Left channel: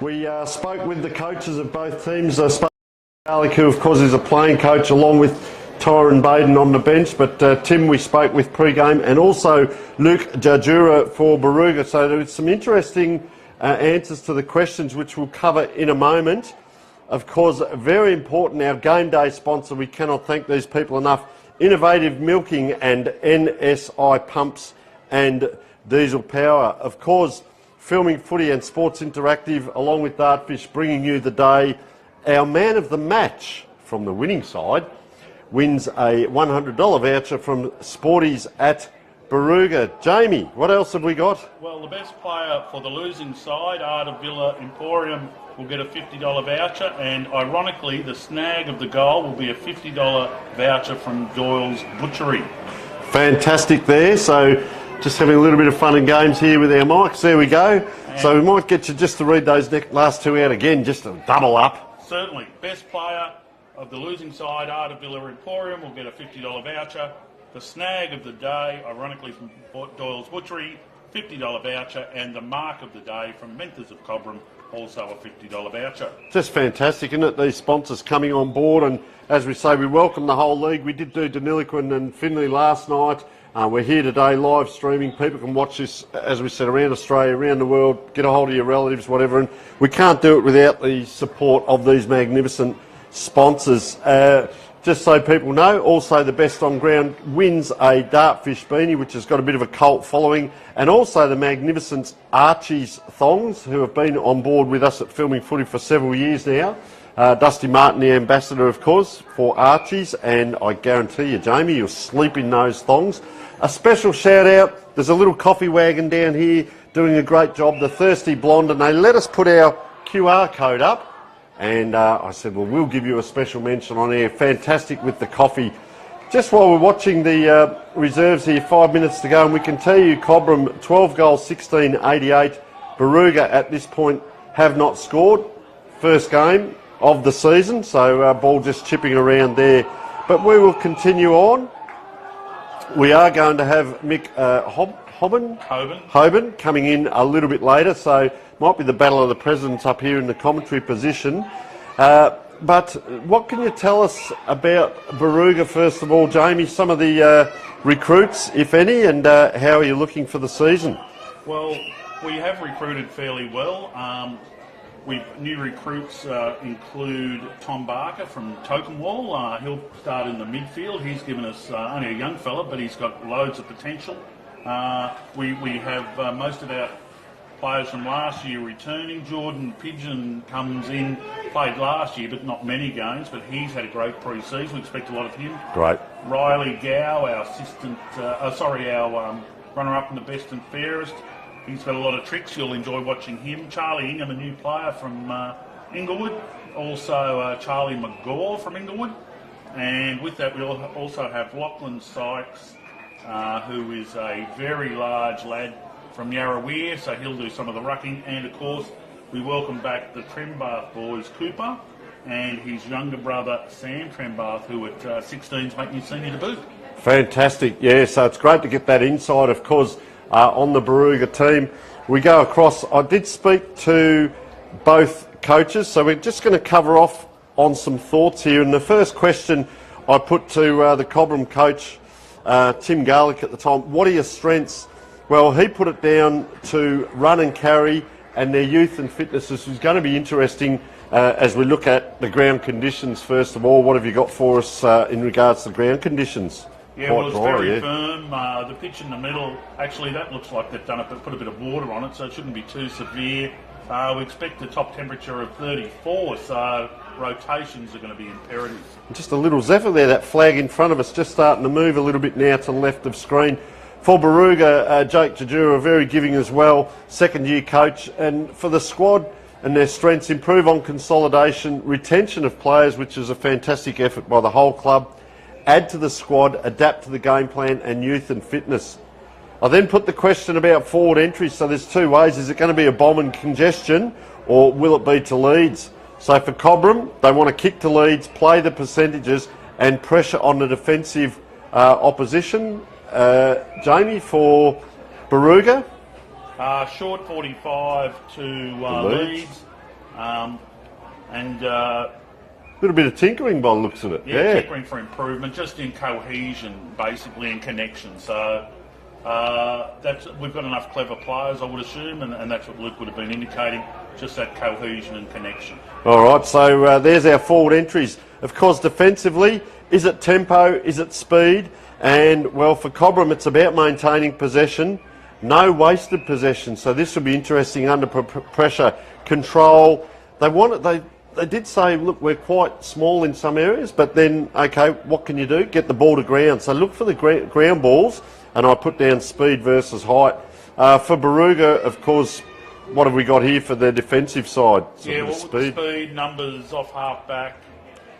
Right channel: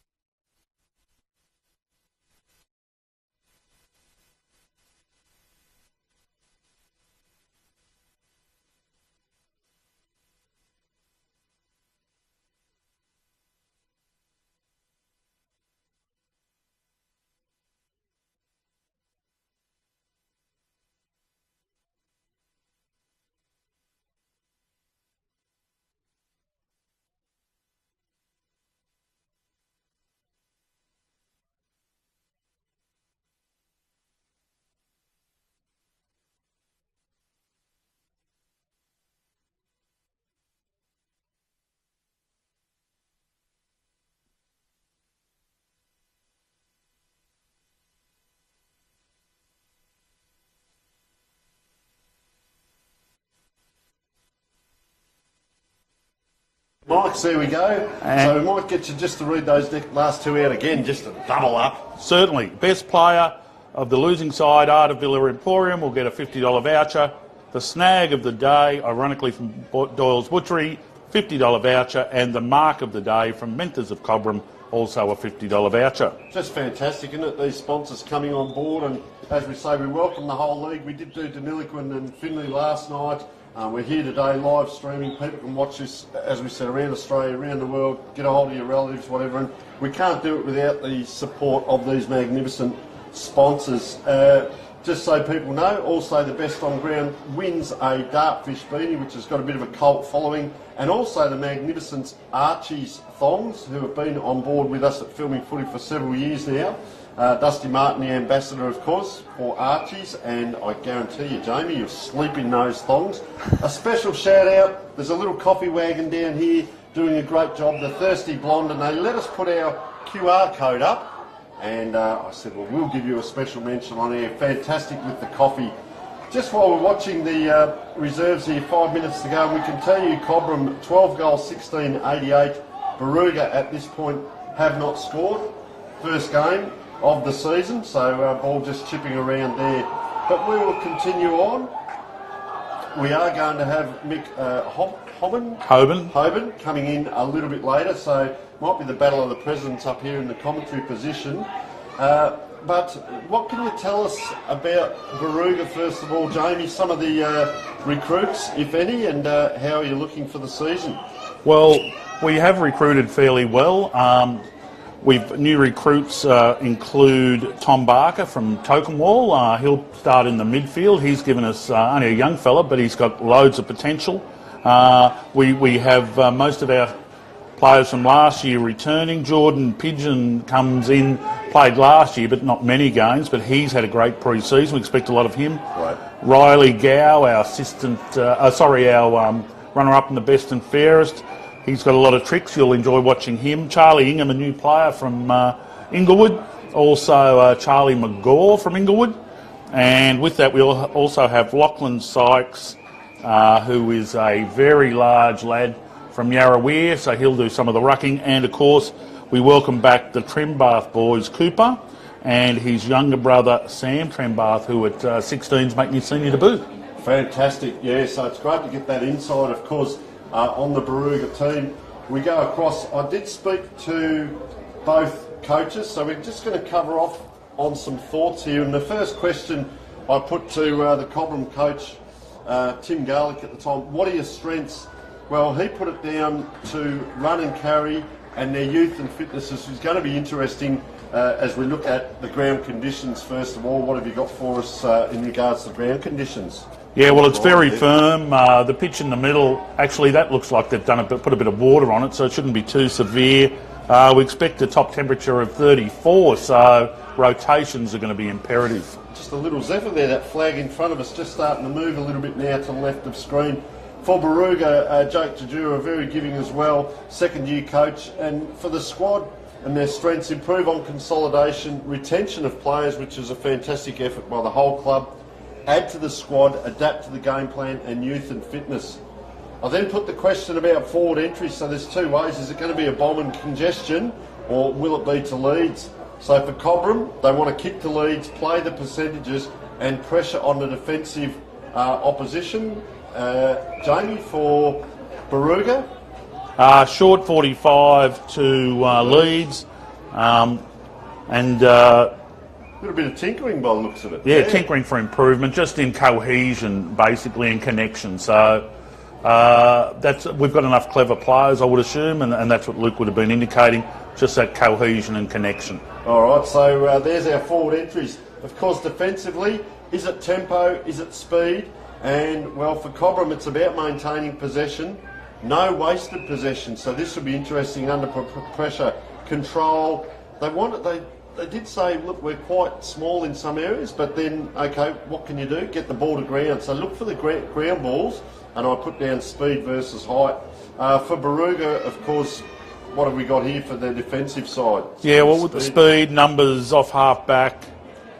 We spoke with the coaches of both teams. I spoke with Garlic, who of course is a playing coach, along with Tyron Baden on the bench. But Tim, we spoke with Pregame, and also Luke Jajura for Barooga. So there was some interesting answers to the questions, which we'll cover in a moment. Of course, very important, our game day sponsor, we cannot thank these people enough. Innovative Milking and NSI Pumps and Diesel Power. Of course, Filming Footy and Sports Interactive, along with Dartfish, bringing you the day. Our man of the match from the winning side wins a $100 voucher from Sporties at Barooga. Jamie, what else have we got? Well, the best player for the losing side, Art of Villa Emporium, will get a $50 voucher, and ironically, the snag of the goal will be a $50 voucher from Doyle's Butchery. Fantastic there. So just having a little bit of fun and games here with our mics. There we go. And so we might get you just to read those last two out again, just to double up. Certainly. Best player of the losing side, Art of Villa Emporium, will get a $50 voucher. The snag of the day, ironically from Doyle's Butchery, $50 voucher. And the mark of the day from Mentors of Cobram, also a $50 voucher. Just fantastic, isn't it? These sponsors coming on board. And as we say, we welcome the whole league. We did do Deniliquin and Finley last night. We're here today live streaming. People can watch this, as we said, around Australia, around the world, get a hold of your relatives, whatever. And we can't do it without the support of these magnificent sponsors. Just so people know, also the best on ground wins a Dartfish beanie, which has got a bit of a cult following. And also the magnificent Archie's thongs, who have been on board with us at Filming Footy for several years now. Dusty Martin, the ambassador, of course, for Archie's, and I guarantee you, Jamie, you'll sleep in those thongs. A special shout out, there's a little coffee wagon down here doing a great job, the Thirsty Blonde, and they let us put our QR code up, and I said, well, we'll give you a special mention on air. Fantastic with the coffee. Just while we're watching the reserves here, 5 minutes to go, and we can tell you Cobram 12 goals, 16-88. Barooga at this point have not scored. First game of the season, so ball just chipping around there. But we will continue on. We are going to have Mick Hoban coming in a little bit later, so might be the battle of the presidents up here in the commentary position. But what can you tell us about Barooga, first of all, Jamie? Some of the recruits, if any, and how are you looking for the season? Well, we have recruited fairly well. New recruits include Tom Barker from Tokenwall. He'll start in the midfield. He's given us only a young fella, but he's got loads of potential. We have most of our players from last year returning. Jordan Pigeon comes in, played last year, but not many games, but he's had a great pre-season. We expect a lot of him. Right. Riley Gow, our runner-up in the best and fairest. He's got a lot of tricks. You'll enjoy watching him. Charlie Ingham, a new player from Inglewood. Also Charlie McGaw from Inglewood. And with that, we'll also have Lachlan Sykes, who is a very large lad from Yarrawere, so he'll do some of the rucking. And, of course, we welcome back the Trembath boys, Cooper, and his younger brother, Sam Trembath, who at 16 is making his senior debut. Fantastic, yeah, so it's great to get that insight, of course, on the Barooga team. We go across. I did speak to both coaches, so we're just going to cover off on some thoughts here. And the first question I put to the Cobram coach, Tim Garlic at the time, what are your strengths? Well, he put it down to run and carry and their youth and fitness. This is going to be interesting as we look at the ground conditions. First of all, what have you got for us in regards to ground conditions? Yeah, well, it's very firm. The pitch in the middle, actually, that looks like they've put a bit of water on it, so it shouldn't be too severe. We expect a top temperature of 34, so rotations are going to be imperative. Just a little zephyr there, that flag in front of us, just starting to move a little bit now to the left of screen. For Barooga, Jake Tajura, very giving as well, second-year coach. And for the squad and their strengths, improve on consolidation, retention of players, which is a fantastic effort by the whole club. Add to the squad, adapt to the game plan, and youth and fitness. I then put the question about forward entry. So there's two ways. Is it going to be a bomb and congestion, or will it be to Leeds? So for Cobram, they want to kick to Leeds, play the percentages, and pressure on the defensive opposition. Jamie, for Barooga? Short 45 to Leeds. And Little bit of tinkering by the looks of it. tinkering for improvement, just in cohesion, basically, and connection. So we've got enough clever players, I would assume, and that's what Luke would have been indicating, just that cohesion and connection. All right, so there's our forward entries. Of course, defensively, is it tempo, is it speed? And, well, for Cobram, it's about maintaining possession, no wasted possession. So this will be interesting under pressure. Control. They did say, look, we're quite small in some areas, but then, okay, what can you do? Get the ball to ground. So look for the ground balls, and I put down speed versus height. For Barooga, of course, what have we got here for the defensive side? Yeah, well, with the speed, numbers off half back.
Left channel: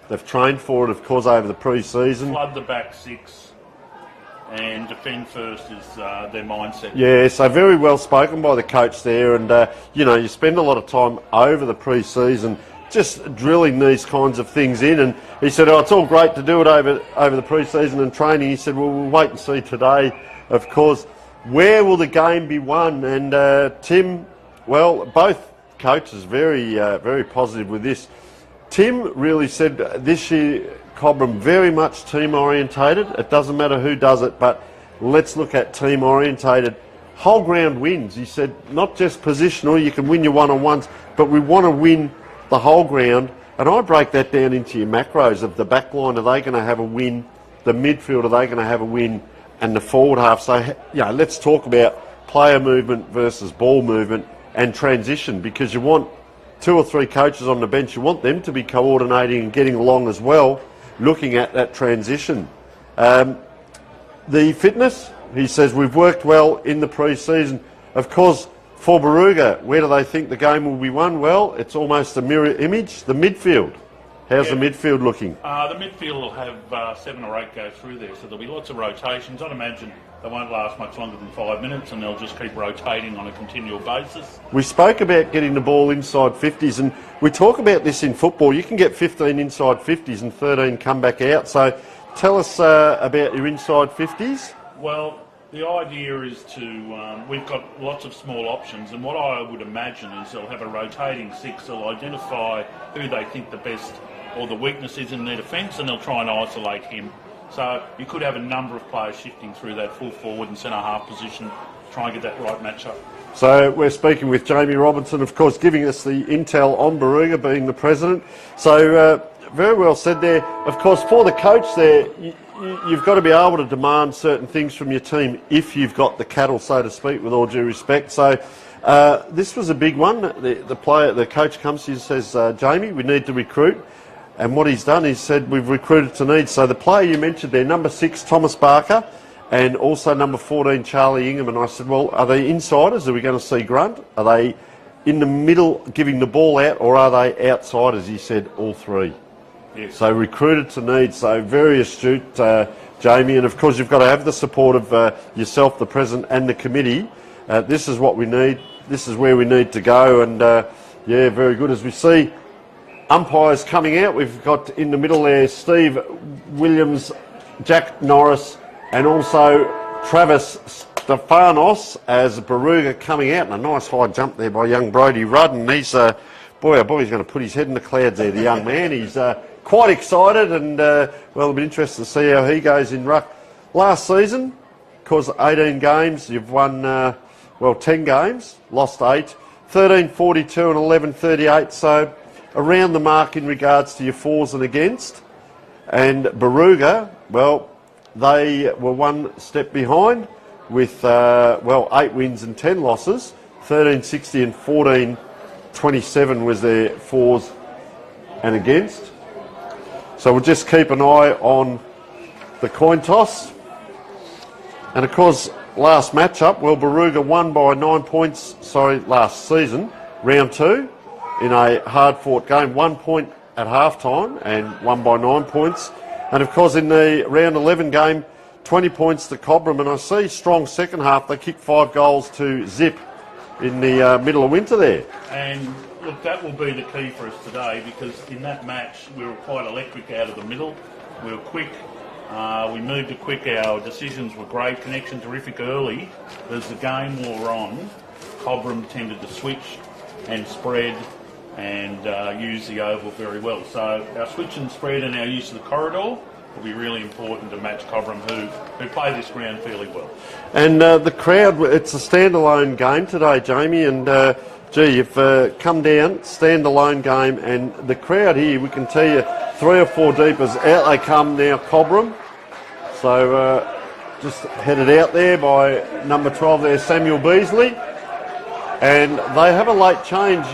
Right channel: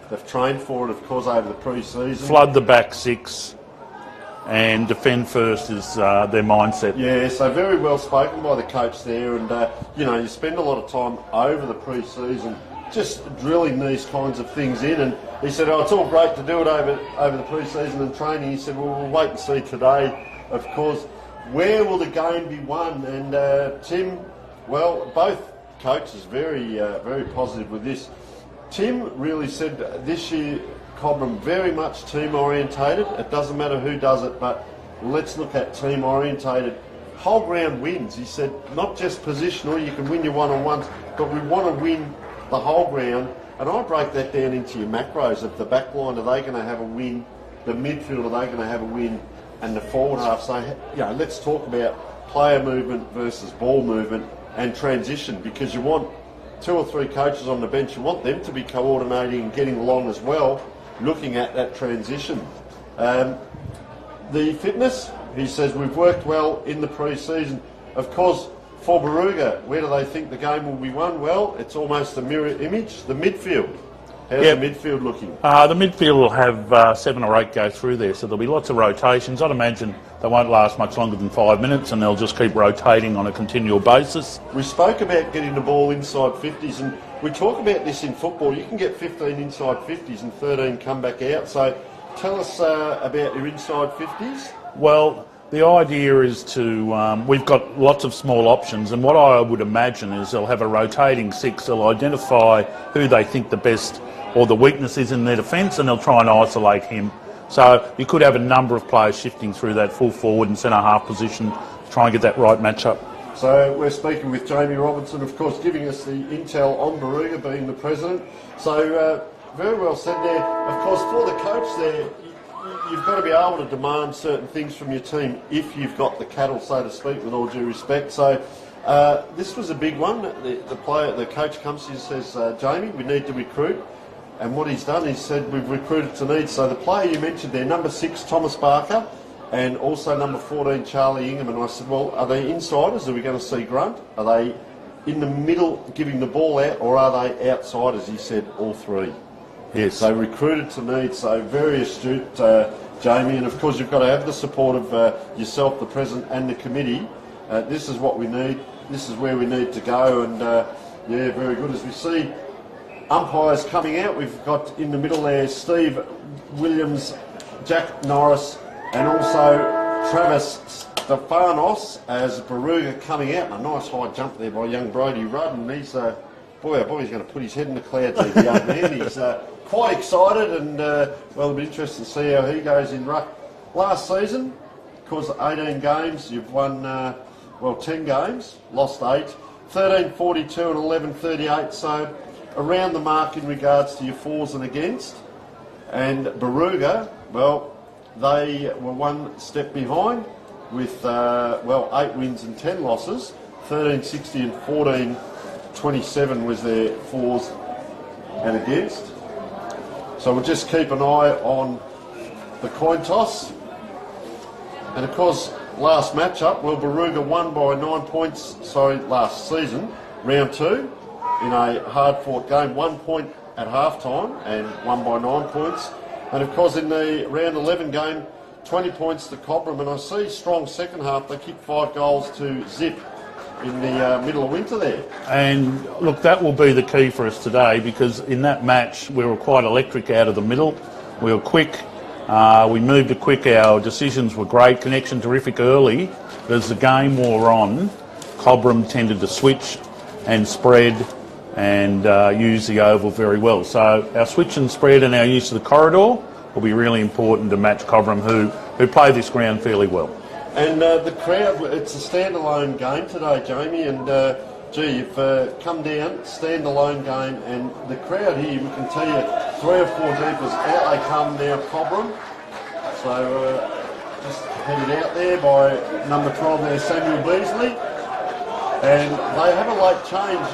They've trained for it, of course, over the pre-season. Flood the back six and defend first is their mindset. Yeah, so very well spoken by the coach there. And, you spend a lot of time over the pre-season just drilling these kinds of things in. And he said, it's all great to do it over the pre-season and training. He said, well, we'll wait and see today, of course. Where will the game be won? And Tim, well, both coaches very positive with this. Tim really said this year, Cobram very much team orientated. It doesn't matter who does it, but let's look at team orientated. Whole ground wins. He said not just positional, you can win your one-on-ones, but we want to win the whole ground. And I break that down into your macros of the back line. Are they going to have a win? The midfield, are they going to have a win? And the forward half. So, let's talk about player movement versus ball movement and transition, because you want 2 or 3 coaches on the bench. You want them to be coordinating and getting along as well, looking at that transition. The fitness, he says, we've worked well in the pre-season. Of course, for Barooga, where do they think the game will be won? Well, it's almost a mirror image. The midfield. How's the midfield looking? The midfield will have 7 or 8 go through there, so there'll be lots of rotations. I'd imagine they won't last much longer than 5 minutes, and they'll just keep rotating on a continual basis. We spoke about getting the ball inside 50s, and we talk about this in football. You can get 15 inside 50s and 13 come back out. So tell us about your inside 50s. Well, the idea is to, we've got lots of small options, and what I would imagine is they'll have a rotating 6. They'll identify who they think the best or the weakness is in their defence, and they'll try and isolate him. So you could have a number of players shifting through that full forward and centre half position to try and get that right matchup. So we're speaking with Jamie Robinson, of course, giving us the intel on Barooga, being the president. So very well said there. Of course, for the coach there, you've got to be able to demand certain things from your team if you've got the cattle, so to speak, with all due respect. So this was a big one. The coach comes to you and says, Jamie, we need to recruit. And what he's done is said, we've recruited to need. So the player you mentioned there, number 6, Thomas Barker, and also number 14, Charlie Ingham. And I said, well, are they insiders? Are we going to see Grunt? Are they in the middle giving the ball out, or are they outsiders? He said, all 3. Yes. So recruited to need. So very astute, Jamie. And of course, you've got to have the support of yourself, the president, and the committee. This is what we need. This is where we need to go. And very good. As we see umpires coming out, we've got in the middle there Steve Williams, Jack Norris, and also Travis Stefanos as Barooga coming out. And a nice high jump there by young Brodie Rudd. And he's, boy, oh boy, he's going to put his head in the clouds there, the young man. He's quite excited, and it'll be interesting to see how he goes in ruck. Last season, of course, 18 games, you've won, 10 games, lost 8, 13-42 and 11-38, so around the mark in regards to your fors and against. And Barooga, well, they were one step behind with, 8 wins and 10 losses, 13-60 and 14-27 was their fors and against. So we'll just keep an eye on the coin toss. And of course, last matchup, well, Barooga won by 9 points, last season, round 2, in a hard-fought game, 1 point at half-time and won by 9 points. And of course, in the round 11 game, 20 points to Cobram. And I see strong second half. They kicked 5 goals to zip in the middle of winter there. And look, that will be the key for us today, because in that match we were quite electric out of the middle. We were quick, we moved quick, our decisions were great, connection terrific early. But as the game wore on, Cobram tended to switch and spread and use the oval very well. So our switch and spread and our use of the corridor will be really important to match Cobram, who play this ground fairly well. And the crowd, it's a standalone game today, Jamie, and you've come down, standalone game, and the crowd here, we can tell you 3 or 4 deep as out they come now, Cobram. So just headed out there by number 12 there, Samuel Beasley. And they have a late change.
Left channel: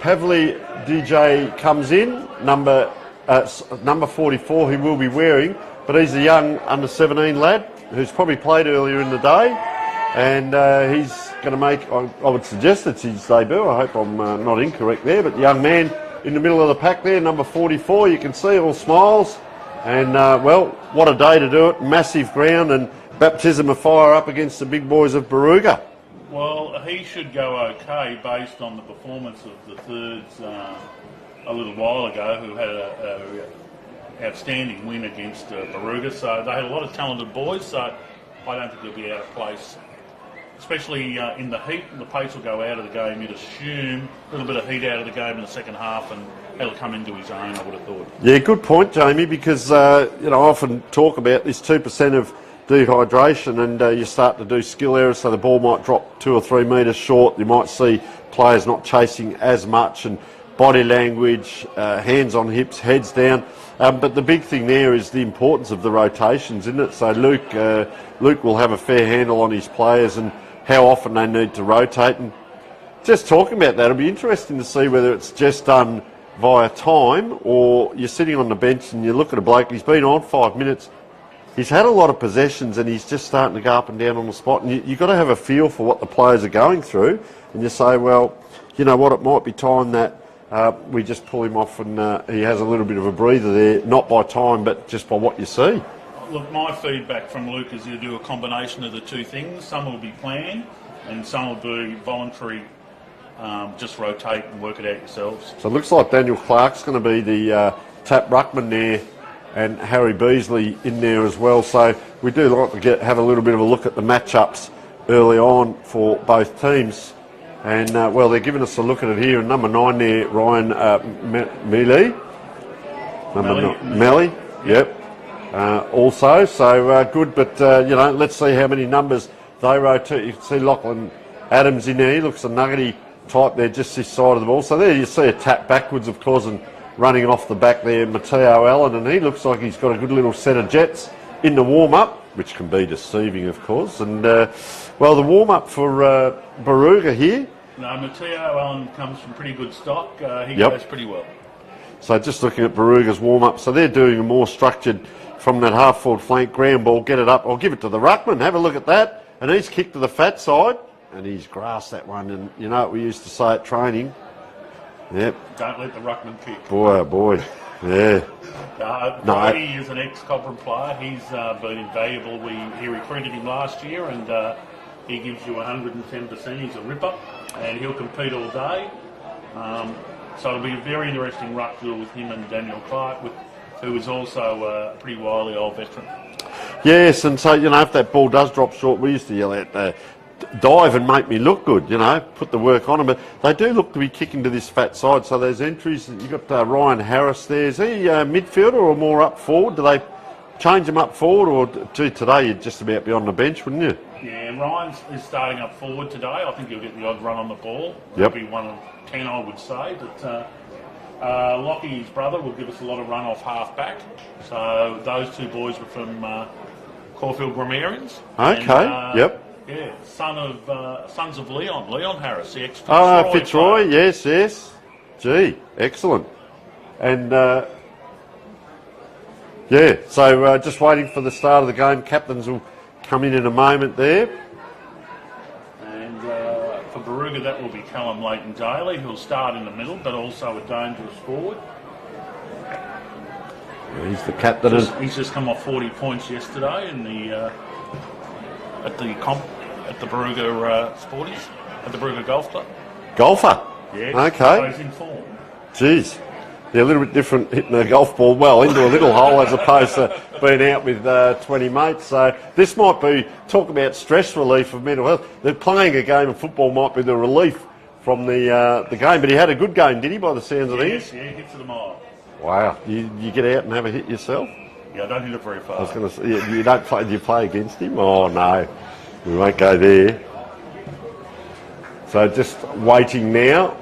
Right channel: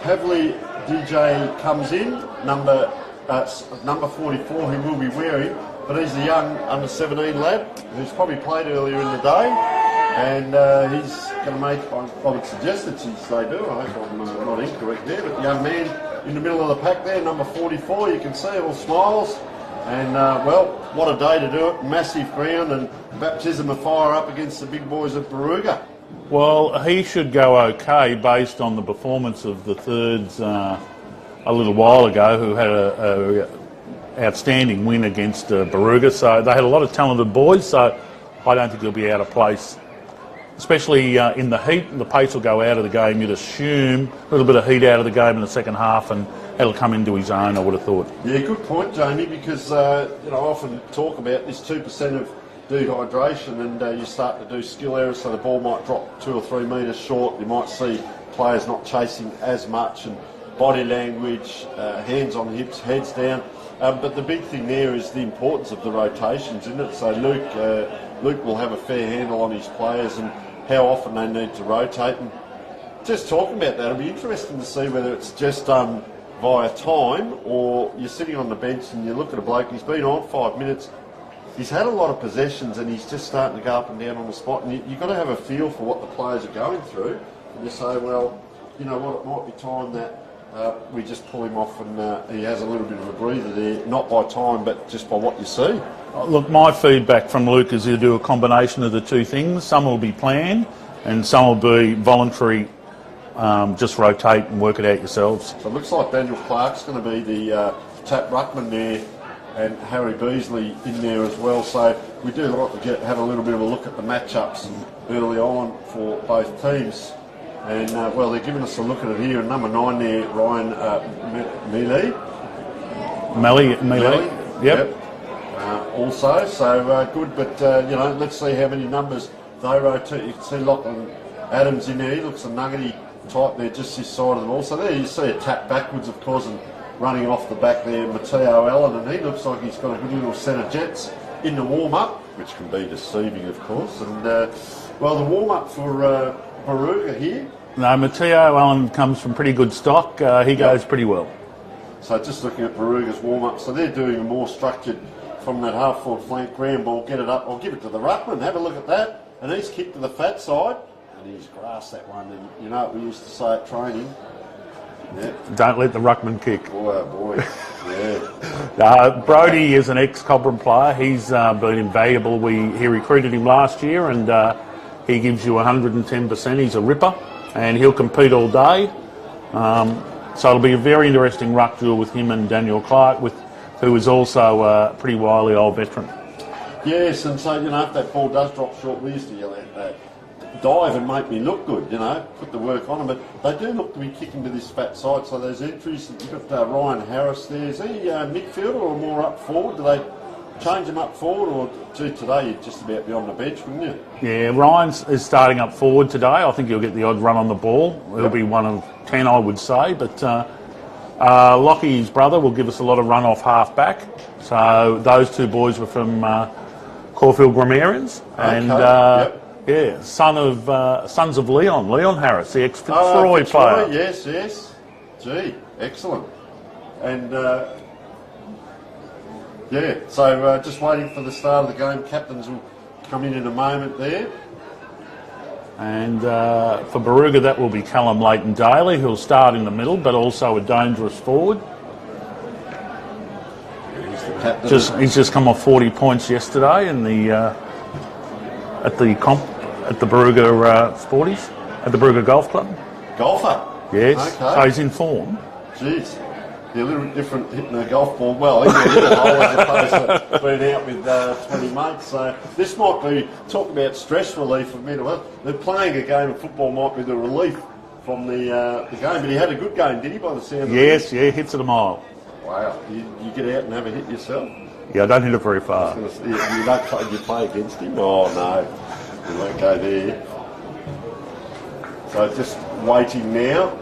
Pavli DJ comes in, number 44, he will be wearing, but he's a young under 17 lad who's probably played earlier in the day, and he's going to make, I would suggest it's his debut. I hope I'm not incorrect there, but the young man in the middle of the pack there, number 44, you can see all smiles, and well, what a day to do it, massive ground and baptism of fire up against the big boys of Barooga. Well, he should go okay based on the performance of the thirds a little while ago, who had a outstanding win against Barooga. So they had a lot of talented boys, so I don't think he'll be out of place. Especially in the heat, the pace will go out of the game, you'd assume. A little bit of heat out of the game in the second half, and he'll come into his own, I would have thought. Yeah, good point, Jamie, because I often talk about this 2% of dehydration, and you start to do skill errors, so the ball might drop 2 or 3 metres short. You might see players not chasing as much, and body language, hands on hips, heads down. But the big thing there is the importance of the rotations, isn't it? So Luke will have a fair handle on his players and how often they need to rotate. And just talking about that, it'll be interesting to see whether it's just done via time, or you're sitting on the bench and you look at a bloke, he's been on 5 minutes, he's had a lot of possessions and he's just starting to go up and down on the spot, and you've got to have a feel for what the players are going through, and you say, well, you know what, it might be time that we just pull him off and he has a little bit of a breather there, not by time but just by what you see. Look, my feedback from Luke is he'll do a combination of the two things. Some will be planned and some will be voluntary, just rotate and work it out yourselves. So it looks like Daniel Clark's going to be the tap ruckman there, and Harry Beasley in there as well. So we do like to have a little bit of a look at the matchups early on for both teams. And, well, they're giving us a look at it here. And number 9 there, Ryan Mealy. Melly, yep. Also, so good. But, let's see how many numbers they rotate. You can see Lachlan Adams in there. He looks a nuggety type there, just this side of the ball. So there you see a tap backwards, of course, and running off the back there, Matteo Allen. And he looks like he's got a good little set of jets in the warm-up, which can be deceiving, of course. And, well, the warm-up for Barooga here. No, Matteo Allen comes from pretty good stock. He goes pretty well. So just looking at Barooga's warm-up, so they're doing a more structured from that half-forward flank, ground ball, get it up. I'll give it to the ruckman, have a look at that. And he's kicked to the fat side, and he's grassed that one. And you know what we used to say at training? Yep. Don't let the ruckman kick. Boy, oh boy. Yeah. Brody is an ex-Cobram player. He's been invaluable. He recruited him last year, and he gives you 110%. He's a ripper, and he'll compete all day. So it'll be a very interesting ruck duel with him and Daniel Clark, who is also a pretty wily old veteran. Yes, and so, if that ball does drop short, we used to yell out, dive and make me look good, put the work on them. But they do look to be kicking to this fat side, so there's entries. You've got Ryan Harris there. Is he midfielder or more up forward? Do they change him up forward, or today you'd just about be on the bench, wouldn't you? Yeah, Ryan is starting up forward today. I think he'll get the odd run on the ball. It'll be 1 of 10, I would say. But Lockie's brother will give us a lot of run off half back. So those two boys were from Caulfield Grammarians. Okay. And, yeah, sons of Leon Harris, the ex-Fitzroy player. Yes. Gee, excellent. And so just waiting for the start of the game. Captains will come in a moment there. And for Barooga, that will be Callum Leighton-Daly, who'll start in the middle, but also a dangerous forward. He's the captain. He's just come off 40 points yesterday in the at the Barooga Sporties, at the Barooga Golf Club. Golfer? Yes. Okay. So he's in form. Jeez. They're a little bit different hitting a golf ball well into a little hole as opposed to being out with 20 mates. So this might be, talk about stress relief of mental health. They're playing a game of football might be the relief from the game. But he had a good game, did he, by the sounds of it? Yes, yeah, hits it a mile. Wow. You get out and have a hit yourself? Yeah, I don't hit it very far. I was gonna say, you don't play, you play against him? Oh, no. We won't go there. So just waiting now.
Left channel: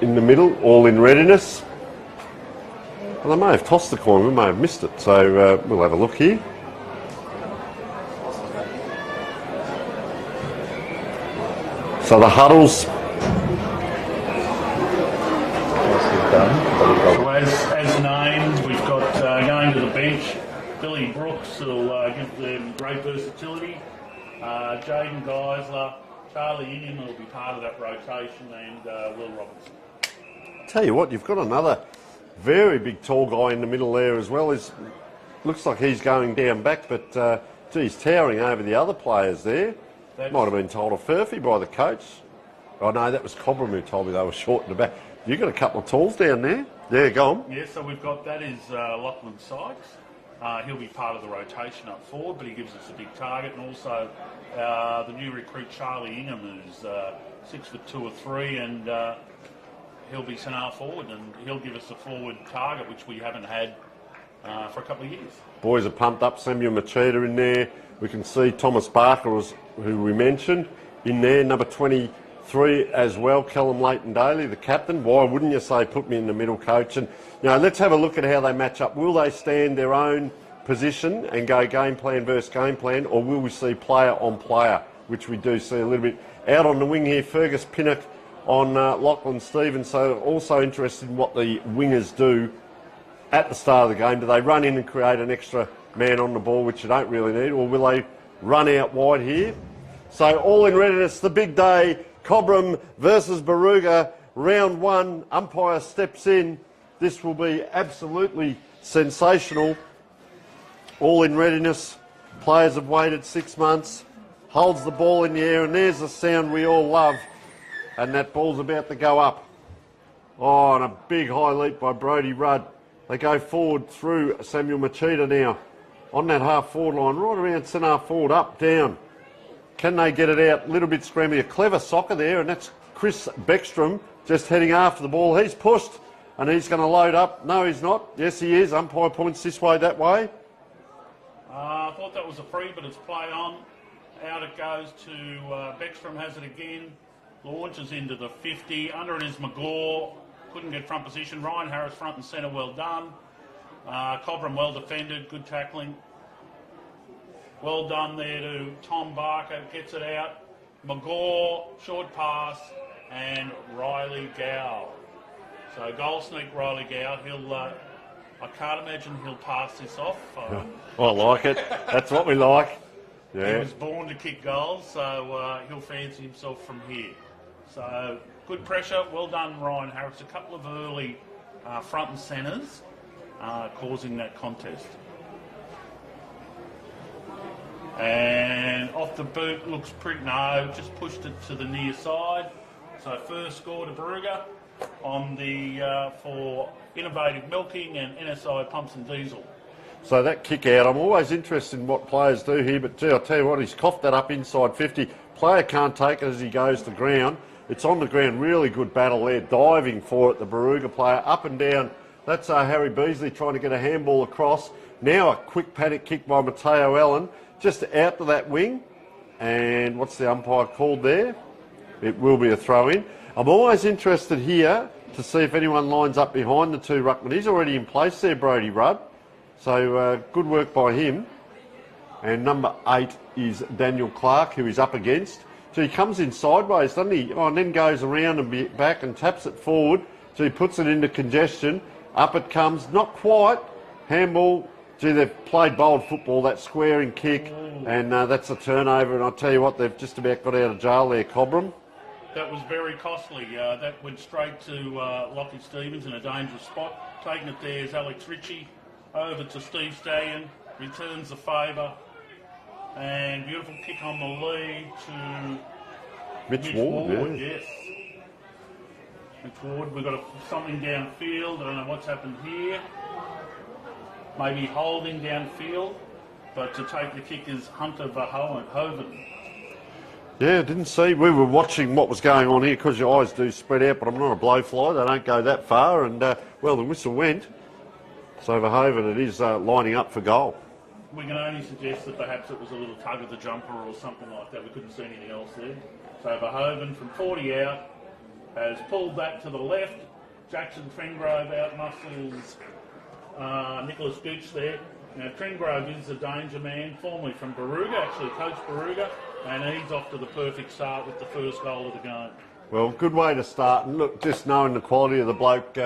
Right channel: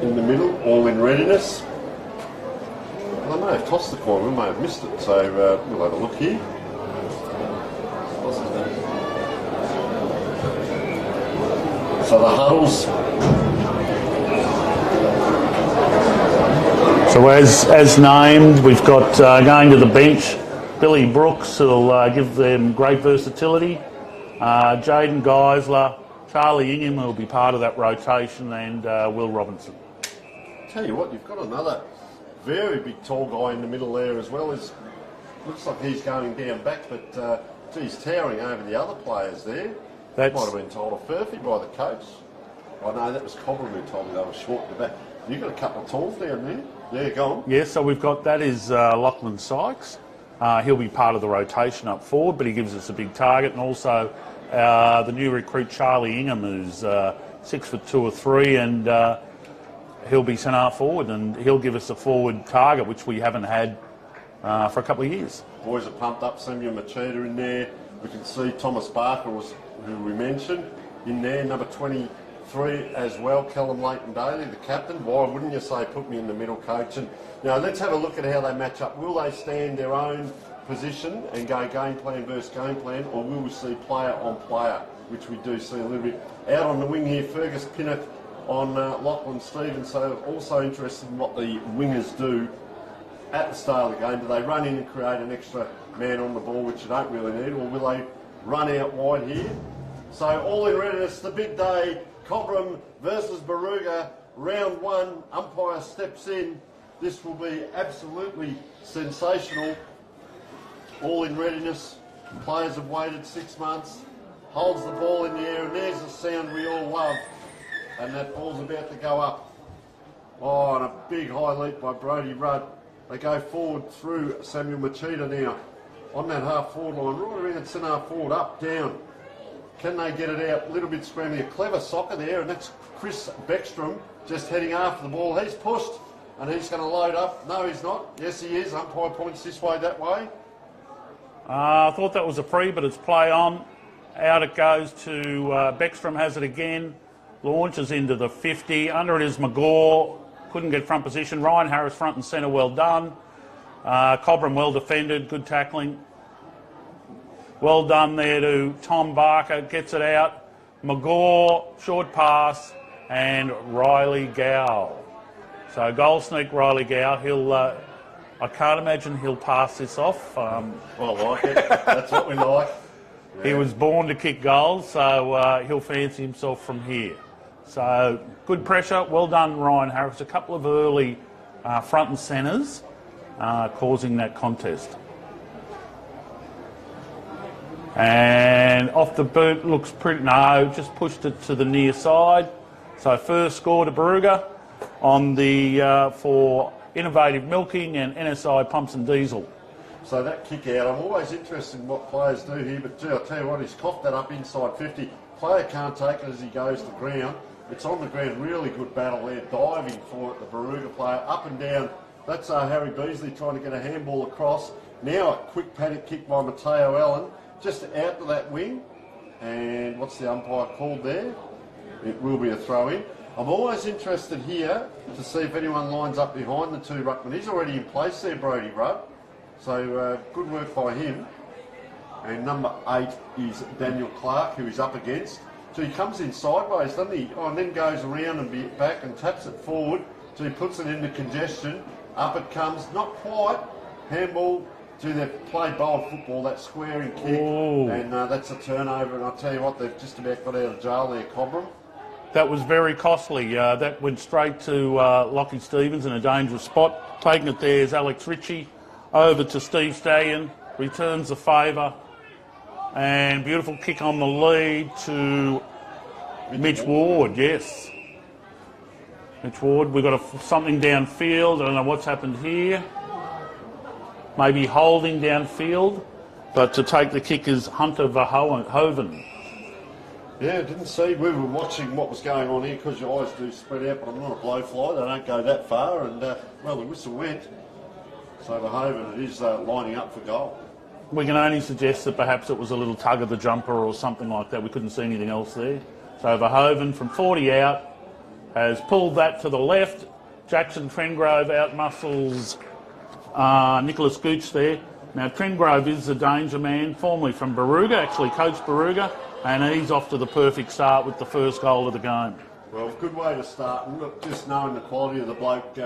In the middle, all in readiness. Well, they may have tossed the coin, we may have missed it. So we'll have a look here. So the huddles. So as named, we've got going to the bench, Billy Brooks, who'll give them great versatility. Jaden Geisler, Charlie Ingham, who'll be part of that rotation, and Will Robinson. Tell you what, you've got another very big tall guy in the middle there as well. Looks like he's going down back, but he's towering over the other players there. That might have been told a furphy by the coach. Oh no, that was Cobram who told me they were short in the back. You've got a couple of talls down there. Yeah, go on. Yeah, so we've got, that is Lachlan Sykes. He'll be part of the rotation up forward, but he gives us a big target. And also the new recruit Charlie Ingham, who's 6'2" or 3", and he'll be centre forward, and he'll give us a forward target, which we haven't had for a couple of years. Boys are pumped up. Samuel Machida in there. We can see Thomas Barker, who we mentioned, in there. Number 23 as well, Callum Leighton-Daly, the captain. Why wouldn't you say put me in the middle, coach? And let's have a look at how they match up. Will they stand their own position and go game plan versus game plan, or will we see player on player, which we do see a little bit. Out on the wing here, Fergus Pinnock on Lachlan Stevens. So also interested in what the wingers do at the start of the game. Do they run in and create an extra man on the ball, which you don't really need, or will they run out wide here? So all in readiness, the big day, Cobram versus Barooga, round 1. Umpire steps in. This will be absolutely sensational. All in readiness. Players have waited 6 months. Holds the ball in the air, and there's the sound we all love. And that ball's about to go up. Oh, and a big high leap by Brodie Rudd. They go forward through Samuel Machida now. On that half-forward line, right around centre half-forward, up, down. Can they get it out? A little bit scrambly. A clever soccer there, and that's Chris Beckstrom just heading after the ball. He's pushed, and he's going to load up. No, he's not. Yes, he is. Umpire points this way, that way. I thought that was a free, but it's play on. Out it goes to Beckstrom, has it again. Launches into the 50. Under it is McGaw. Couldn't get front position. Ryan Harris front and centre, well done. Cobram well defended, good tackling. Well done there to Tom Barker, gets it out. McGaw, short pass, and Riley Gow. So goal sneak Riley Gow. He'll, I can't imagine he'll pass this off. I like it. That's what we like. Yeah. He was born to kick goals, so he'll fancy himself from here. So good pressure, well done Ryan Harris. A couple of early front and centres causing that contest. And off the boot, looks pretty, no, just pushed it to the near side. So first score to Barooga on the for Innovative Milking and NSI Pumps and Diesel. So that kick out, I'm always interested in what players do here, but gee, I'll tell you what, he's coughed that up inside 50. Player can't take it as he goes to ground. It's on the ground, really good battle there, diving for it, the Barooga player, up and down. That's Harry Beasley trying to get a handball across. Now a quick paddock kick by Matteo Allen, just out to that wing. And what's the umpire called there? It will be a throw in. I'm always interested here to see if anyone lines up behind the two ruckmen. He's already in place there, Brodie Rudd. So good work by him. And number 8 is Daniel Clark, who he's up against. So he comes in sideways, doesn't he? Oh, and then goes around a bit back and taps it forward. So he puts it into congestion. Up it comes, not quite. Handball. Gee, they've played bold football, that squaring kick. Ooh. And that's a turnover. And I'll tell you what, they've just about got out of jail there, Cobram. That was very costly. That went straight to Lockie Stevens in a dangerous spot. Taking it there is Alex Ritchie. Over to Steve Stallion, returns the favour, and beautiful kick on the lead to Mitch Ward, yes. Mitch Ward, we've got something downfield, I don't know what's happened here. Maybe holding downfield, but to take the kick is Hunter Verhoeven. Yeah, didn't see. We were watching what was going on here because your eyes do spread out, but I'm not a blowfly. They don't go that far. And, well, the whistle went. So Verhoeven, it is lining up for goal. We can only suggest that perhaps it was a little tug of the jumper or something like that. We couldn't see anything else there. So Verhoeven from 40 out has pulled that to the left. Jackson Trengrove outmuscles Nicholas Gooch there. Now, Trengrove is the danger man, formerly from Barooga, actually coached Barooga, and he's off to the perfect start with the first goal of the game. Well, good way to start. And look, just knowing the quality of the bloke,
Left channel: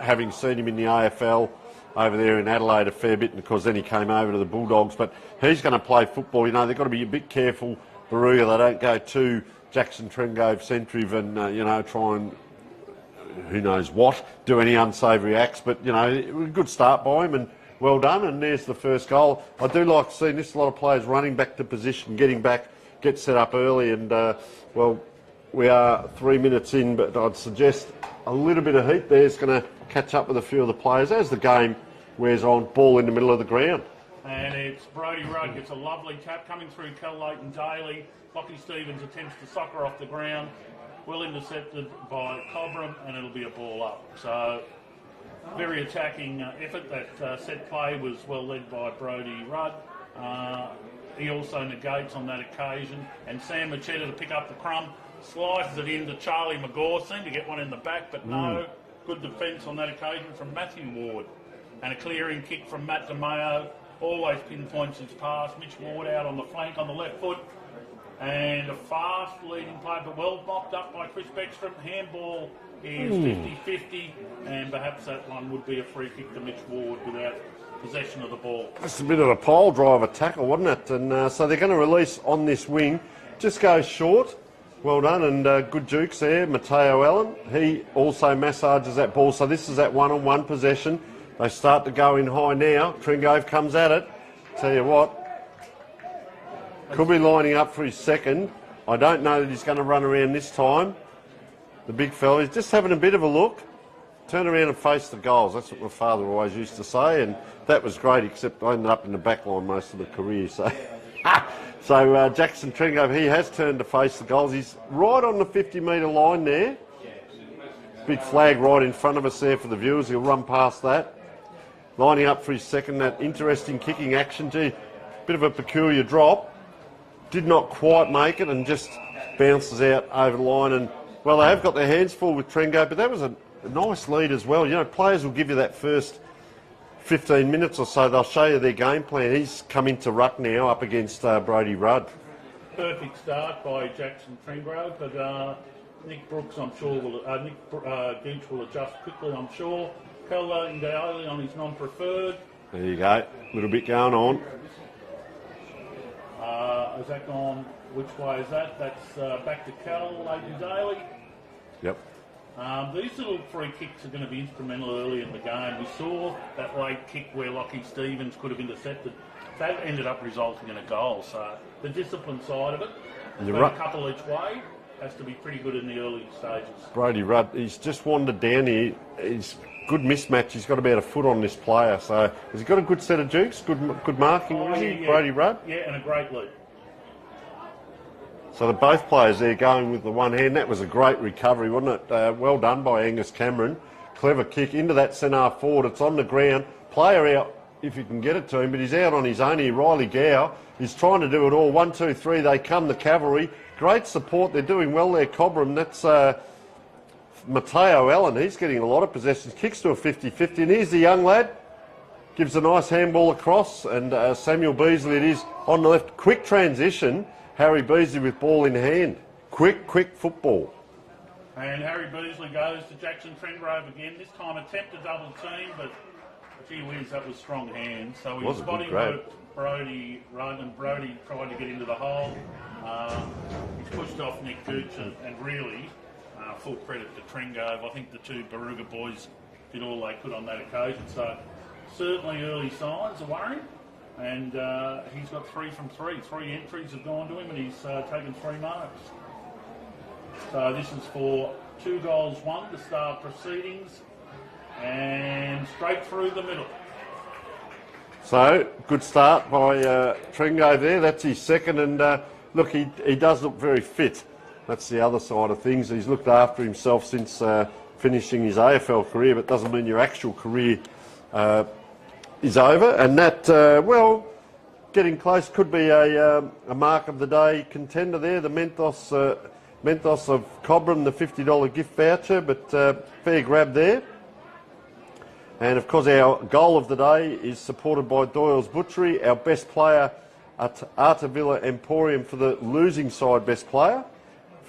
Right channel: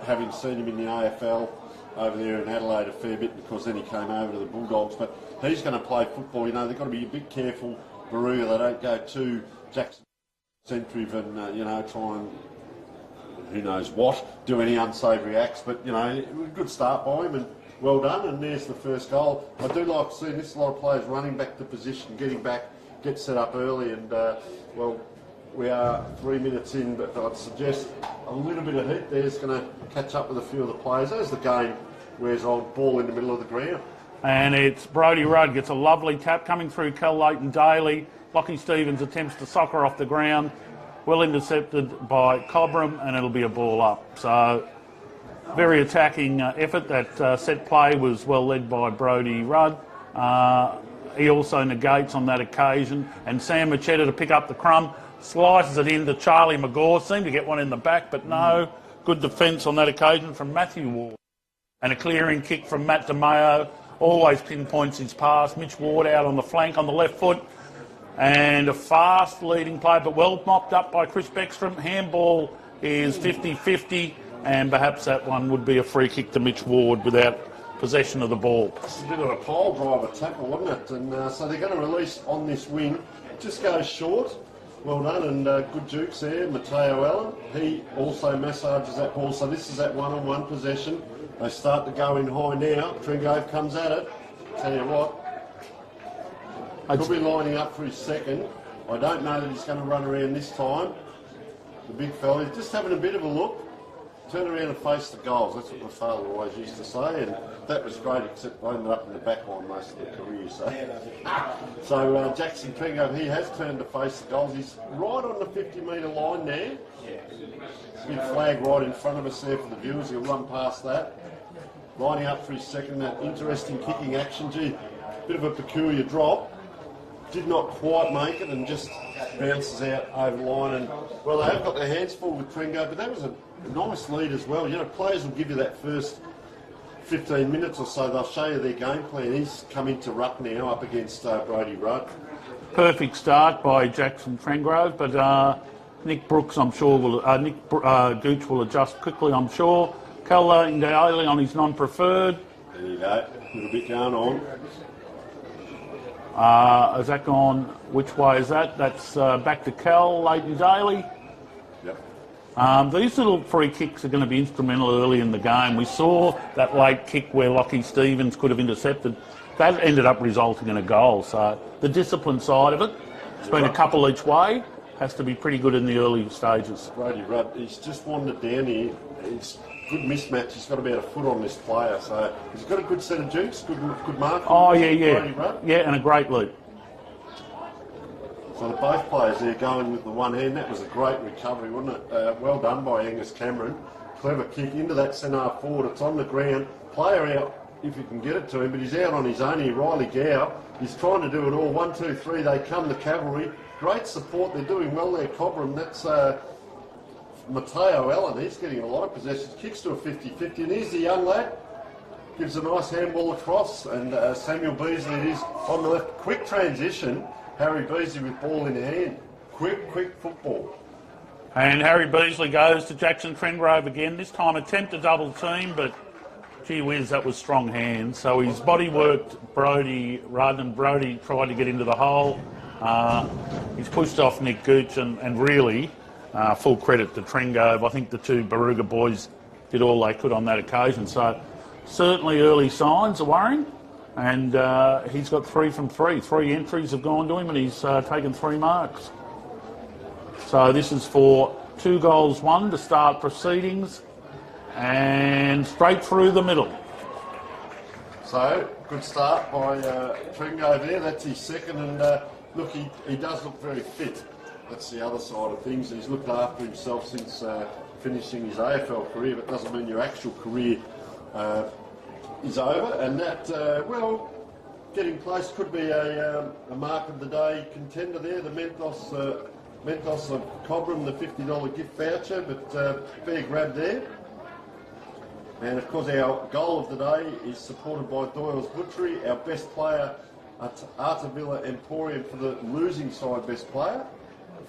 having seen him in the AFL over there in Adelaide a fair bit, because then he came over to the Bulldogs. But he's going to play football. You know, they've got to be a bit careful, Barooga. They don't go too Jackson Trengrove centrive and, you know, try and, who knows what, do any unsavoury acts. But, you know, a good start by him and well done. And there's the first goal. I do like seeing this, a lot of players running back to position, getting back, get set up early. And, well, we are 3 minutes in, but I'd suggest a little bit of heat there is going to catch up with a few of the players as the game wears on. Ball in the middle of the ground. And it's Brodie Rudd gets a lovely tap coming through Cal Leighton Daly. Lockie Stevens attempts to soccer off the ground. Well intercepted by Cobram, and it'll be a ball up. So, very attacking effort. That set play was well led by Brodie Rudd. He also negates on that occasion. And Sam Machetta to pick up the crumb. Slices it into Charlie McGaw. Seemed to get one in the back, but no. Good defence on that occasion from Matthew Ward. And a clearing kick from Matt DeMeo. Always pinpoints his pass. Mitch Ward out on the flank on the left foot. And a fast leading play, but well mopped up by Chris Beckstrom. Handball is 50-50, and perhaps that one would be a free kick to Mitch Ward without possession of the ball. Just a bit of a pole driver tackle, wasn't it? And so they're going to release on this wing. Just goes short. Well done, and good jukes there. Mateo Allen, he also massages that ball. So this is that one-on-one possession. They start to go in high now. Trengrove comes at it. Tell you what, could be lining up for his second. I don't know that he's going to run around this time. The big fella, he's just having a bit of a look. Turn around and face the goals. That's what my father always used to say, and that was great, except I ended up in the back line most of the career. So, Jackson Trengrove, he has turned to face the goals. He's right on the 50-metre line there. Big flag right in front of us there for the viewers. He'll run past that. Lining up for his second, that interesting kicking action. Gee, bit of a peculiar drop. Did not quite make it and just bounces out over the line. And, well, they have got their hands full with Trengrove, but that was a nice lead as well. You know, players will give you that first 15 minutes or so. They'll show you their game plan. He's come into ruck now up against Brodie Rudd. Perfect start by Jackson Trengrove, but Nick Brooks, I'm sure, Gooch will adjust quickly, I'm sure. Cal Leighton Daly on his non-preferred. There you go. A little bit going on. Has that gone? Which way is that? That's back to Cal Leighton Daly. Yep. These little free kicks are going to be instrumental early in the game. We saw that late kick where Lockie Stevens could have intercepted. That ended up resulting in a goal. So the discipline side of it, it's been a couple each way, has to be pretty good in the early stages. Brodie Rudd, he's just wandered down here. He's good mismatch. He's got about a foot on this player. So has he got a good set of jukes? Good mark. Oh, yeah. Brodie Rudd? Yeah, and a great lead. So both players there going with the one hand. That was a great recovery, wasn't it? Well done by Angus Cameron. Clever kick into that centre forward. It's on the ground. Player out if you can get it to him, but he's out on his own here. Riley Gow is trying to do it all. 1, 2, 3. They come, the cavalry. Great support. They're doing well there, Cobram. That's Mateo Allen. He's getting a lot of possessions. Kicks to a 50-50. And here's the young lad. Gives a nice handball across. And Samuel Beasley, it is on the left. Quick transition. Harry Beasley with ball in hand. Quick football. And Harry Beasley goes to Jackson Trengrove again. This time attempt to double team, but gee whiz, that was strong hands. So his body worked Brodie Rudd, and Brodie tried to get into the hole. He's pushed off Nick Gooch, and really full credit to Trengrove. I think the two Barooga boys did all they could on that occasion. So certainly early signs are worrying. And he's got 3 from 3. 3 entries have gone to him, and he's taken 3 marks. So this is for 2 goals, 1 to start proceedings, and straight through the middle. So good start by Trengrove there. That's his second, and look, he does look very fit. That's the other side of things. He's looked after himself since finishing his AFL career, but doesn't mean your actual career is over. And that, well, getting close could be a mark of the day contender there. The Mentos of Cobram, the $50 gift voucher, but fair grab there. And of course our goal of the day is supported by Doyle's Butchery, our best player at Artavilla Emporium for the losing side best player,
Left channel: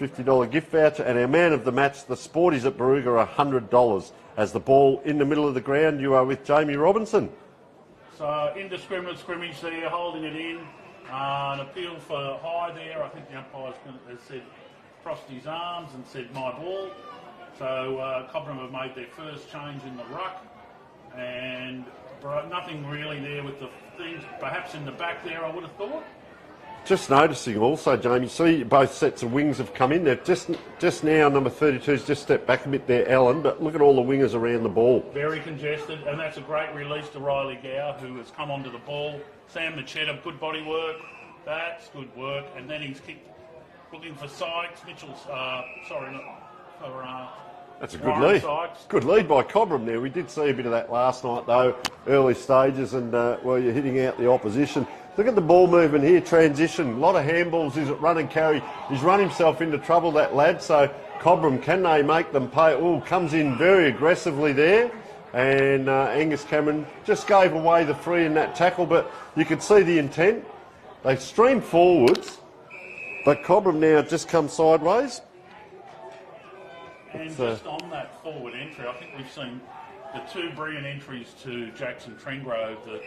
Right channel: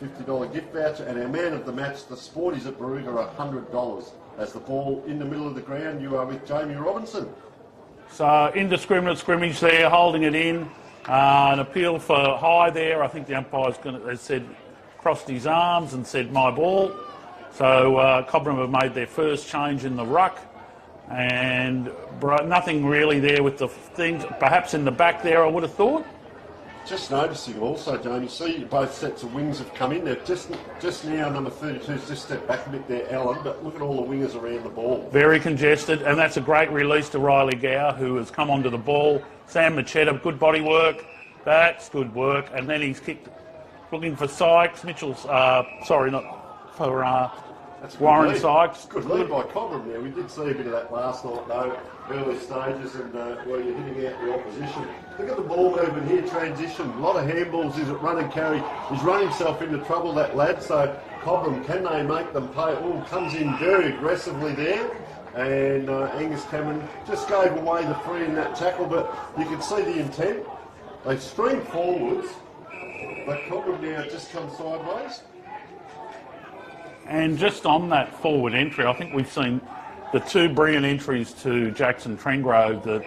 $50 gift voucher, and our man of the match, the Sporties at Barooga, $100. As the ball in the middle of the ground, you are with Jamie Robinson. So indiscriminate scrimmage there, holding it in. An appeal for high there. I think the umpire's has said, crossed his arms and said, my ball. So Cobram have made their first change in the ruck. And nothing really there with the things. Perhaps in the back there, I would have thought. Just noticing also, Jamie, see both sets of wings have come in there. Just now, number 32's just stepped back a bit there, Ellen, but look at all the wingers around the ball. Very congested, and that's a great release to Riley Gow, who has come onto the ball. Sam Machetta, good body work. That's good work. And then he's kicked, looking for Sykes. Mitchell's, sorry, not for that's a good Warren lead. Sykes. Good lead by Cobram there. We did see a bit of that last night, though, early stages, and well, you're hitting out the opposition. Look at the ball movement here, transition. A lot of handballs. He's at run and carry. He's run himself into trouble, that lad. So Cobram, can they make them pay? Oh, comes in very aggressively there. And Angus Cameron just gave away the free in that tackle, but you can see the intent. They've streamed forwards, but Cobram now just come sideways. And just on that forward entry, I think we've seen the two brilliant entries to Jackson Trengrove,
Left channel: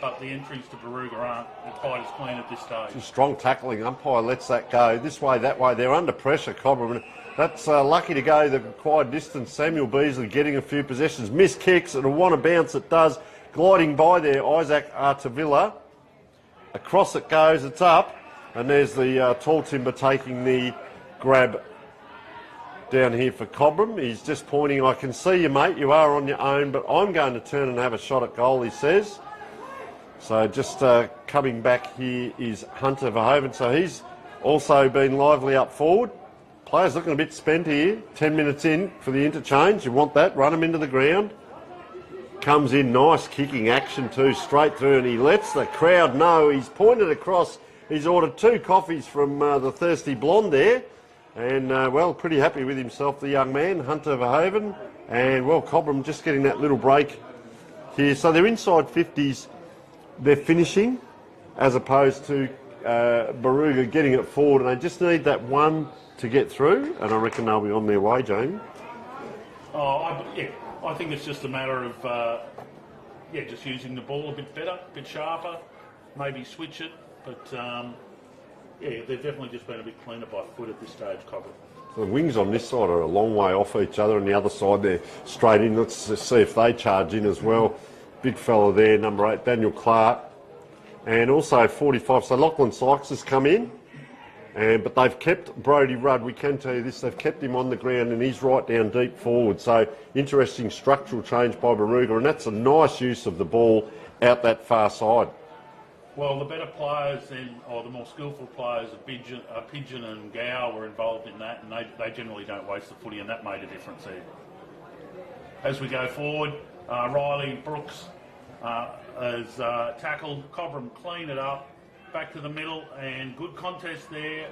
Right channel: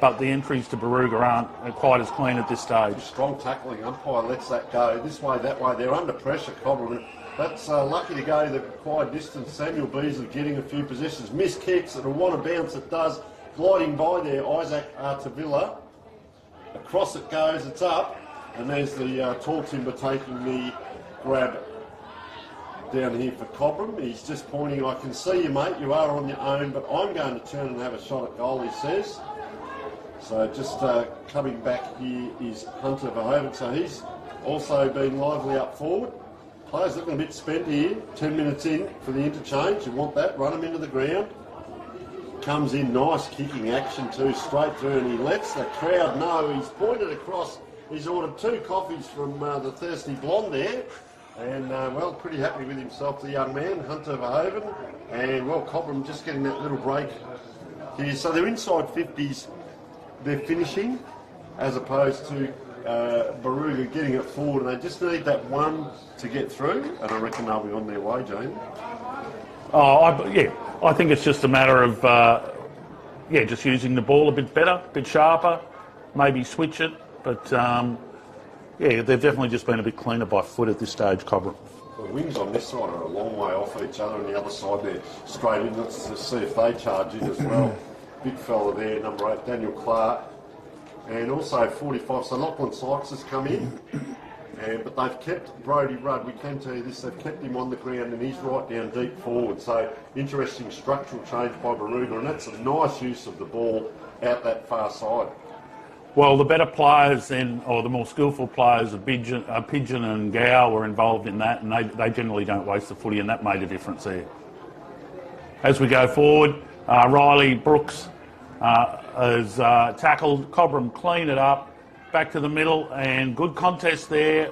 but the entries to Barooga aren't quite as clean at this stage. Strong tackling, umpire lets that go this way, that way. They're under pressure, Cobram. That's lucky to go the required distance. Samuel Beasley getting a few possessions. Missed kicks, it'll want to bounce, it does. Gliding by there, Isaac Artavilla. Across it goes, it's up. And there's the tall timber taking the grab down here for Cobram. He's just pointing, I can see you, mate, you are on your own, but I'm going to turn and have a shot at goal, he says. So just coming back here is Hunter Verhoeven. So he's also been lively up forward. Players looking a bit spent here. 10 minutes in for the interchange. You want that, run him into the ground. Comes in, nice kicking action too, straight through, and he lets the crowd know. He's pointed across. He's ordered 2 coffees from the thirsty blonde there. And, well, pretty happy with himself, the young man, Hunter Verhoeven. And, well, Cobram just getting that little break here. So they're inside 50s. They're finishing, as opposed to Barooga getting it forward. And they just need that one to get through. And I reckon they'll be on their way, Jamie. I think it's just a matter of, just using the ball a bit better, a bit sharper, maybe switch it. But, they've definitely just been a bit cleaner by foot at this stage, Cobram. The wings on this side are a long way off each other, and the other side they're straight in. Let's just see if they charge in as well. Big fella there, number 8, Daniel Clark. And also 45, so Lachlan Sykes has come in. But they've kept Brodie Rudd, we can tell you this, they've kept him on the ground and he's right down deep forward. So interesting structural change by Barooga, and that's a nice use of the ball out that far side. Well, the better players then, or the more skillful players, Pigeon and Gow were involved in that, and they generally don't waste the footy, and that made a difference there. As we go forward, Riley Brooks has tackled. Cobram clean it up, back to the middle, and good contest there.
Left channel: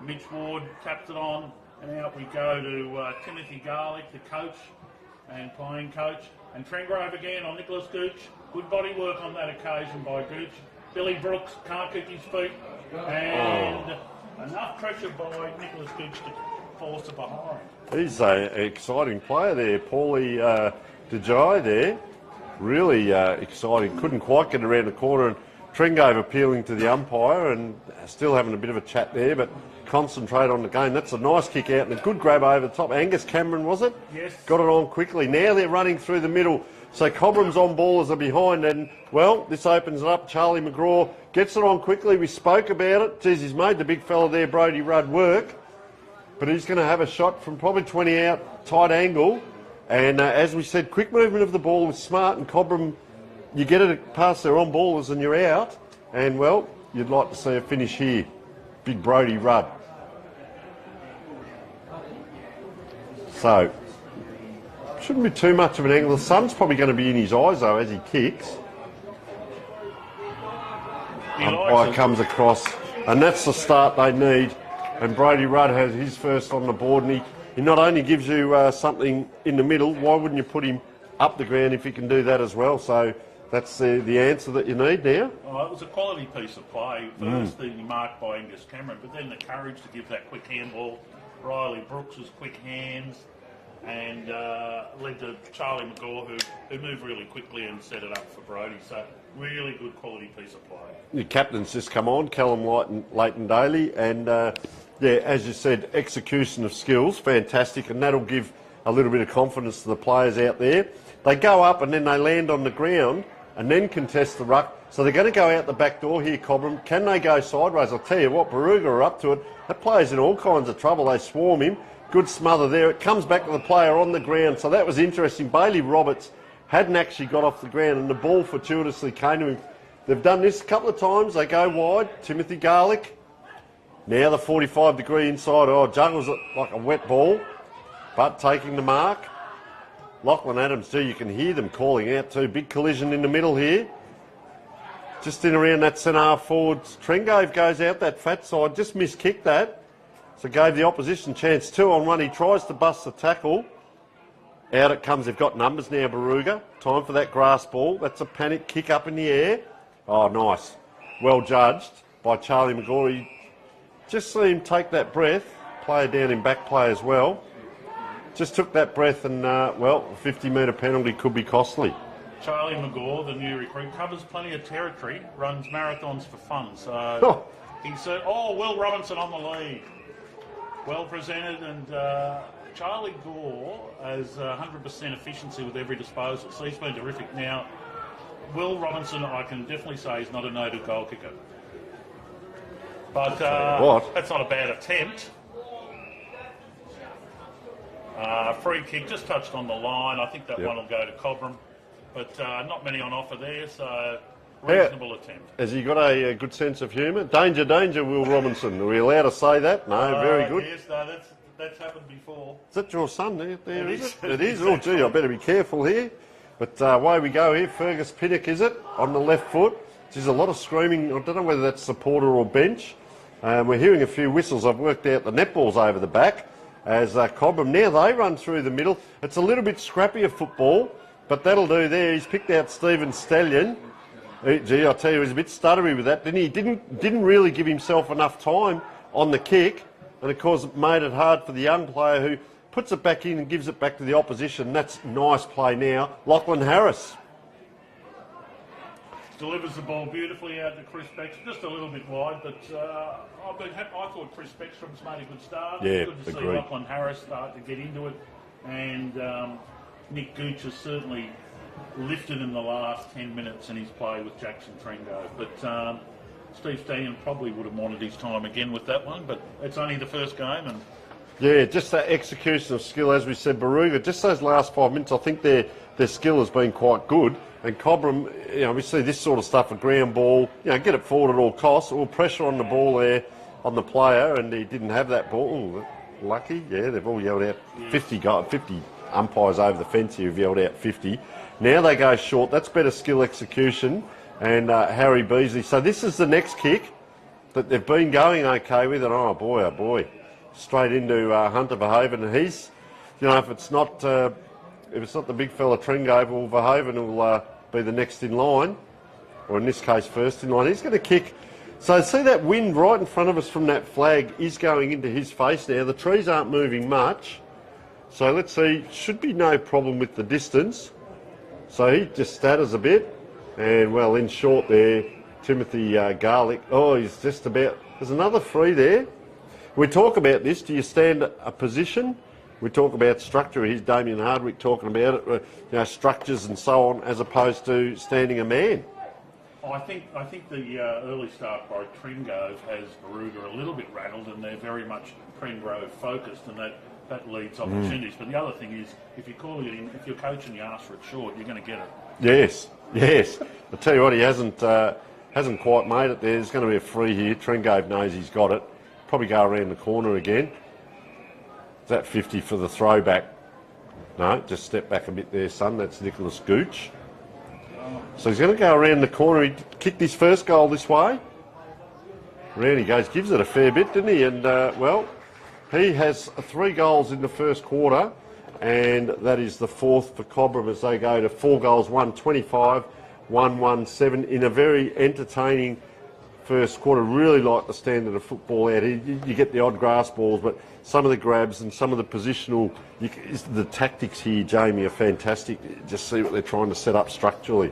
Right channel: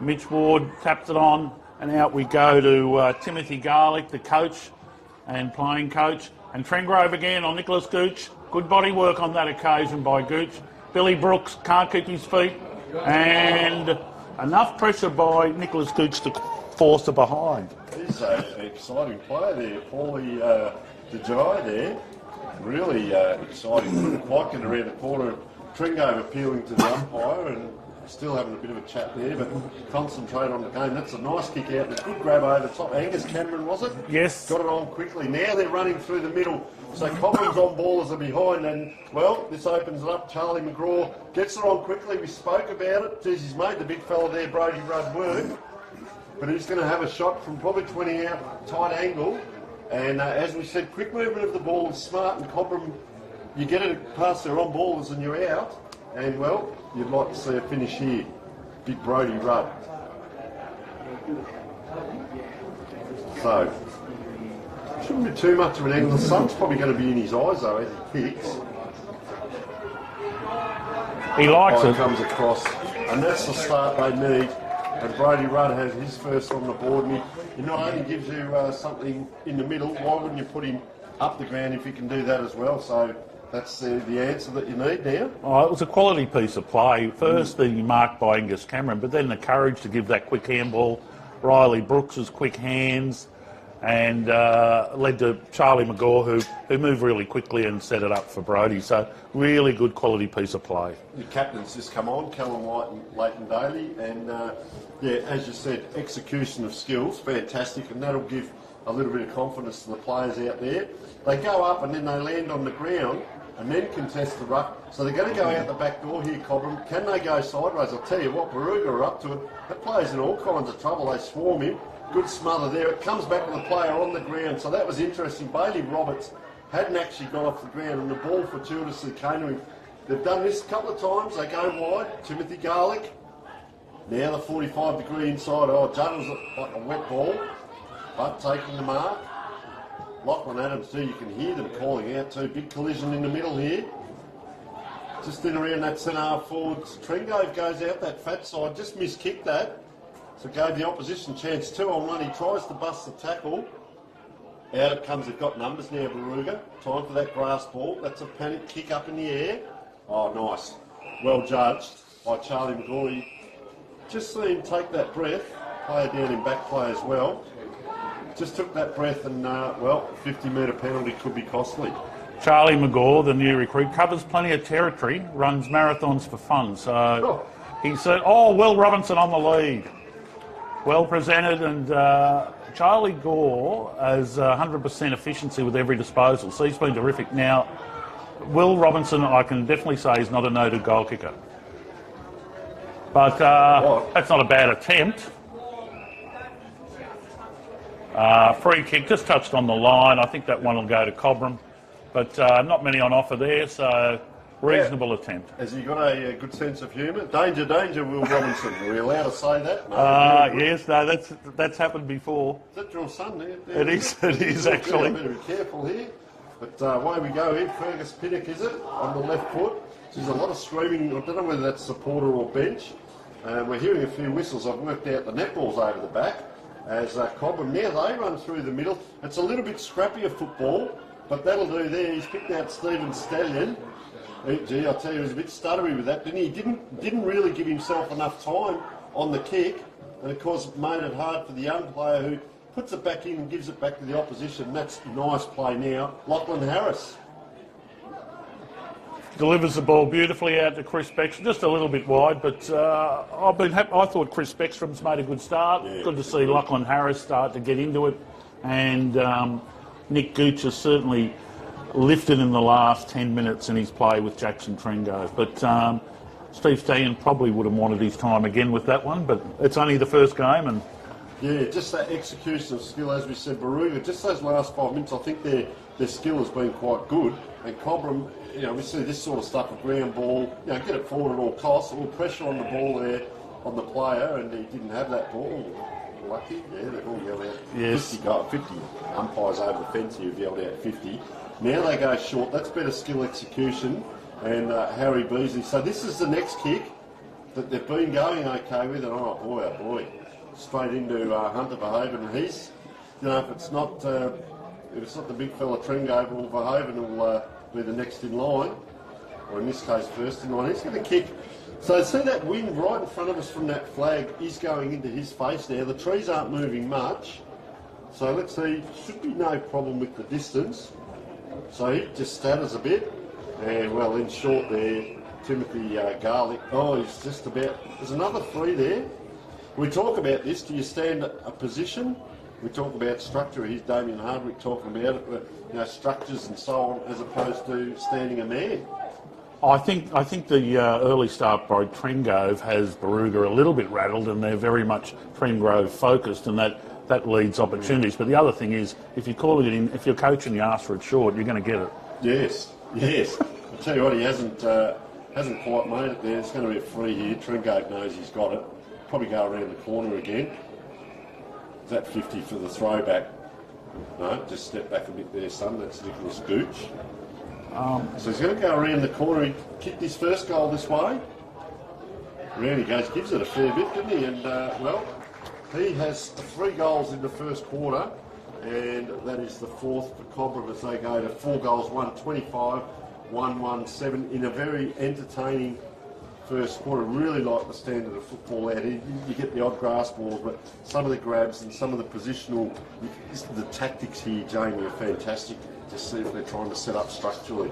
Mitch Ward tapped it on, and out we go to Timothy Garlick, the coach and playing coach, and Trengrove again on Nicholas Gooch. Good body work on that occasion by Gooch. Billy Brooks can't keep his feet, and enough pressure by Nicholas Gooch to force it behind. He's an exciting player there, Paulie DeJai there. Really exciting. Couldn't quite get around the corner, and Trengrove appealing to the umpire and still having a bit of a chat there, but concentrate on the game. That's a nice kick out and a good grab over the top. Angus Cameron, was it? Yes. Got it on quickly. Now they're running through the middle. So Cobram's on ball as are behind, and, well, this opens it up. Charlie McGraw gets it on quickly. We spoke about it. Geez, he's made the big fella there, Brodie Rudd, work. But he's going to have a shot from probably 20 out, tight angle. And as we said, quick movement of the ball is smart, and Cobram, you get it past their on-ballers and you're out. And, well, you'd like to see a finish here. big Brodie Rudd. So, shouldn't be too much of an angle. The sun's probably going to be in his eyes though as he kicks. He likes it. Comes across, and that's the start they need. And Brodie Rudd has his first on the board, and he not only gives you something in the middle, why wouldn't you put him up the ground if he can do that as well? So that's the answer that you need now. Oh, it was a quality piece of play. First, the mark by Angus Cameron, but then the courage to give that quick handball. Riley Brooks's quick hands, and led to Charlie McGaw, who moved really quickly and set it up for Brodie. So really good quality piece of play. Your captain's just come on, Callum White and Leighton Daly, and yeah, as you said, execution of skills, fantastic, and that'll give a little bit of confidence to the players out there. They go up and then they land on the ground and then contest the ruck. So they're going to go out the back door here, Cobram. Can they go sideways? I'll tell you what, Barooga are up to it. That player's in all kinds of trouble. They swarm him. Good smother there. It comes back to the player on the ground. So that was interesting. Bailey Roberts hadn't actually got off the ground and the ball fortuitously came to him. They've done this a couple of times. They go wide. Timothy Garlick. Now the 45-degree inside. Oh, juggles it like a wet ball, but taking the mark. Lachlan Adams too, you can hear them calling out too. Big collision in the middle here. Just in around that centre half forward. Trengove goes out that fat side, just miskicked that. So gave the opposition chance 2-on-1. He tries to bust the tackle. Out it comes. They've got numbers now, Barooga. Time for that grass ball. That's a panic kick up in the air. Oh, nice. Well judged by Charlie McGaw. Just see him take that breath. Player down in back play as well. Just took that breath and, well, 50-metre penalty could be costly. Charlie McGaw, the new recruit, covers plenty of territory, runs marathons for fun. So he said, oh, Will Robinson on the lead. Well presented, and Charlie Gore has 100% efficiency with every disposal. So he's been terrific. Now, Will Robinson, I can definitely say, is not a noted goal kicker. But that's not a bad attempt. Free kick, just touched on the line. I think that one will go to Cobram. But not many on offer there, so reasonable attempt. Has he got a good sense of humour? Danger, danger, Will Robinson. Are we allowed to say that? No, very good. Yes, no, that's happened before. Is that your son? It is. It is actually. I better be careful here. But away we go here. Fergus Pinnock, is it? On the left foot. There's a lot of screaming. I don't know whether that's supporter or bench. We're hearing a few whistles. I've worked out the netball's over the back. As Cobram, now they run through the middle. It's a little bit scrappier football, but that'll do there. He's picked out Stephen Stallion. Gee, I tell you, he was a bit stuttery with that, didn't he? Didn't really give himself enough time on the kick, and of course it made it hard for the young player who puts it back in and gives it back to the opposition. That's nice play now. Lachlan Harris delivers the ball beautifully out to Chris Beckstrom, just a little bit wide, but I've been happy. I thought Chris Beckstrom's made a good start. Yeah, good to see Lachlan Harris start to get into it, and Nick Gooch has certainly lifted in the last 10 minutes in his play with Jackson Trengove. But Steve Stallion probably would have wanted his time again with that one, but it's only the first game. And yeah, just that execution of skill, as we said, Barooga, just those last 5 minutes, I think their skill has been quite good. And Cobram, you know, we see this sort of stuff, a ground ball, you know, get it forward at all costs, all pressure on the ball there on the player, and he didn't have that ball. Ooh, lucky, yeah, they've all yelled out 50 umpires over the fence here have yelled out 50. Now they go short, that's better skill execution, and Harry Beasley. So this is the next kick that they've been going okay with, and oh boy, straight into Hunter Verhoeven. And he's, you know, if it's not the big fella Trengove or Verhoeven will be the next in line, or in this case first in line. He's going to kick. So see that wind right in front of us from that flag is going into his face now. The trees aren't moving much, so let's see. Should be no problem with the distance. So he just stutters a bit, and well, in short there, Timothy Garlick. Oh, he's just about. There's another free there. We talk about this. Do you stand a position? We talk about structure. Here's Damien Hardwick talking about it, you know, structures and so on, as opposed to standing a man. I think the early start by Trengove has Barooga a little bit rattled, and they're very much Trengove focused, and that leads opportunities. But the other thing is, if you call it in, if you're coaching, you ask for it short, you're going to get it. Yes. I'll tell you what, he hasn't quite made it there. There's going to be a free here. Trengove knows he's got it. Probably go around the corner again. Is that 50 for the throwback? No, just step back a bit there, son. That's Nicholas Gooch. So he's going to go around the corner. He kicked his first goal this way. Really goes, gives it a fair bit, didn't he? And, well, he has 3 goals in the first quarter, and that is the 4th for Cobram as they go to 4 goals, 1-25, 1-1-7 in a very entertaining first quarter. Really like the standard of football out here. You get the odd grass balls, but some of the grabs and some of the positional, the tactics here, Jamie, are fantastic. Just see what they're trying to set up structurally.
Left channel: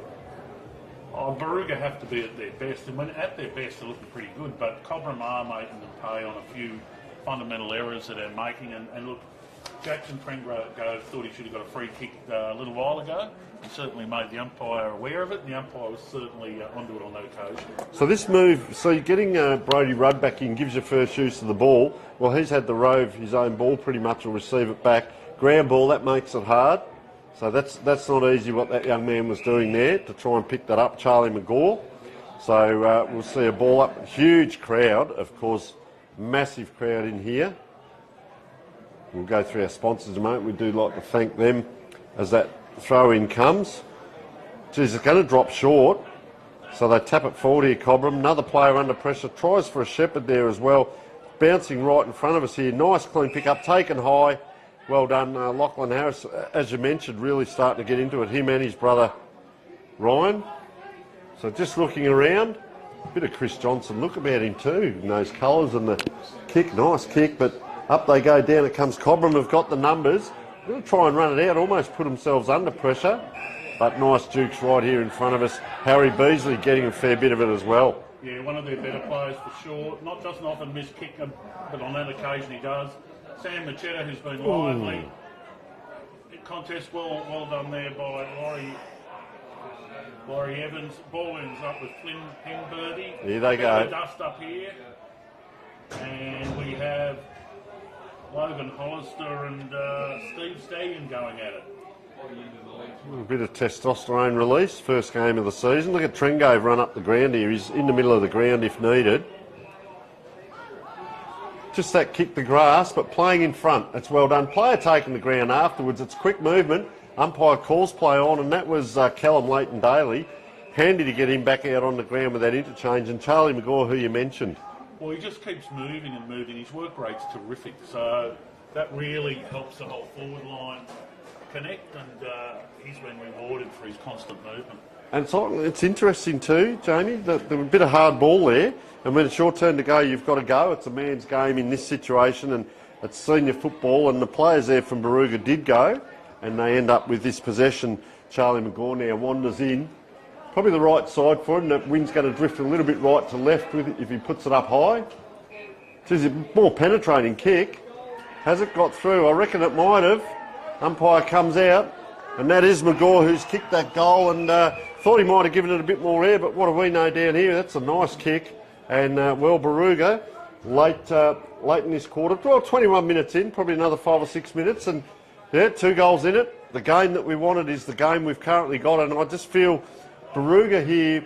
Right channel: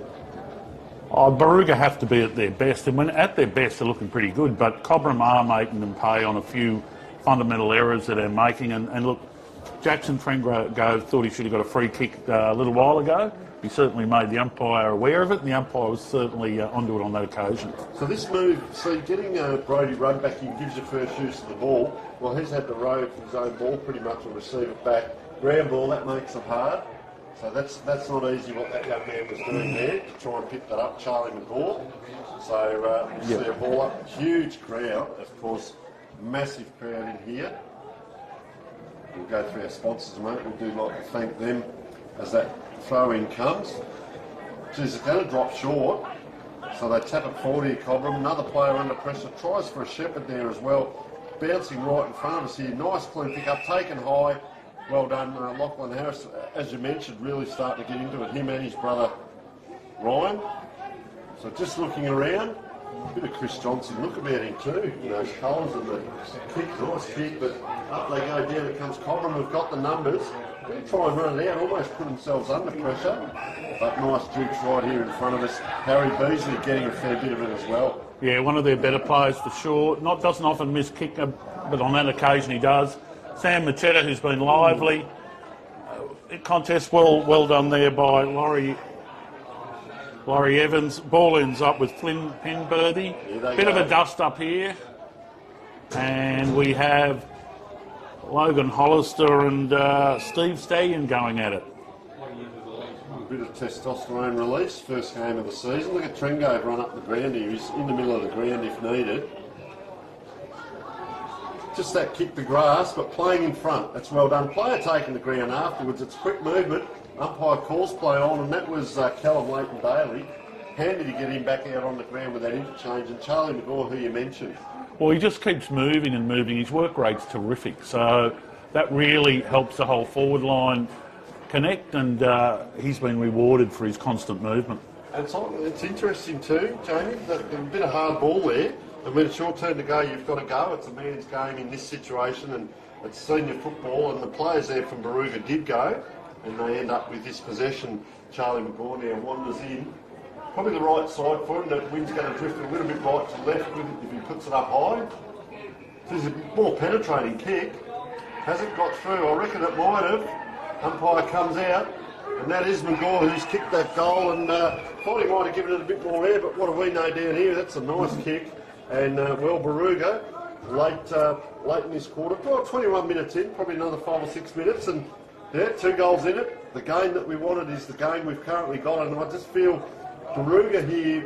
Barooga have to be at their best, and when at their best they're looking pretty good, but Cobram are making them pay on a few fundamental errors that they're making. And look, Jackson Trengove thought he should have got a free kick a little while ago. He certainly made the umpire aware of it, and the umpire was certainly onto it on that occasion. So this move, so you're getting Brodie Rudd back in, gives you first use of the ball. Well, he's had the rove, his own ball pretty much, will receive it back. Ground ball, that makes it hard. So that's not easy what that young man was doing there to try and pick that up, Charlie McGaw. So we'll see a ball up. Huge crowd, of course, massive crowd in here. We'll go through our sponsors in a moment. We do like to thank them as that throw-in comes. Geez, it's going to drop short. So they tap it forward here, Cobram. Another player under pressure. Tries for a Shepherd there as well. Bouncing right in front of us here. Nice clean pick up, taken high. Well done, Lachlan Harris. As you mentioned, really starting to get into it. Him and his brother, Ryan. So just looking around. A bit of Chris Johnson look about him too. In those colours and the kick. Nice kick, but up they go. Down it comes Cobram. Have got the numbers. They'll try and run it out, almost put themselves under pressure. But nice dukes right here in front of us. Harry Beasley getting a fair bit of it as well. Yeah, one of their better players for sure. Doesn't often miss kick, but on that occasion he does. Sam Machetta, who's been lively. Contest well done there by Laurie Evans. Ball ends up with Flynn Penberthy. Bit of a dust up here. And we have Logan Hollister and Steve Stallion going at it. A bit of testosterone release, first game of the season. Look at Trengove run up the ground here. He's in the middle of the ground if needed. Just that kick the grass, but playing in front. That's well done. Player taking the ground afterwards. It's quick movement. Umpire calls play on, and that was Callum Leighton-Daly. Handy to get him back out on the ground with that interchange. And Charlie McGaw, who you mentioned. Well, he just keeps moving and moving. His work rate's terrific. So that really helps the whole forward line connect, and he's been rewarded for his constant movement. And it's interesting too, Jamie, that a bit of hard ball there. And when it's your turn to go, you've got to go. It's a man's game in this situation, and it's senior football. And the players there from Barooga did go, and they end up with this possession. Charlie McGaw now wanders in. Probably the right side for him. The wind's going to drift a little bit right to left with it if he puts it up high. It's a more penetrating kick. Has it got through? I reckon it might have. Umpire comes out, and that is McGaw who's kicked that goal, and thought he might have given it a bit more air, but what do we know down here? That's a nice kick. And, well, Barooga, late in this quarter, well, 21 minutes in, probably another 5 or 6 minutes, and, yeah, 2 goals in it. The game that we wanted is the game we've currently got, and I just feel Barooga here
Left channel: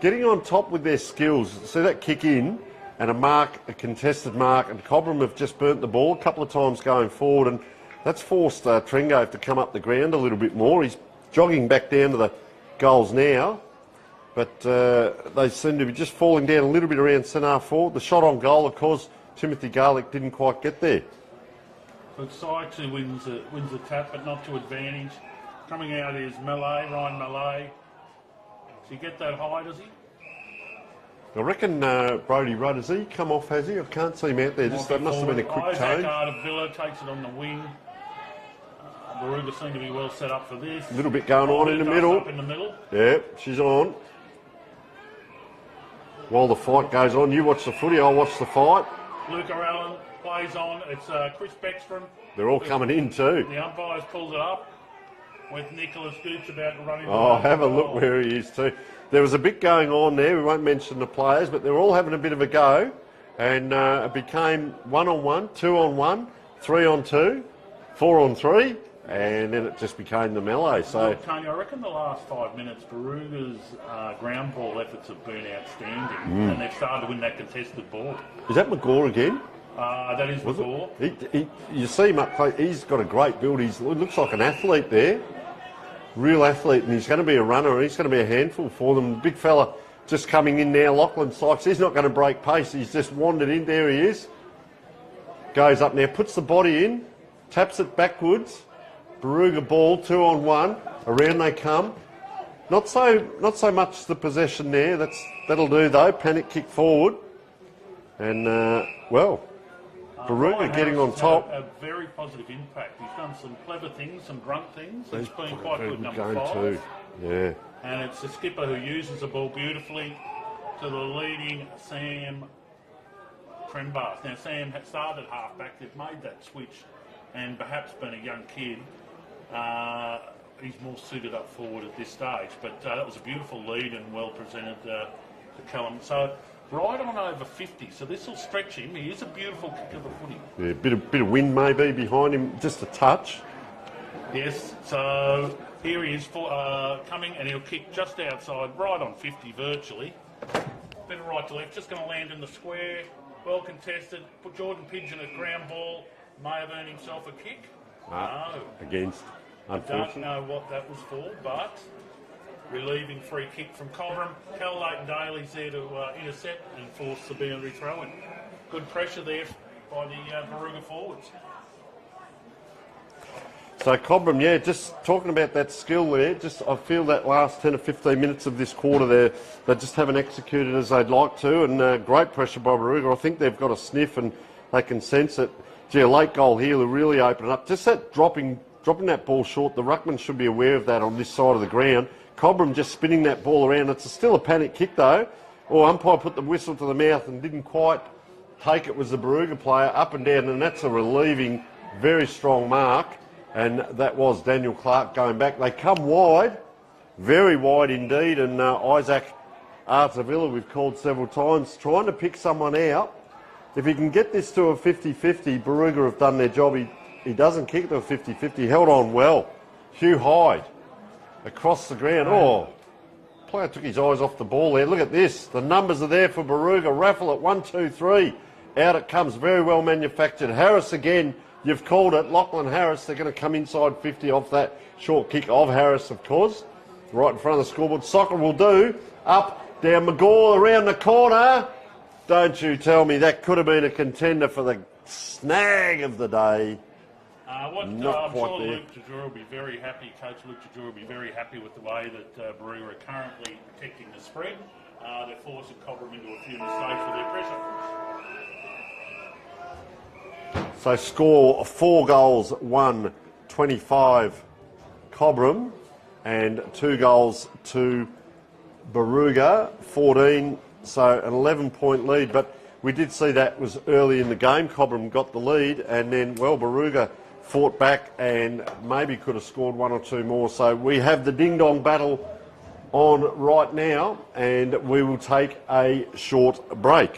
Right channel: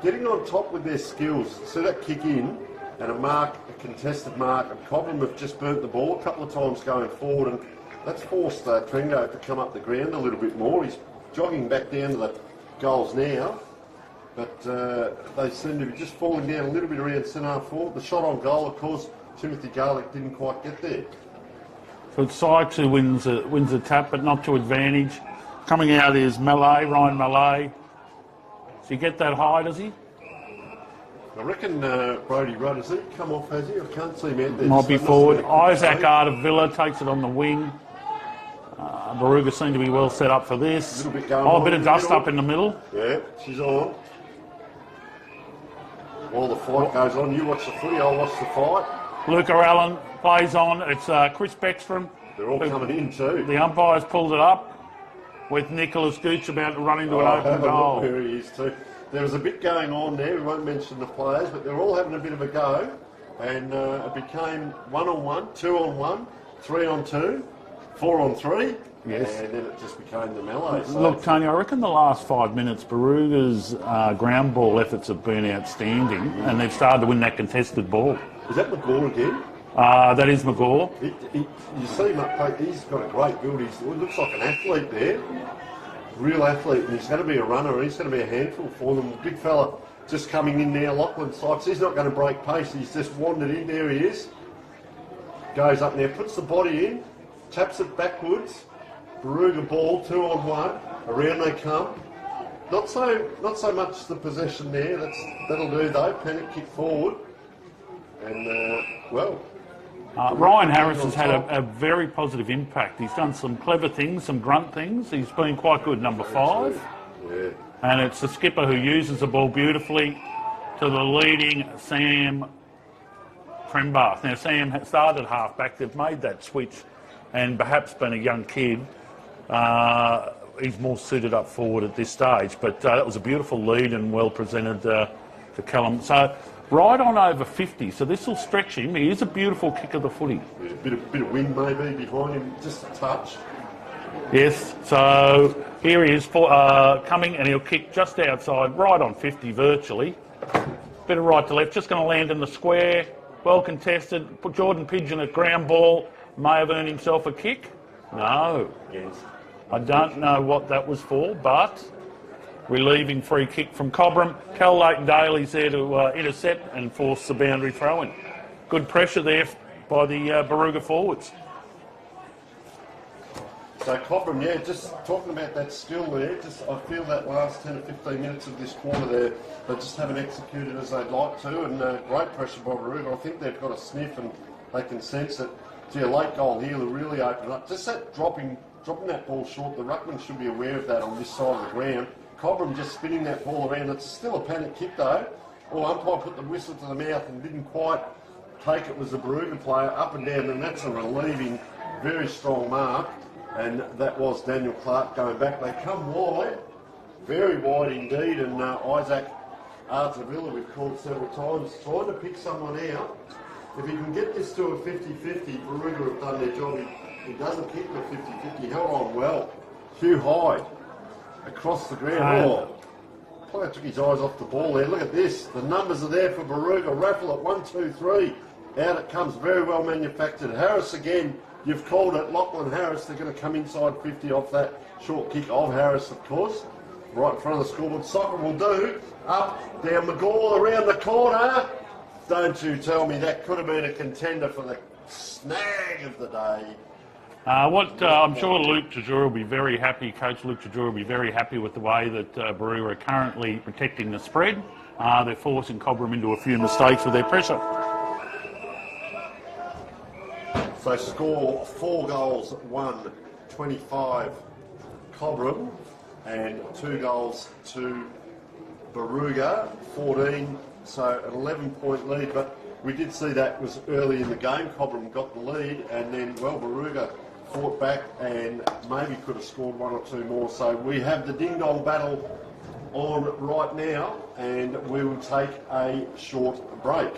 getting on top with their skills. See that kick in, and a contested mark, and Cobram have just burnt the ball a couple of times going forward, and that's forced Trengove to come up the ground a little bit more. He's jogging back down to the goals now. But they seem to be just falling down a little bit around centre forward. The shot on goal, of course, Timothy Garlick didn't quite get there. So it's Sykes who wins a tap, but not to advantage. Coming out is Ryan Malay. Does he get that high, does he? I reckon Brodie Rudd, has he come off, has he? I can't see him out there. Might be forward. Isaac Ardavilla takes it on the wing. Barooga seem to be well set up for this. A little bit going on. A bit of dust up in the middle. Yeah, she's on. While the fight goes on, you watch the footy, I'll watch the fight. Luca Allen plays on. It's Chris Beckstrom. They're all coming in too. The umpire's pulled it up with Nicholas Gooch about to run into an open have a goal. look where he is too. There was a bit going on there. We won't mention the players, but they were all having a bit of a go. And it became 1-on-1, 2-on-1, 3-on-2, 4-on-3. Yes. And then it just became the melee. So. Look, Tony, I reckon the last 5 minutes, Barooga's ground ball efforts have been outstanding, and they've started to win that contested ball. Is that McGaw again? That is McGaw. You see, he's got a great build. He looks like an athlete there. Real athlete, and he's going to be a runner, and he's going to be a handful for them. Big fella just coming in now, Lachlan Sykes. He's not going to break pace. He's just wandered in. There he is. Goes up now, puts the body in, taps it backwards. Barooga ball, 2-on-1. Around they come. Not so much the possession there. That'll do though. Panic kick forward, and Ryan Harris has had a very positive impact. He's done some clever things, some grunt things. He's been quite good, number 5. Yeah. And it's the skipper who uses the ball beautifully to the leading Sam Crembath. Now, Sam started half-back. They've made that switch, and perhaps being a young kid, he's more suited up forward at this stage. But that was a beautiful lead and well presented to Callum. So, right on over 50, so this will stretch him. He is a beautiful kick of the footy. Yeah, bit of wind maybe behind him, just a touch. Yes, so here he is coming, and he'll kick just outside, right on 50 virtually. Bit of right to left, just going to land in the square. Well contested. Put Jordan Pigeon at ground ball. May have earned himself a kick. No. Against. I don't know what that was for, but relieving free kick from Cobram. Cal Leighton-Daly's there to intercept and force the boundary throw-in. Good pressure there by the Barooga forwards. So Cobram, yeah, just talking about that skill there, I feel that last 10 or 15 minutes of this quarter there, they just haven't executed as they'd like to, and great pressure by Barooga. I think they've got a sniff and they can sense it. Gee, a late goal here will really open it up. Just that dropping that ball short, the ruckman should be aware of that on this side of the ground. Cobram just spinning that ball around. It's still a panic kick though. Umpire put the whistle to the mouth and didn't quite take it, was the Barooga player, up and down, and that's a relieving, very strong mark. And that was Daniel Clark going back. They come wide, very wide indeed, and Isaac Artavilla, we've called several times, trying to pick someone out. If he can get this to a 50-50, Barooga have done their job. He doesn't kick the 50-50, held on well. Hugh Hyde across the ground. Player took his eyes off the ball there. Look at this. The numbers are there for Barooga. Raffle at 1, 2, 3. Out it comes, very well manufactured. Harris again. You've called it, Lachlan Harris. They're going to come inside 50 off that short kick of Harris, of course. Right in front of the scoreboard. Soccer will do. Up, down McGaw, around the corner. Don't you tell me that could have been a contender for the snag of the day. I'm sure Luke Tajura will be very happy. Coach Luke Tajura will be very happy with the way that Barooga are currently protecting the spread. They're forcing Cobram into a few mistakes with their pressure. So score 4 goals, 1, 25 Cobram, and 2 goals to Barooga, 14, so an 11-point lead. But we did see that was early in the game. Cobram got the lead, and then, Barooga fought back and maybe could have scored 1 or 2 more. So we have the ding-dong battle on right now, and we will take a short break.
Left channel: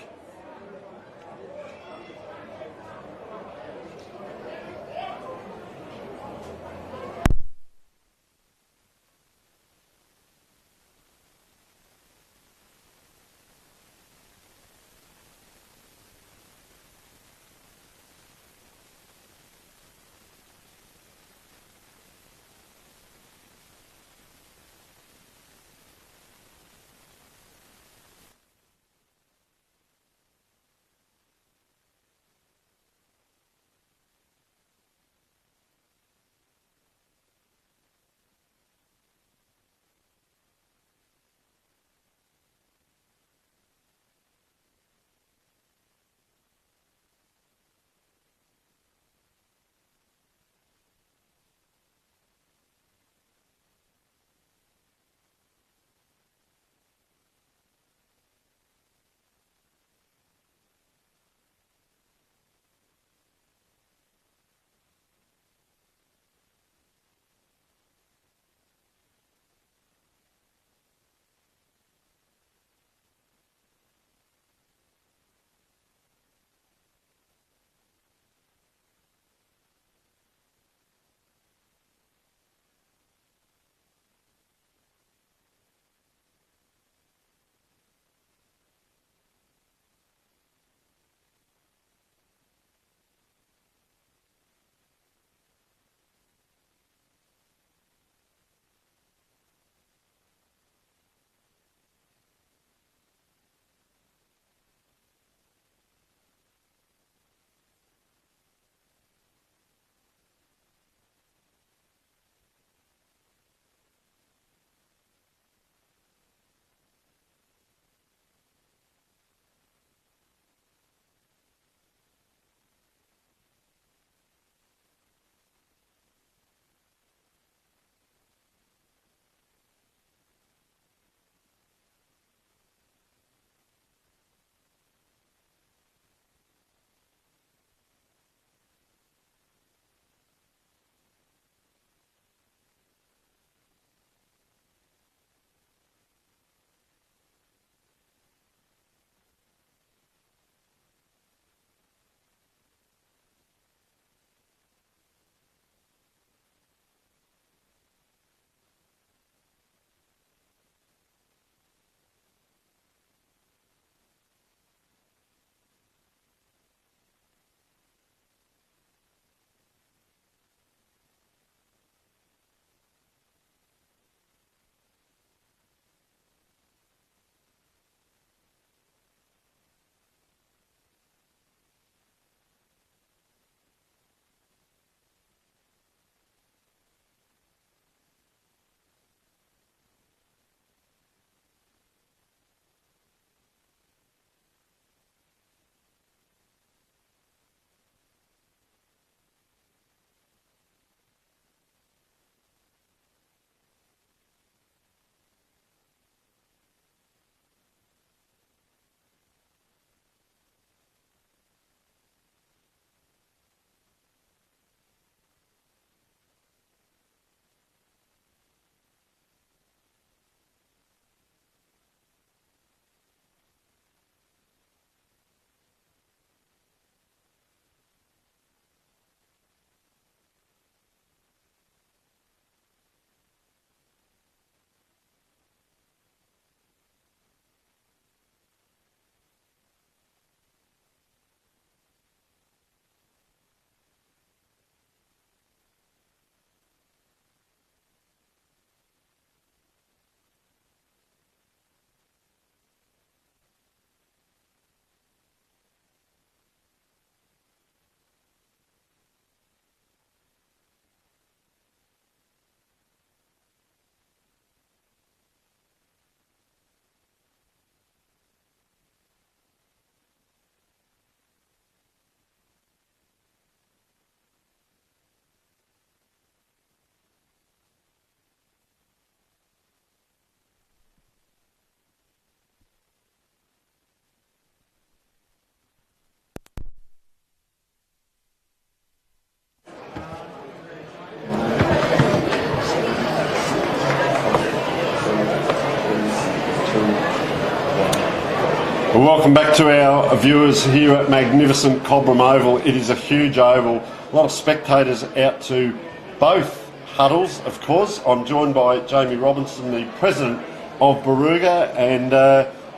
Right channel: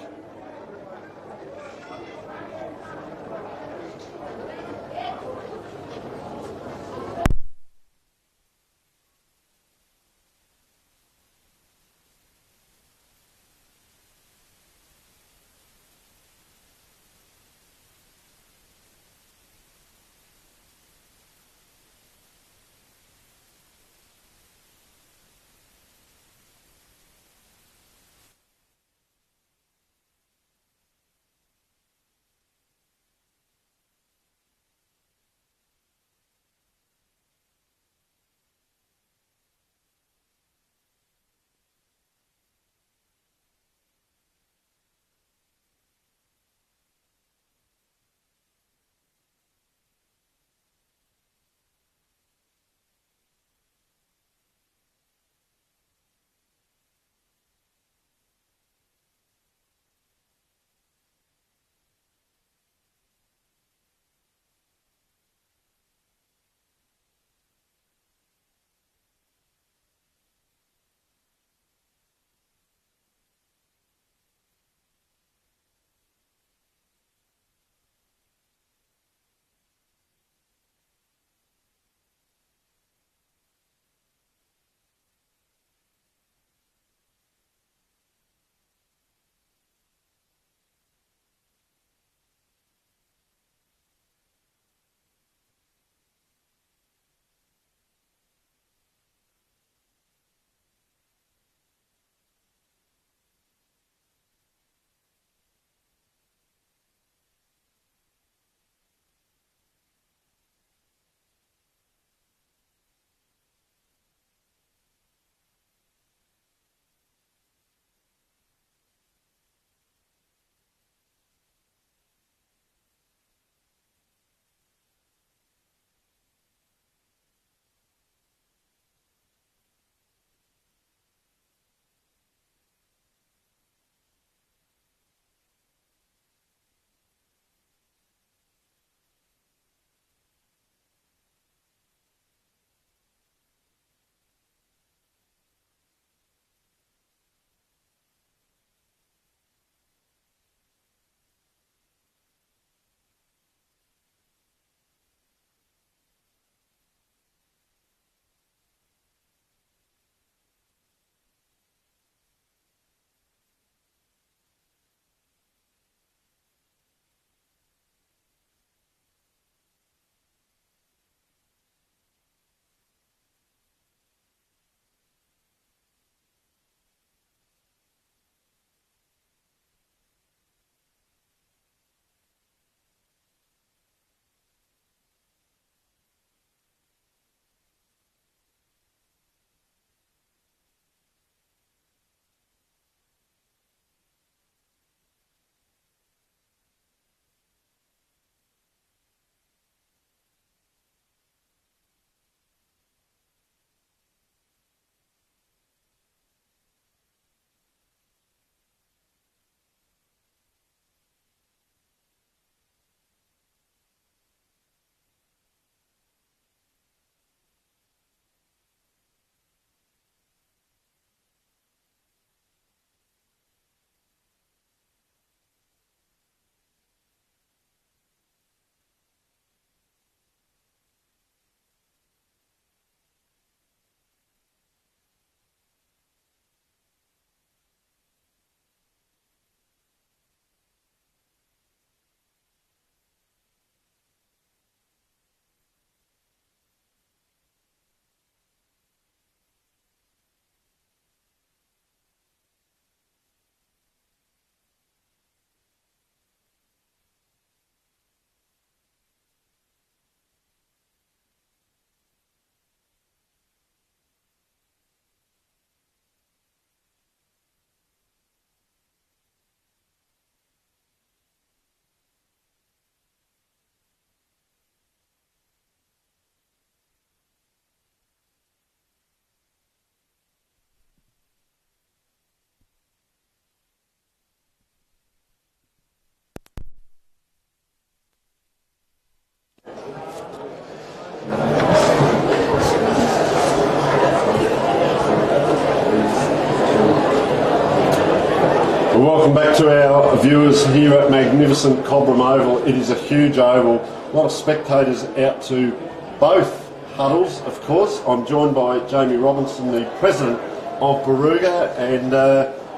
Welcome back to our viewers here at magnificent Cobram Oval. It is a huge oval. A lot of spectators out to both huddles, of course. I'm joined by Jamie Robinson, the president of Barooga. And,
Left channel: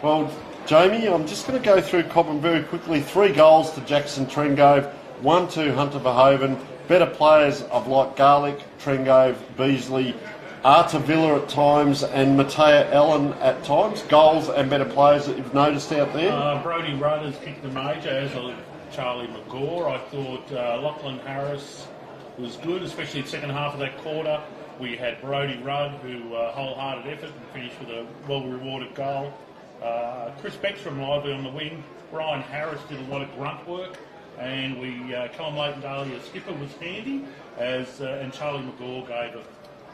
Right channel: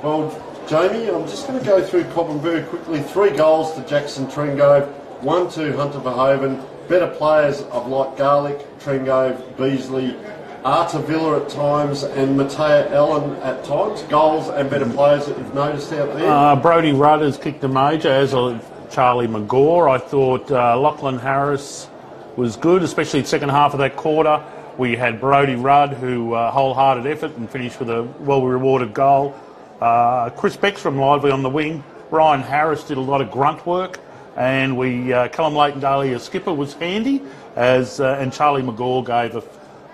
well, Jamie, I'm just going to go through Cobram very quickly. 3 goals to Jackson Trengove, 1 to Hunter Verhoeven. Better players of like Garlick, Trengove, Beasley, Artavilla at times, and Matea Allen at times. Goals and better players that you've noticed out there? Brodie Rudd has kicked a major, as of Charlie McGaw. I thought Lachlan Harris was good, especially the second half of that quarter. We had Brodie Rudd, who wholehearted effort and finished with a well-rewarded goal. Chris Beckstrom lively on the wing. Ryan Harris did a lot of grunt work. And Callum Leighton-Daly, as skipper, was handy, and Charlie McGaw gave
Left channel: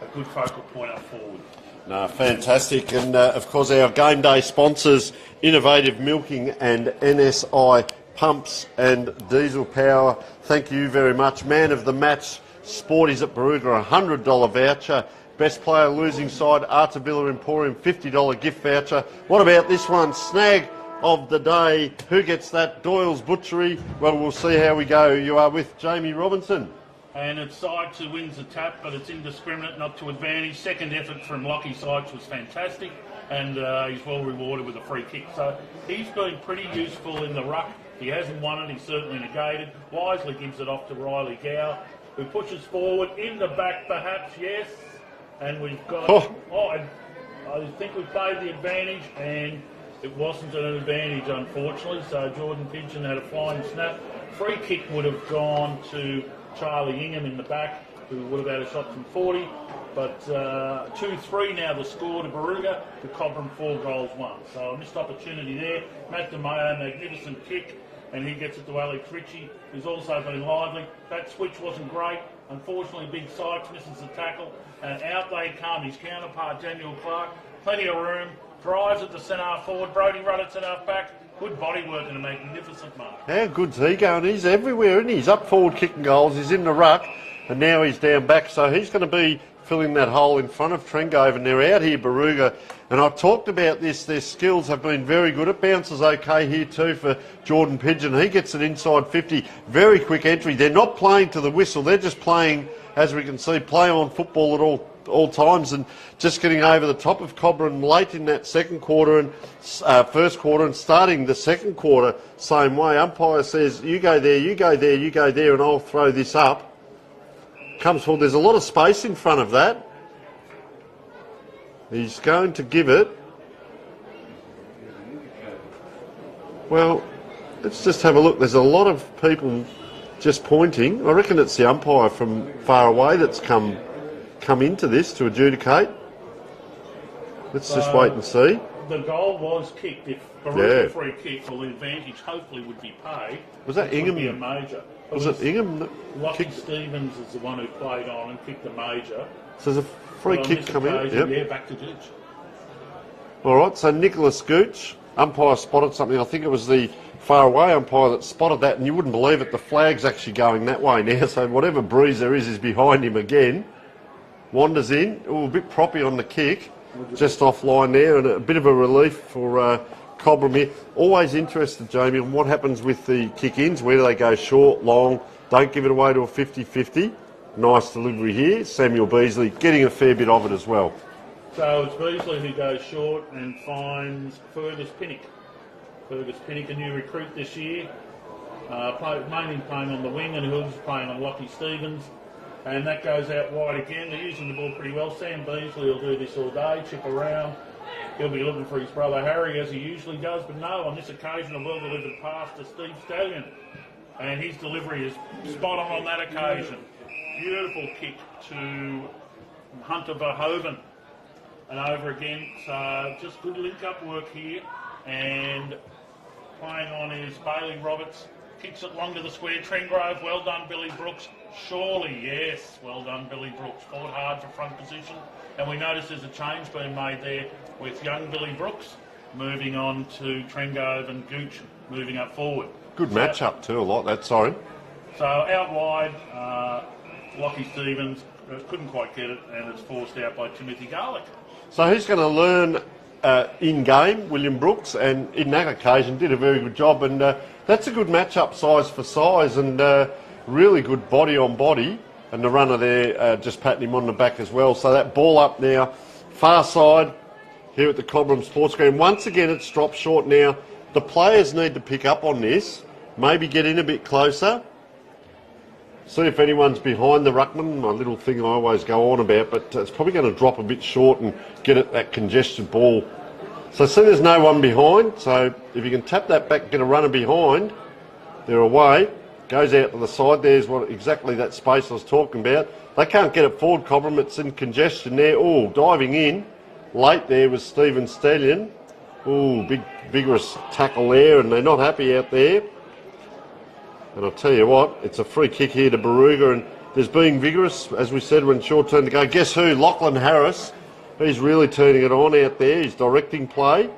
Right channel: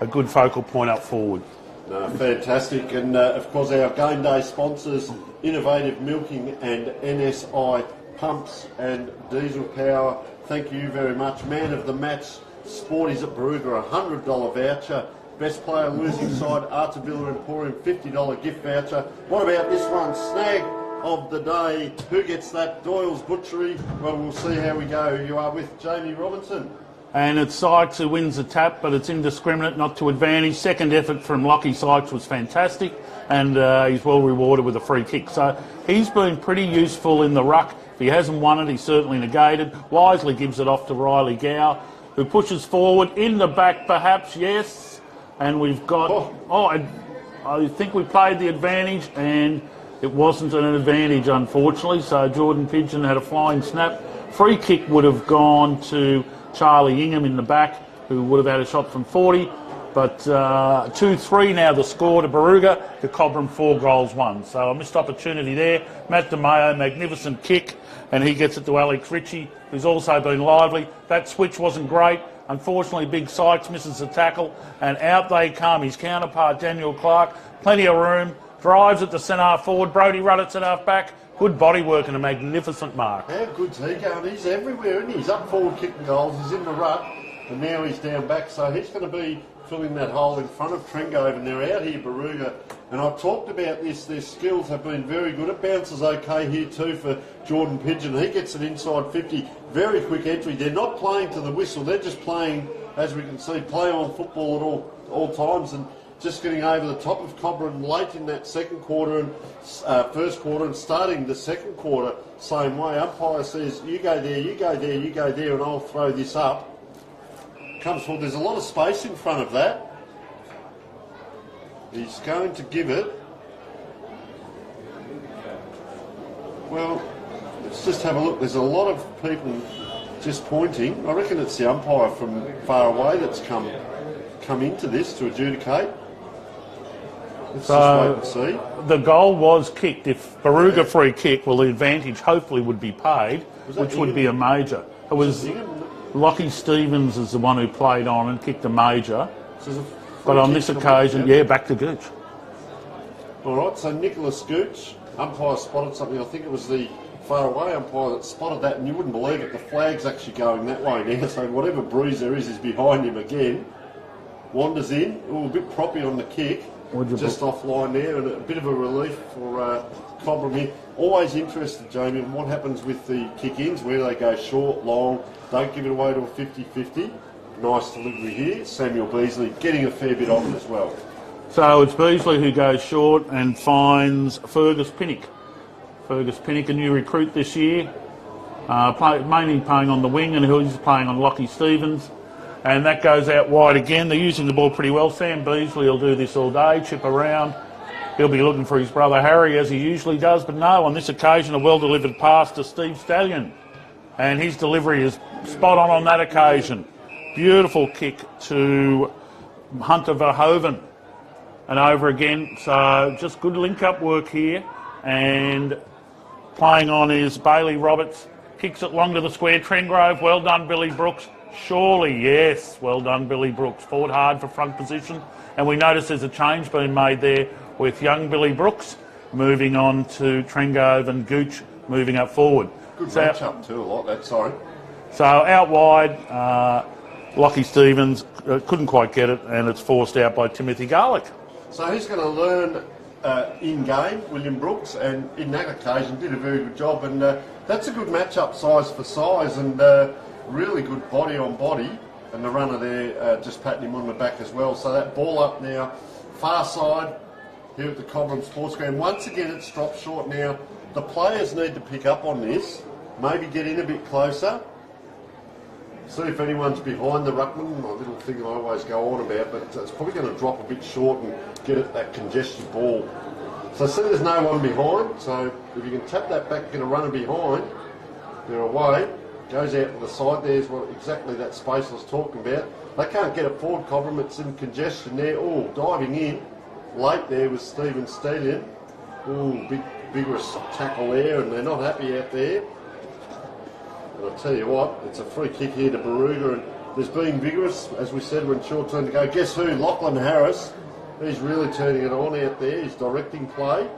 a good focal point up forward. No, fantastic. And, of course, our game day sponsors, Innovative Milking and NSI Pumps and Diesel Power. Thank you very much. Man of the match, Sporties at Barooga, $100 voucher. Best player losing side, Artavilla Emporium, $50 gift voucher. What about this one? Snag of the day. Who gets that? Doyle's Butchery. Well, we'll see how we go. You are with Jamie Robinson. And it's Sykes who wins the tap, but it's indiscriminate, not to advantage. Second effort from Lockie Sykes was fantastic, and he's well rewarded with a free kick. So he's been pretty useful in the ruck. If he hasn't won it, he's certainly negated. Wisely gives it off to Riley Gow, who pushes forward in the back, perhaps, yes. And we've got... I think we played the advantage, and it wasn't an advantage, unfortunately. So Jordan Pigeon had a flying snap. Free kick would have gone to Charlie Ingham in the back, who would have had a shot from 40. But 2-3 now the score to Barooga, to Cobram 4 goals 1. So a missed opportunity there. Matt DeMayo, magnificent kick, and he gets it to Alex Ritchie, who's also been lively. That switch wasn't great. Unfortunately, Big Sykes misses the tackle, and out they come. His counterpart, Daniel Clark, plenty of room, drives at the centre forward. Brodie Rudd at centre back. Good body work and a magnificent mark. How good's he going? He's everywhere, isn't he? He's up forward kicking goals, he's in the ruck, and now he's down back. So he's going to be filling that hole in front of Trengove, and they're out here, Barooga. And I've talked about this, their skills have been very good. It bounces okay here too for Jordan Pigeon. He gets an inside 50, very quick entry. They're not playing to the whistle, they're just playing, as we can see, play on football at all times, and just getting over the top of Cobram late in that second quarter and first quarter, and starting the second quarter same way. Umpire says, you go there, you go there, you go there, and I'll throw this up. Comes forward, there's a lot of space in front of that. He's going to give it. Well, let's just have a look. There's a lot of people just pointing. I reckon it's the umpire from far away that's come into this to adjudicate. Let's just wait and see. The goal was kicked. If Barooga free kick, well, the advantage hopefully would be paid, which would be a major. It was Ingham? Lockie Stevens is the one who played on and kicked a major. So there's a free but on kick this coming occasion, up, back to Gooch. All right, so Nicholas Gooch, umpire spotted something. I think it was the far away umpire that spotted that, and you wouldn't believe it, the flag's actually going that way now, so whatever breeze there is behind him again. Wanders in, a bit proppy on the kick, just offline there, and a bit of a relief for Cobram here. Always interested, Jamie, in what happens with the kick-ins, where do they go short, long, don't give it away to a 50-50. Nice delivery here. Samuel Beasley getting a fair bit of it as well. So it's Beasley who goes short and finds Fergus Pinnock. Fergus Pinnock, a new recruit this year, mainly playing on the wing, and who's playing on Lockie Stevens. And that goes out wide again. They're using the ball pretty well. Sam Beasley will do this all day, chip around. He'll be looking for his brother Harry, as he usually does. But no, on this occasion, a well-delivered pass to Steve Stallion. And his delivery is spot on that occasion. Beautiful kick to Hunter Verhoeven. And over again. So just good link-up work here. And playing on is Bailey Roberts. Kicks it long to the square. Trengove, well done, Billy Brooks. Surely, yes, well done, Billy Brooks. Fought hard for front position. And we notice there's a change being made there with young Billy Brooks moving on to Trengove and Gooch moving up forward. Good match-up too, I like that, sorry. So out wide, Lockie Stevens couldn't quite get it, and it's forced out by Timothy Garlick. So who's going to learn in-game, William Brooks, and in that occasion did a very good job. And that's a good match-up size for size, and really good body on body. And the runner there just patting him on the back as well. So that ball up now, far side here at the Cobram Sports Ground. Once again, it's dropped short now. The players need to pick up on this, maybe get in a bit closer. See if anyone's behind the ruckman, my little thing I always go on about, but it's probably going to drop a bit short and get at that congested ball. So see there's no one behind, so if you can tap that back, get a runner behind, they're away, goes out to the side, there's what exactly that space I was talking about. They can't get it forward, Cobram, it's in congestion there. Oh, diving in, late there was Stephen Stallion. Oh, big vigorous tackle there, and they're not happy out there. And I'll tell you what, it's a free kick here to Barooga, and there's being vigorous, as we said, when short turn to go. Guess who? Lachlan Harris. He's really turning it on out there. He's directing play.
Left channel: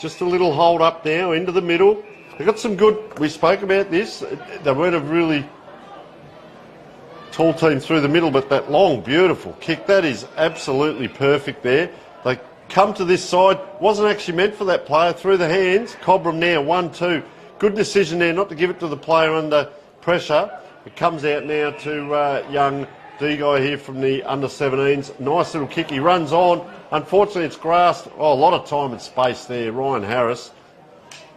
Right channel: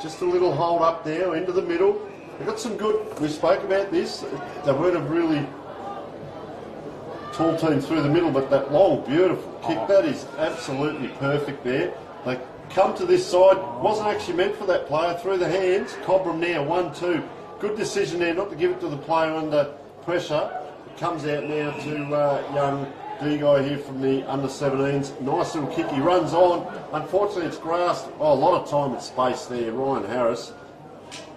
Just a little hold up now into the middle. They've got some good, we spoke about this, they weren't a really tall team through the middle, but that long, beautiful kick, that is absolutely perfect there. They come to this side, wasn't actually meant for that player, through the hands. Cobram now, 1-2. Good decision there not to give it to the player under pressure. It comes out now to young D-guy here from the under-17s. Nice little kick, he runs on. Unfortunately, it's grassed. Oh, a lot of time and space there. Ryan Harris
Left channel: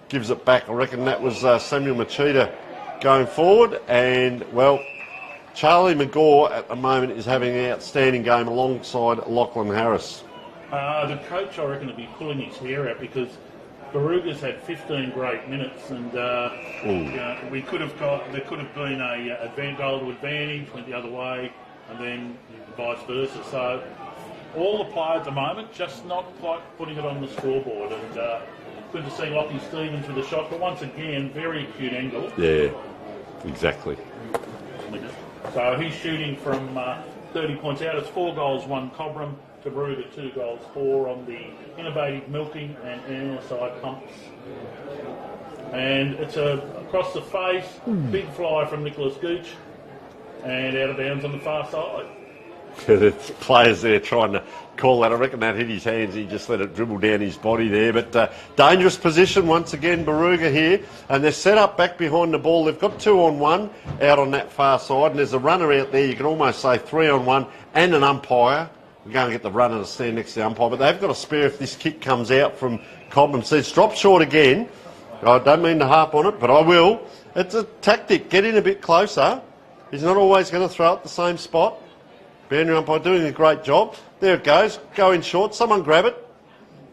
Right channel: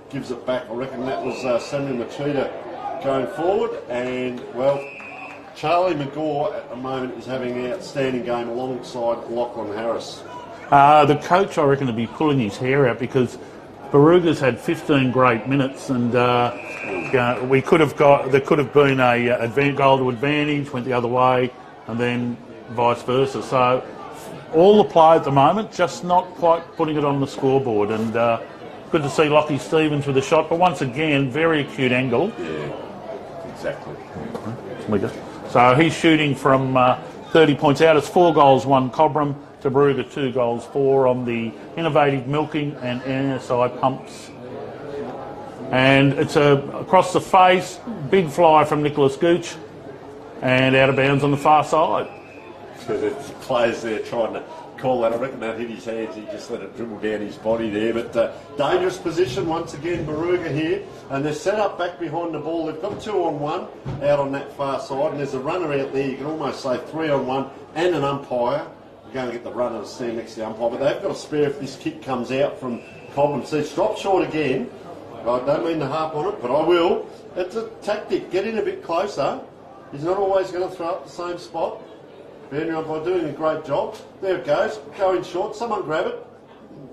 gives it back. I reckon that was Samuel Machida going forward. And, well, Charlie McGaw at the moment is having an outstanding game alongside Lachlan Harris. The coach, I reckon, will be pulling his hair out because Barooga's had 15 great minutes, and there could have been a goal to advantage, went the other way, and then vice versa. So all the play at the moment, just not quite putting it on the scoreboard. And good to see Lockie Stevens with a shot, but once again, very acute angle. Yeah, exactly. So he's shooting from 30 points out. It's 4 goals, 1 Cobram. To Barooga, 2 goals, 4 on the innovative milking and NSI pumps. And it's across the face, big fly from Nicholas Gooch, and out of bounds on the far side. The players there trying to call that. I reckon that hit his hands. He just let it dribble down his body there. But dangerous position once again, Barooga here. And they're set up back behind the ball. They've got 2-on-1 out on that far side. And there's a runner out there. You can almost say 3-on-1 and an umpire. We're going to get the runner to stand next to the umpire, but they've got a spare if this kick comes out from Cobram. So it's dropped short again. I don't mean to harp on it, but I will. It's a tactic. Get in a bit closer. He's not always going to throw it the same spot. Boundary umpire doing a great job. There it goes. Go in short. Someone grab it.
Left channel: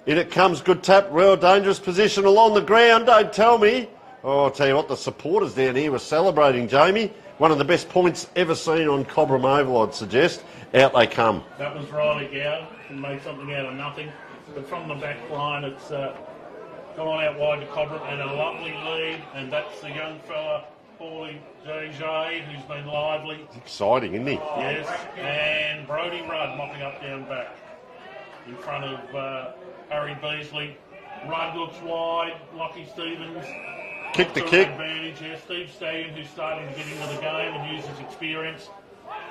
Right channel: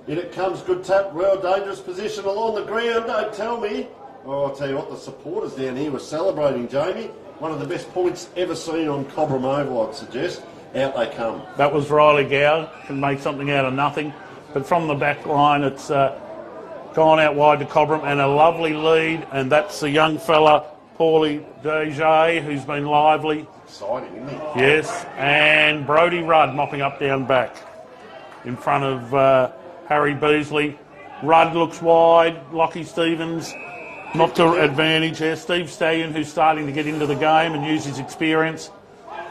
In it comes. Good tap. Real dangerous position along the ground. Don't tell me. Oh, I'll tell you what, the supporters down here were celebrating, Jamie. One of the best points ever seen on Cobram Oval, I'd suggest. Out they come. That was Riley Gow, can make something out of nothing. But from the back line, it's gone out wide to Cobram, and a lovely lead. And that's the young fella, Paulie Deja, who's been lively. Exciting, isn't he? Yes. And Brodie Rudd mopping up down back in front of Harry Beasley. Rudd looks wide. Lockie Stevens not to advantage there. Steve Stallion, who's starting to get into the game and use his experience.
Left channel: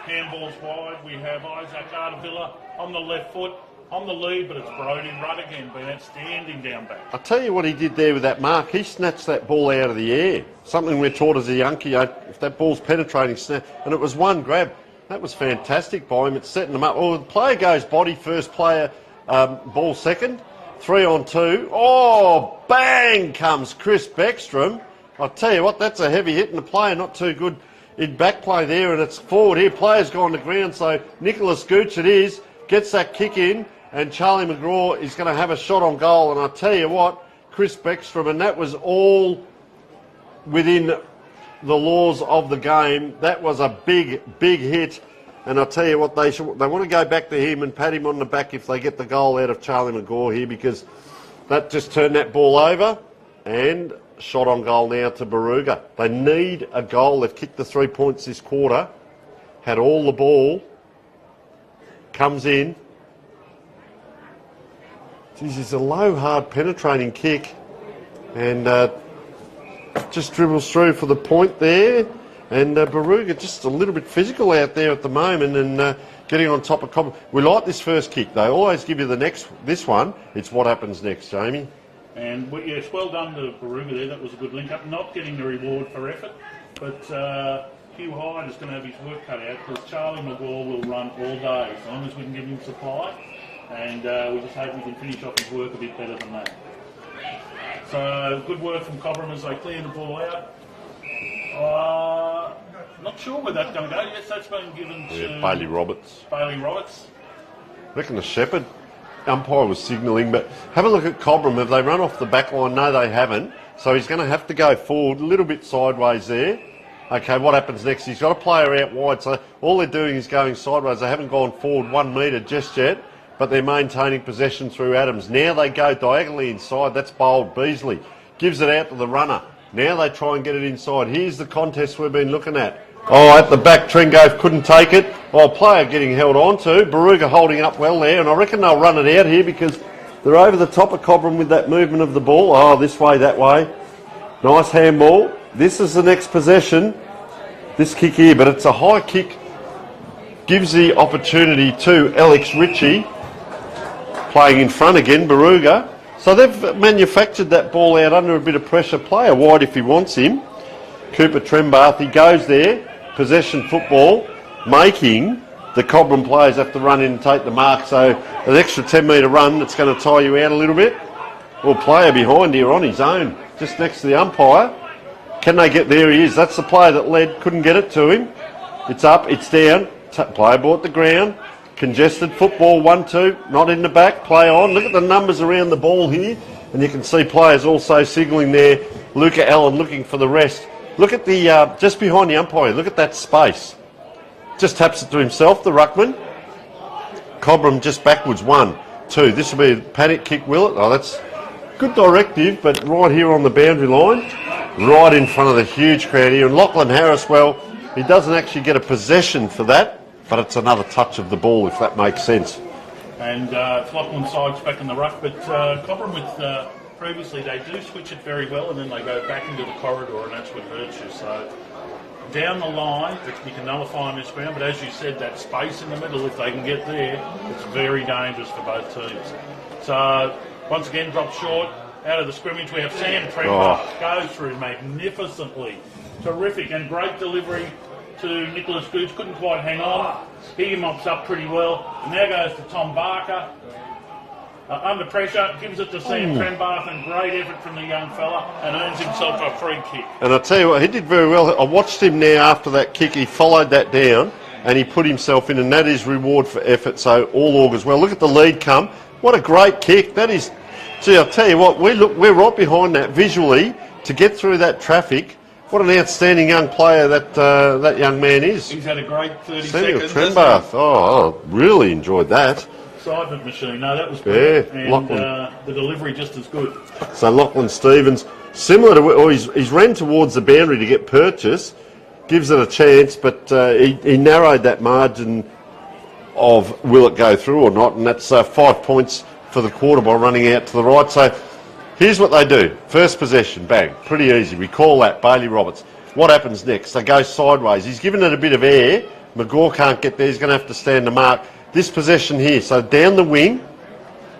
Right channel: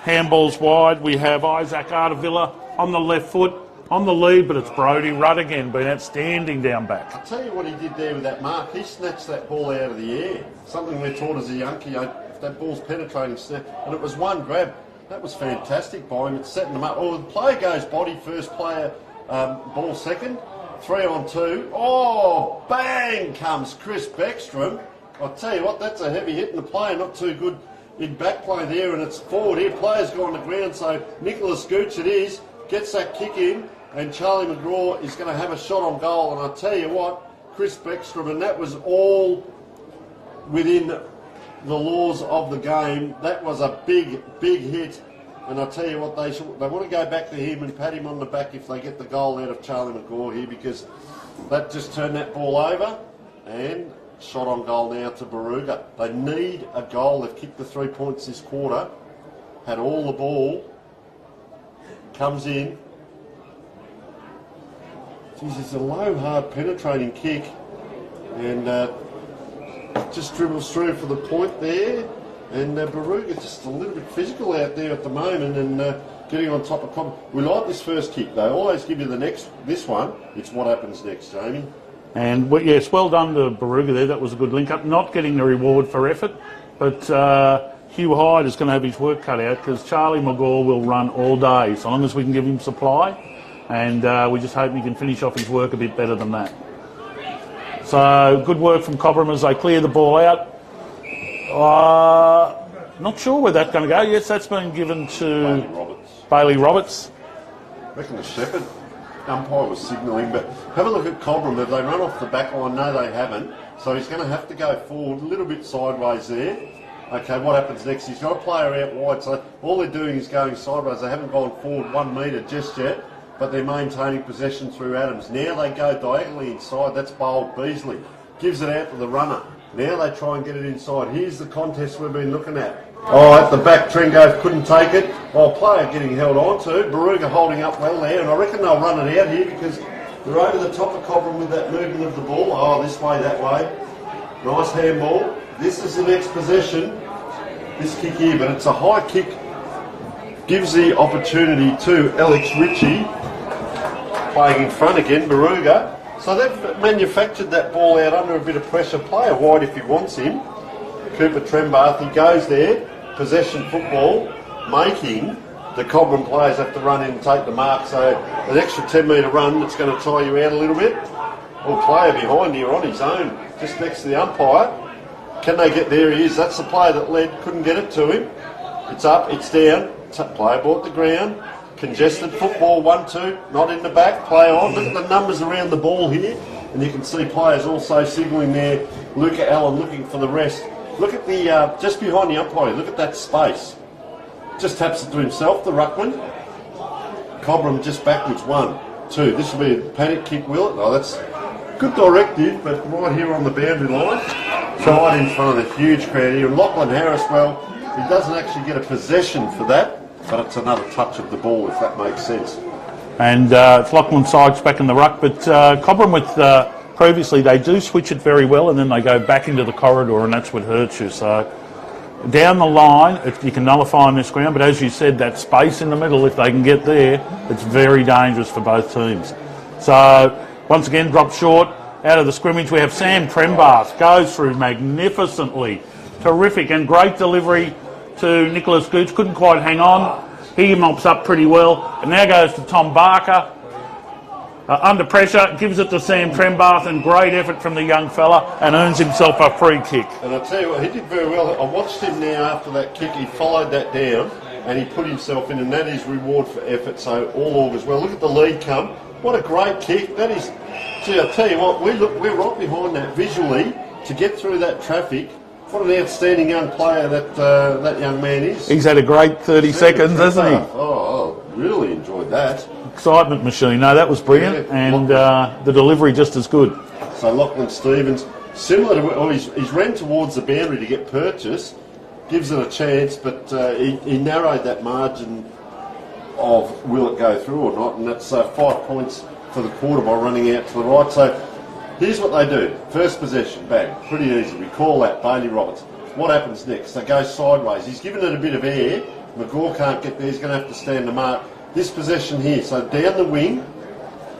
Handballs wide. We have Isaac Artavilla on the left foot, on the lead, but it's Brodie Rudd again, been outstanding down back. I'll tell you what he did there with that mark. He snatched that ball out of the air. Something we're taught as a Yankee, if that ball's penetrating, snap, and it was one grab. That was fantastic by him. It's setting them up. Oh, the player goes body first, player ball second. 3-on-2. Oh, bang comes Chris Beckstrom. I'll tell you what, that's a heavy hit, and the player not too good in back play there, and it's forward here. Players go on the ground, so Nicholas Gooch it is, gets that kick in, and Charlie McGraw is going to have a shot on goal. And I'll tell you what, Chris Beckstrom, and that was all within the laws of the game. That was a big, big hit. And I'll tell you what, they want to go back to him and pat him on the back if they get the goal out of Charlie McGraw here, because that just turned that ball over. And shot on goal now to Barooga. They need a goal. They've kicked the 3 points this quarter. Had all the ball. Comes in. Geez, it's a low, hard, penetrating kick. And just dribbles through for the point there. And Barooga just a little bit physical out there at the moment. And getting on top of Cobram. We like this first kick. They always give you this one. It's what happens next, Jamie. And yes, well done to Barooga there. That was a good link up. Not getting the reward for effort, but Hugh Hyde is going to have his work cut out because Charlie McGaw will run all day, so long as we can give him supply. And we just hope he can finish off his work a bit better than that. So good work from Cobram as they clear the ball out. Not sure where that's going to go. Yes, that's been given to Bailey Roberts. I reckon the Shepherd umpire was signalling, but have a look at Cobram. Have they run off the back line? No, they haven't. So he's going to have to go forward a little bit sideways there. Okay, what happens next? He's got a player out wide, so all they're doing is going sideways. They haven't gone forward 1 metre just yet, but they're maintaining possession through Adams. Now they go diagonally inside. That's bowled Beasley. Gives it out to the runner. Now they try and get it inside. Here's the contest we've been looking at. Oh, at the back, Trengove couldn't take it. Oh, player getting held on to. Barooga holding up well there, and I reckon they'll run it out here because they're over the top of Cobram with that movement of the ball. Oh, this way, that way. Nice handball. This is the next possession. This kick here, but it's a high kick. Gives the opportunity to Alex Ritchie. Playing in front again, Barooga. So they've manufactured that ball out under a bit of pressure. Player wide if he wants him. Cooper Trembath, he goes there. Possession football, making the Cobram players have to run in and take the mark. So an extra 10 metre run that's going to tie you out a little bit. Well, player behind here on his own, just next to the umpire. Can they get there? He is. That's the player that led, couldn't get it to him. It's up, it's down. Player bought the ground. Congested football, 1-2, not in the back, play on. Look at the numbers around the ball here. And you can see players also signalling there. Luca Allen looking for the rest. Look at the, just behind the umpire, look at that space. Just taps it to himself, the ruckman. Cobram just backwards, 1, 2. This will be a panic kick, will it? Oh, that's good directive, but right here on the boundary line, right in front of the huge crowd here. And Lachlan Harris, well, he doesn't actually get a possession for that, but it's another touch of the ball, if that makes sense. And it's Lachlan Sykes back in the ruck, but Cobram with previously they do switch it very well and then they go back into the corridor and that's what hurts you. So down the line, you can nullify on this ground, but as you said, that space in the middle, if they can get there, it's very dangerous for both teams. So once again, drop short. Out of the scrimmage, we have Sam Trembath. Goes through magnificently. Terrific and great delivery to Nicholas Gooch. Couldn't quite hang on. He mops up pretty well. And now goes to Tom Barker. Under pressure, gives it to Sam Trembath, and great effort from the young fella, and earns himself a free kick. And I'll tell you what, he did very well. I watched him now after that kick. He followed that down, and he put himself in, and that is reward for effort, so all augurs well. Look at the lead come. What a great kick. That is, gee, I'll tell you what, we're right behind that visually to get through that traffic. What an outstanding young player that young man is. He's had a great 30 seconds, hasn't he? Oh, really enjoyed that. Excitement machine. No, that was brilliant. Yeah, and the delivery just as good. So Lachlan Stevens, similar to, he's ran towards the boundary to get purchase, gives it a chance, but he narrowed that margin of will it go through or not, and that's 5 points for the quarter by running out to the right. So here's what they do. First possession, bang, pretty easy. We call that Bailey Roberts. What happens next? They go sideways. He's given it a bit of air. McGaw can't get there. He's going to have to stand the mark. This possession here, so down the wing.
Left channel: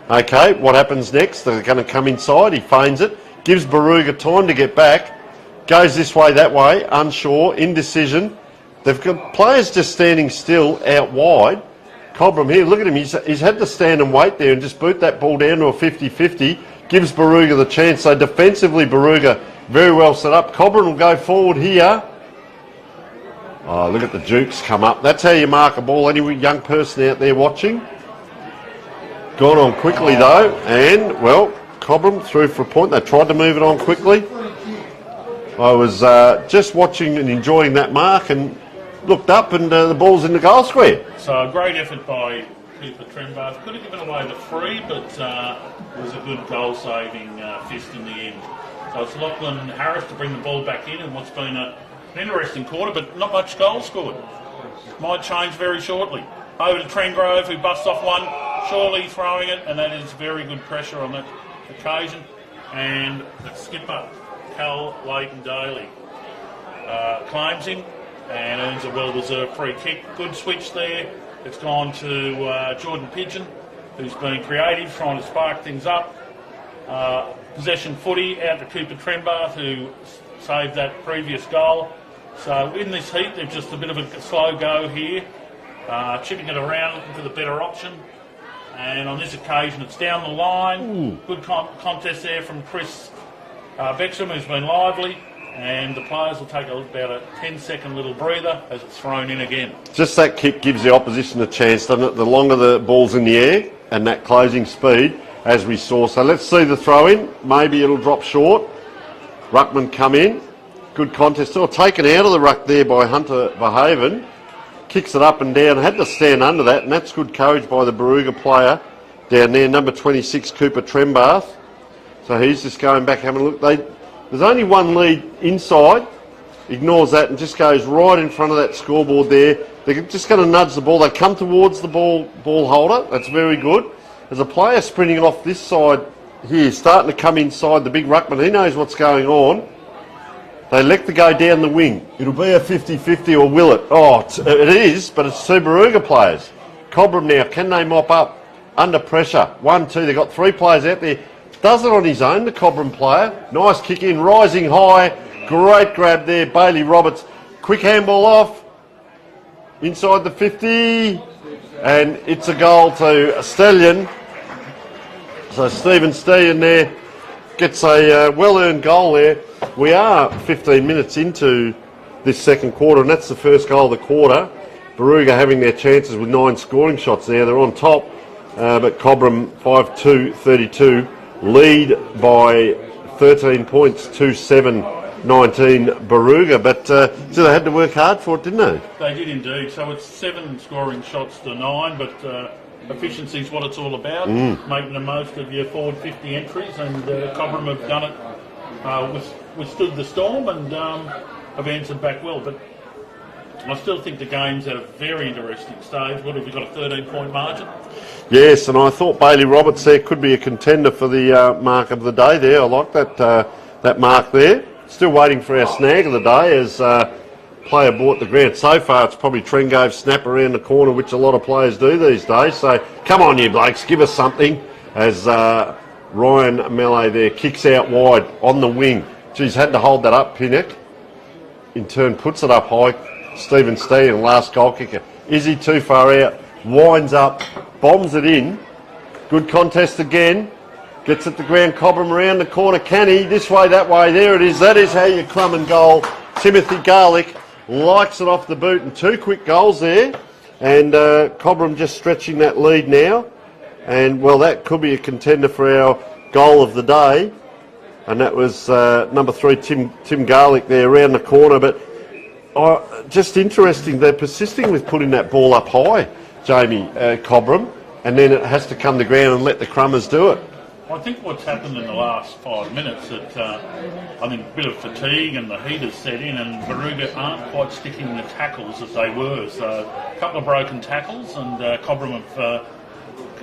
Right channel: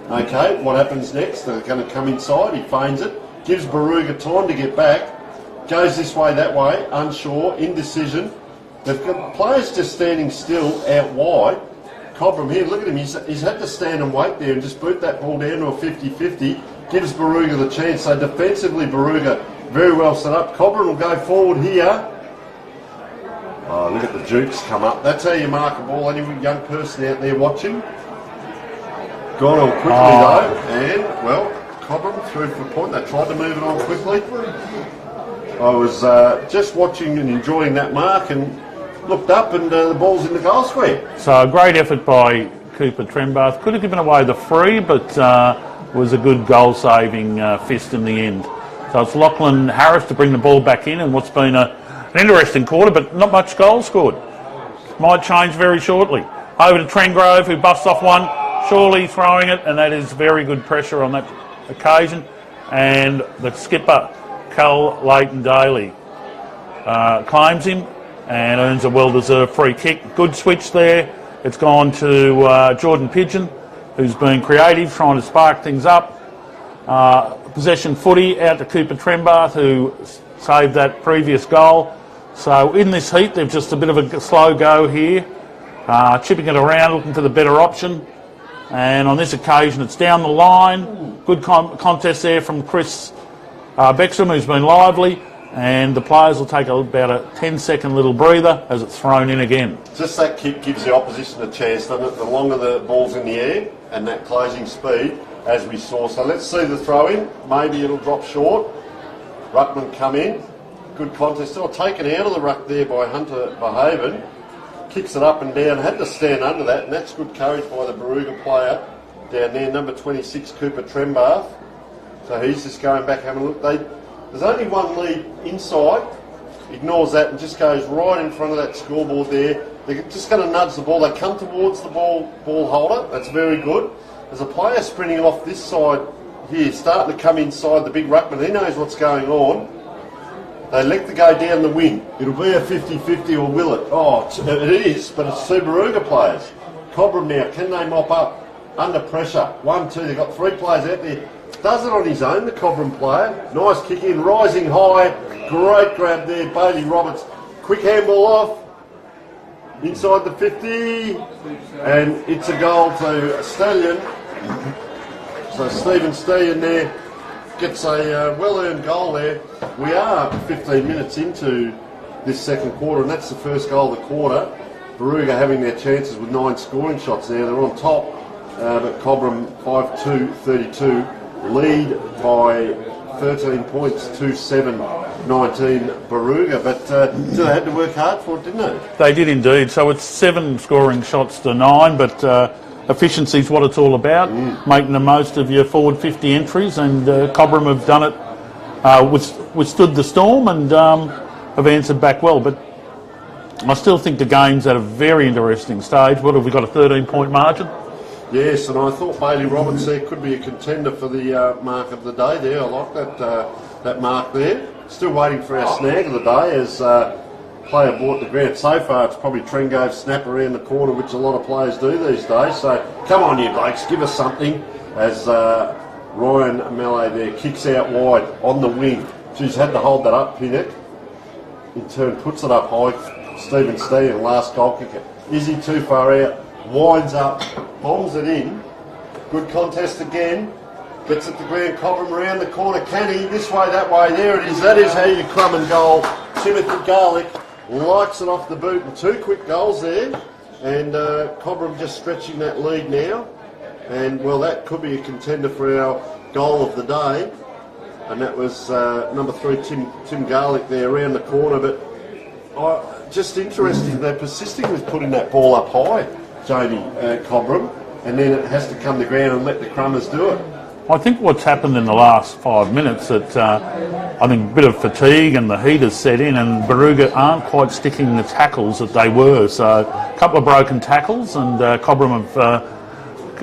Okay, what happens next? They're going to come inside. He feigns it. Gives Barooga time to get back. Goes this way, that way. Unsure, indecision. They've got players just standing still out wide. Cobram here, look at him. He's had to stand and wait there and just boot that ball down to a 50-50. Gives Barooga the chance. So defensively, Barooga very well set up. Cobram will go forward here. Oh, look at the jukes come up. That's how you mark a ball. Any young person out there watching. Gone on quickly though. And, well, Cobram through for a point. They tried to move it on quickly. I was just watching and enjoying that mark and looked up and the ball's in the goal square. So a great effort by Cooper Trembath. Could have given away the free, but was a good goal-saving fist in the end. So it's Lachlan Harris to bring the ball back in, and what's been an interesting quarter, but not much goal scored. Might change very shortly. Over to Trengrove, who buffs off one, surely throwing it, and that is very good pressure on that occasion. And the skipper, Cal Leighton-Daly, claims him and earns a well-deserved free kick. Good switch there. It's gone to Jordan Pigeon, who's been creative, trying to spark things up. Possession footy out to Cooper Trembath, who saved that previous goal. So in this heat, they've just a bit of a slow go here, chipping it around, looking for the better option. And on this occasion, it's down the line. Good contest there from Chris Bexham, who's been lively. And the players will take about a 10-second little breather as it's thrown in again. Just that kick gives the opposition a chance, doesn't it? The longer the ball's in the air and that closing speed, as we saw. So let's see the throw in. Maybe it'll drop short. Ruckman come in. Good contest. Still taken out of the ruck there by Hunter Verhaven. Kicks it up and down. Had to stand under that, and that's good courage by the Barooga player down there, number 26, Cooper Trembath. So he's just going back having a look. There's only one lead inside. Ignores that and just goes right in front of that scoreboard there. They're just going to nudge the ball. They come towards the ball holder. That's very good. There's a player sprinting off this side here, starting to come inside the big ruckman. He knows what's going on. They elect to go down the wing. It'll be a 50-50 or will it? Oh, it is, but it's two Barooga players. Cobram now, can they mop up under pressure? 1, 2, they've got 3 players out there. Does it on his own, the Cobram player. Nice kick in, rising high. Great grab there, Bailey Roberts. Quick handball off. Inside the 50. And it's a goal to Stallion. So Stephen Stallion there gets a well-earned goal there. We are 15 minutes into this second quarter, and that's the first goal of the quarter. Barooga having their chances with 9 scoring shots there. They're on top, but Cobram 5-2-32 lead by 13 points, 2-7-19 Barooga. But they had to work hard for it, didn't they? They did indeed. So it's 7 scoring shots to 9, but efficiency is what it's all about, making the most of your forward 50 entries, and Cobram have done it, withstood the storm and have answered back well. But I still think the game's at a very interesting stage. What have we got, a 13-point margin? Yes, and I thought Bailey Roberts there could be a contender for the mark of the day there. I like that mark there. Still waiting for our snag of the day as player bought the ground. So far it's probably Trengove snap around the corner, which a lot of players do these days. So come on you blokes, give us something as Ryan Melee there kicks out wide on the wing. Geez, had to hold that up, Pinnock. In turn puts it up high. Stephen Steen, last goal kicker. Is he too far out? Winds up, bombs it in. Good contest again. Gets it to ground. Cobram around the corner. Can he? This way, that way. There it is. That is how you club and goal. Timothy Garlick likes it off the boot, and 2 quick goals there. And Cobram just stretching that lead now. And, well, that could be a contender for our goal of the day. And that was number 3, Tim Garlick there around the corner. But just interesting, they're persisting with putting that ball up high, Jamie Cobram. And then it has to come to ground and let the Crummers do it. I think what's happened in the last 5 minutes that I think a bit of fatigue and the heat has set in, and Barooga aren't quite sticking the tackles that they were. So a couple of broken tackles, and Cobram have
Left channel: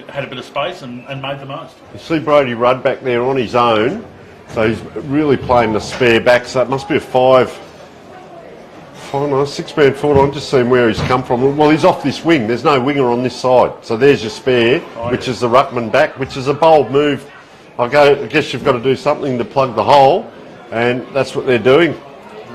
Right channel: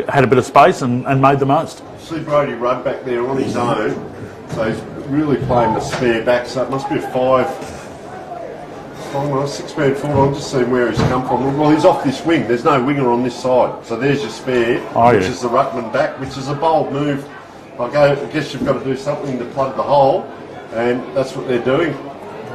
had a bit of space and made the most. You see Brodie Rudd back there on his own, so he's really playing the spare back. So it must be a 6-man forward. I'm just seeing where he's come from. Well, he's off this wing. There's no winger on this side. So there's your spare, which is the ruckman back, which is a bold move. I guess you've got to do something to plug the hole, and that's what they're doing.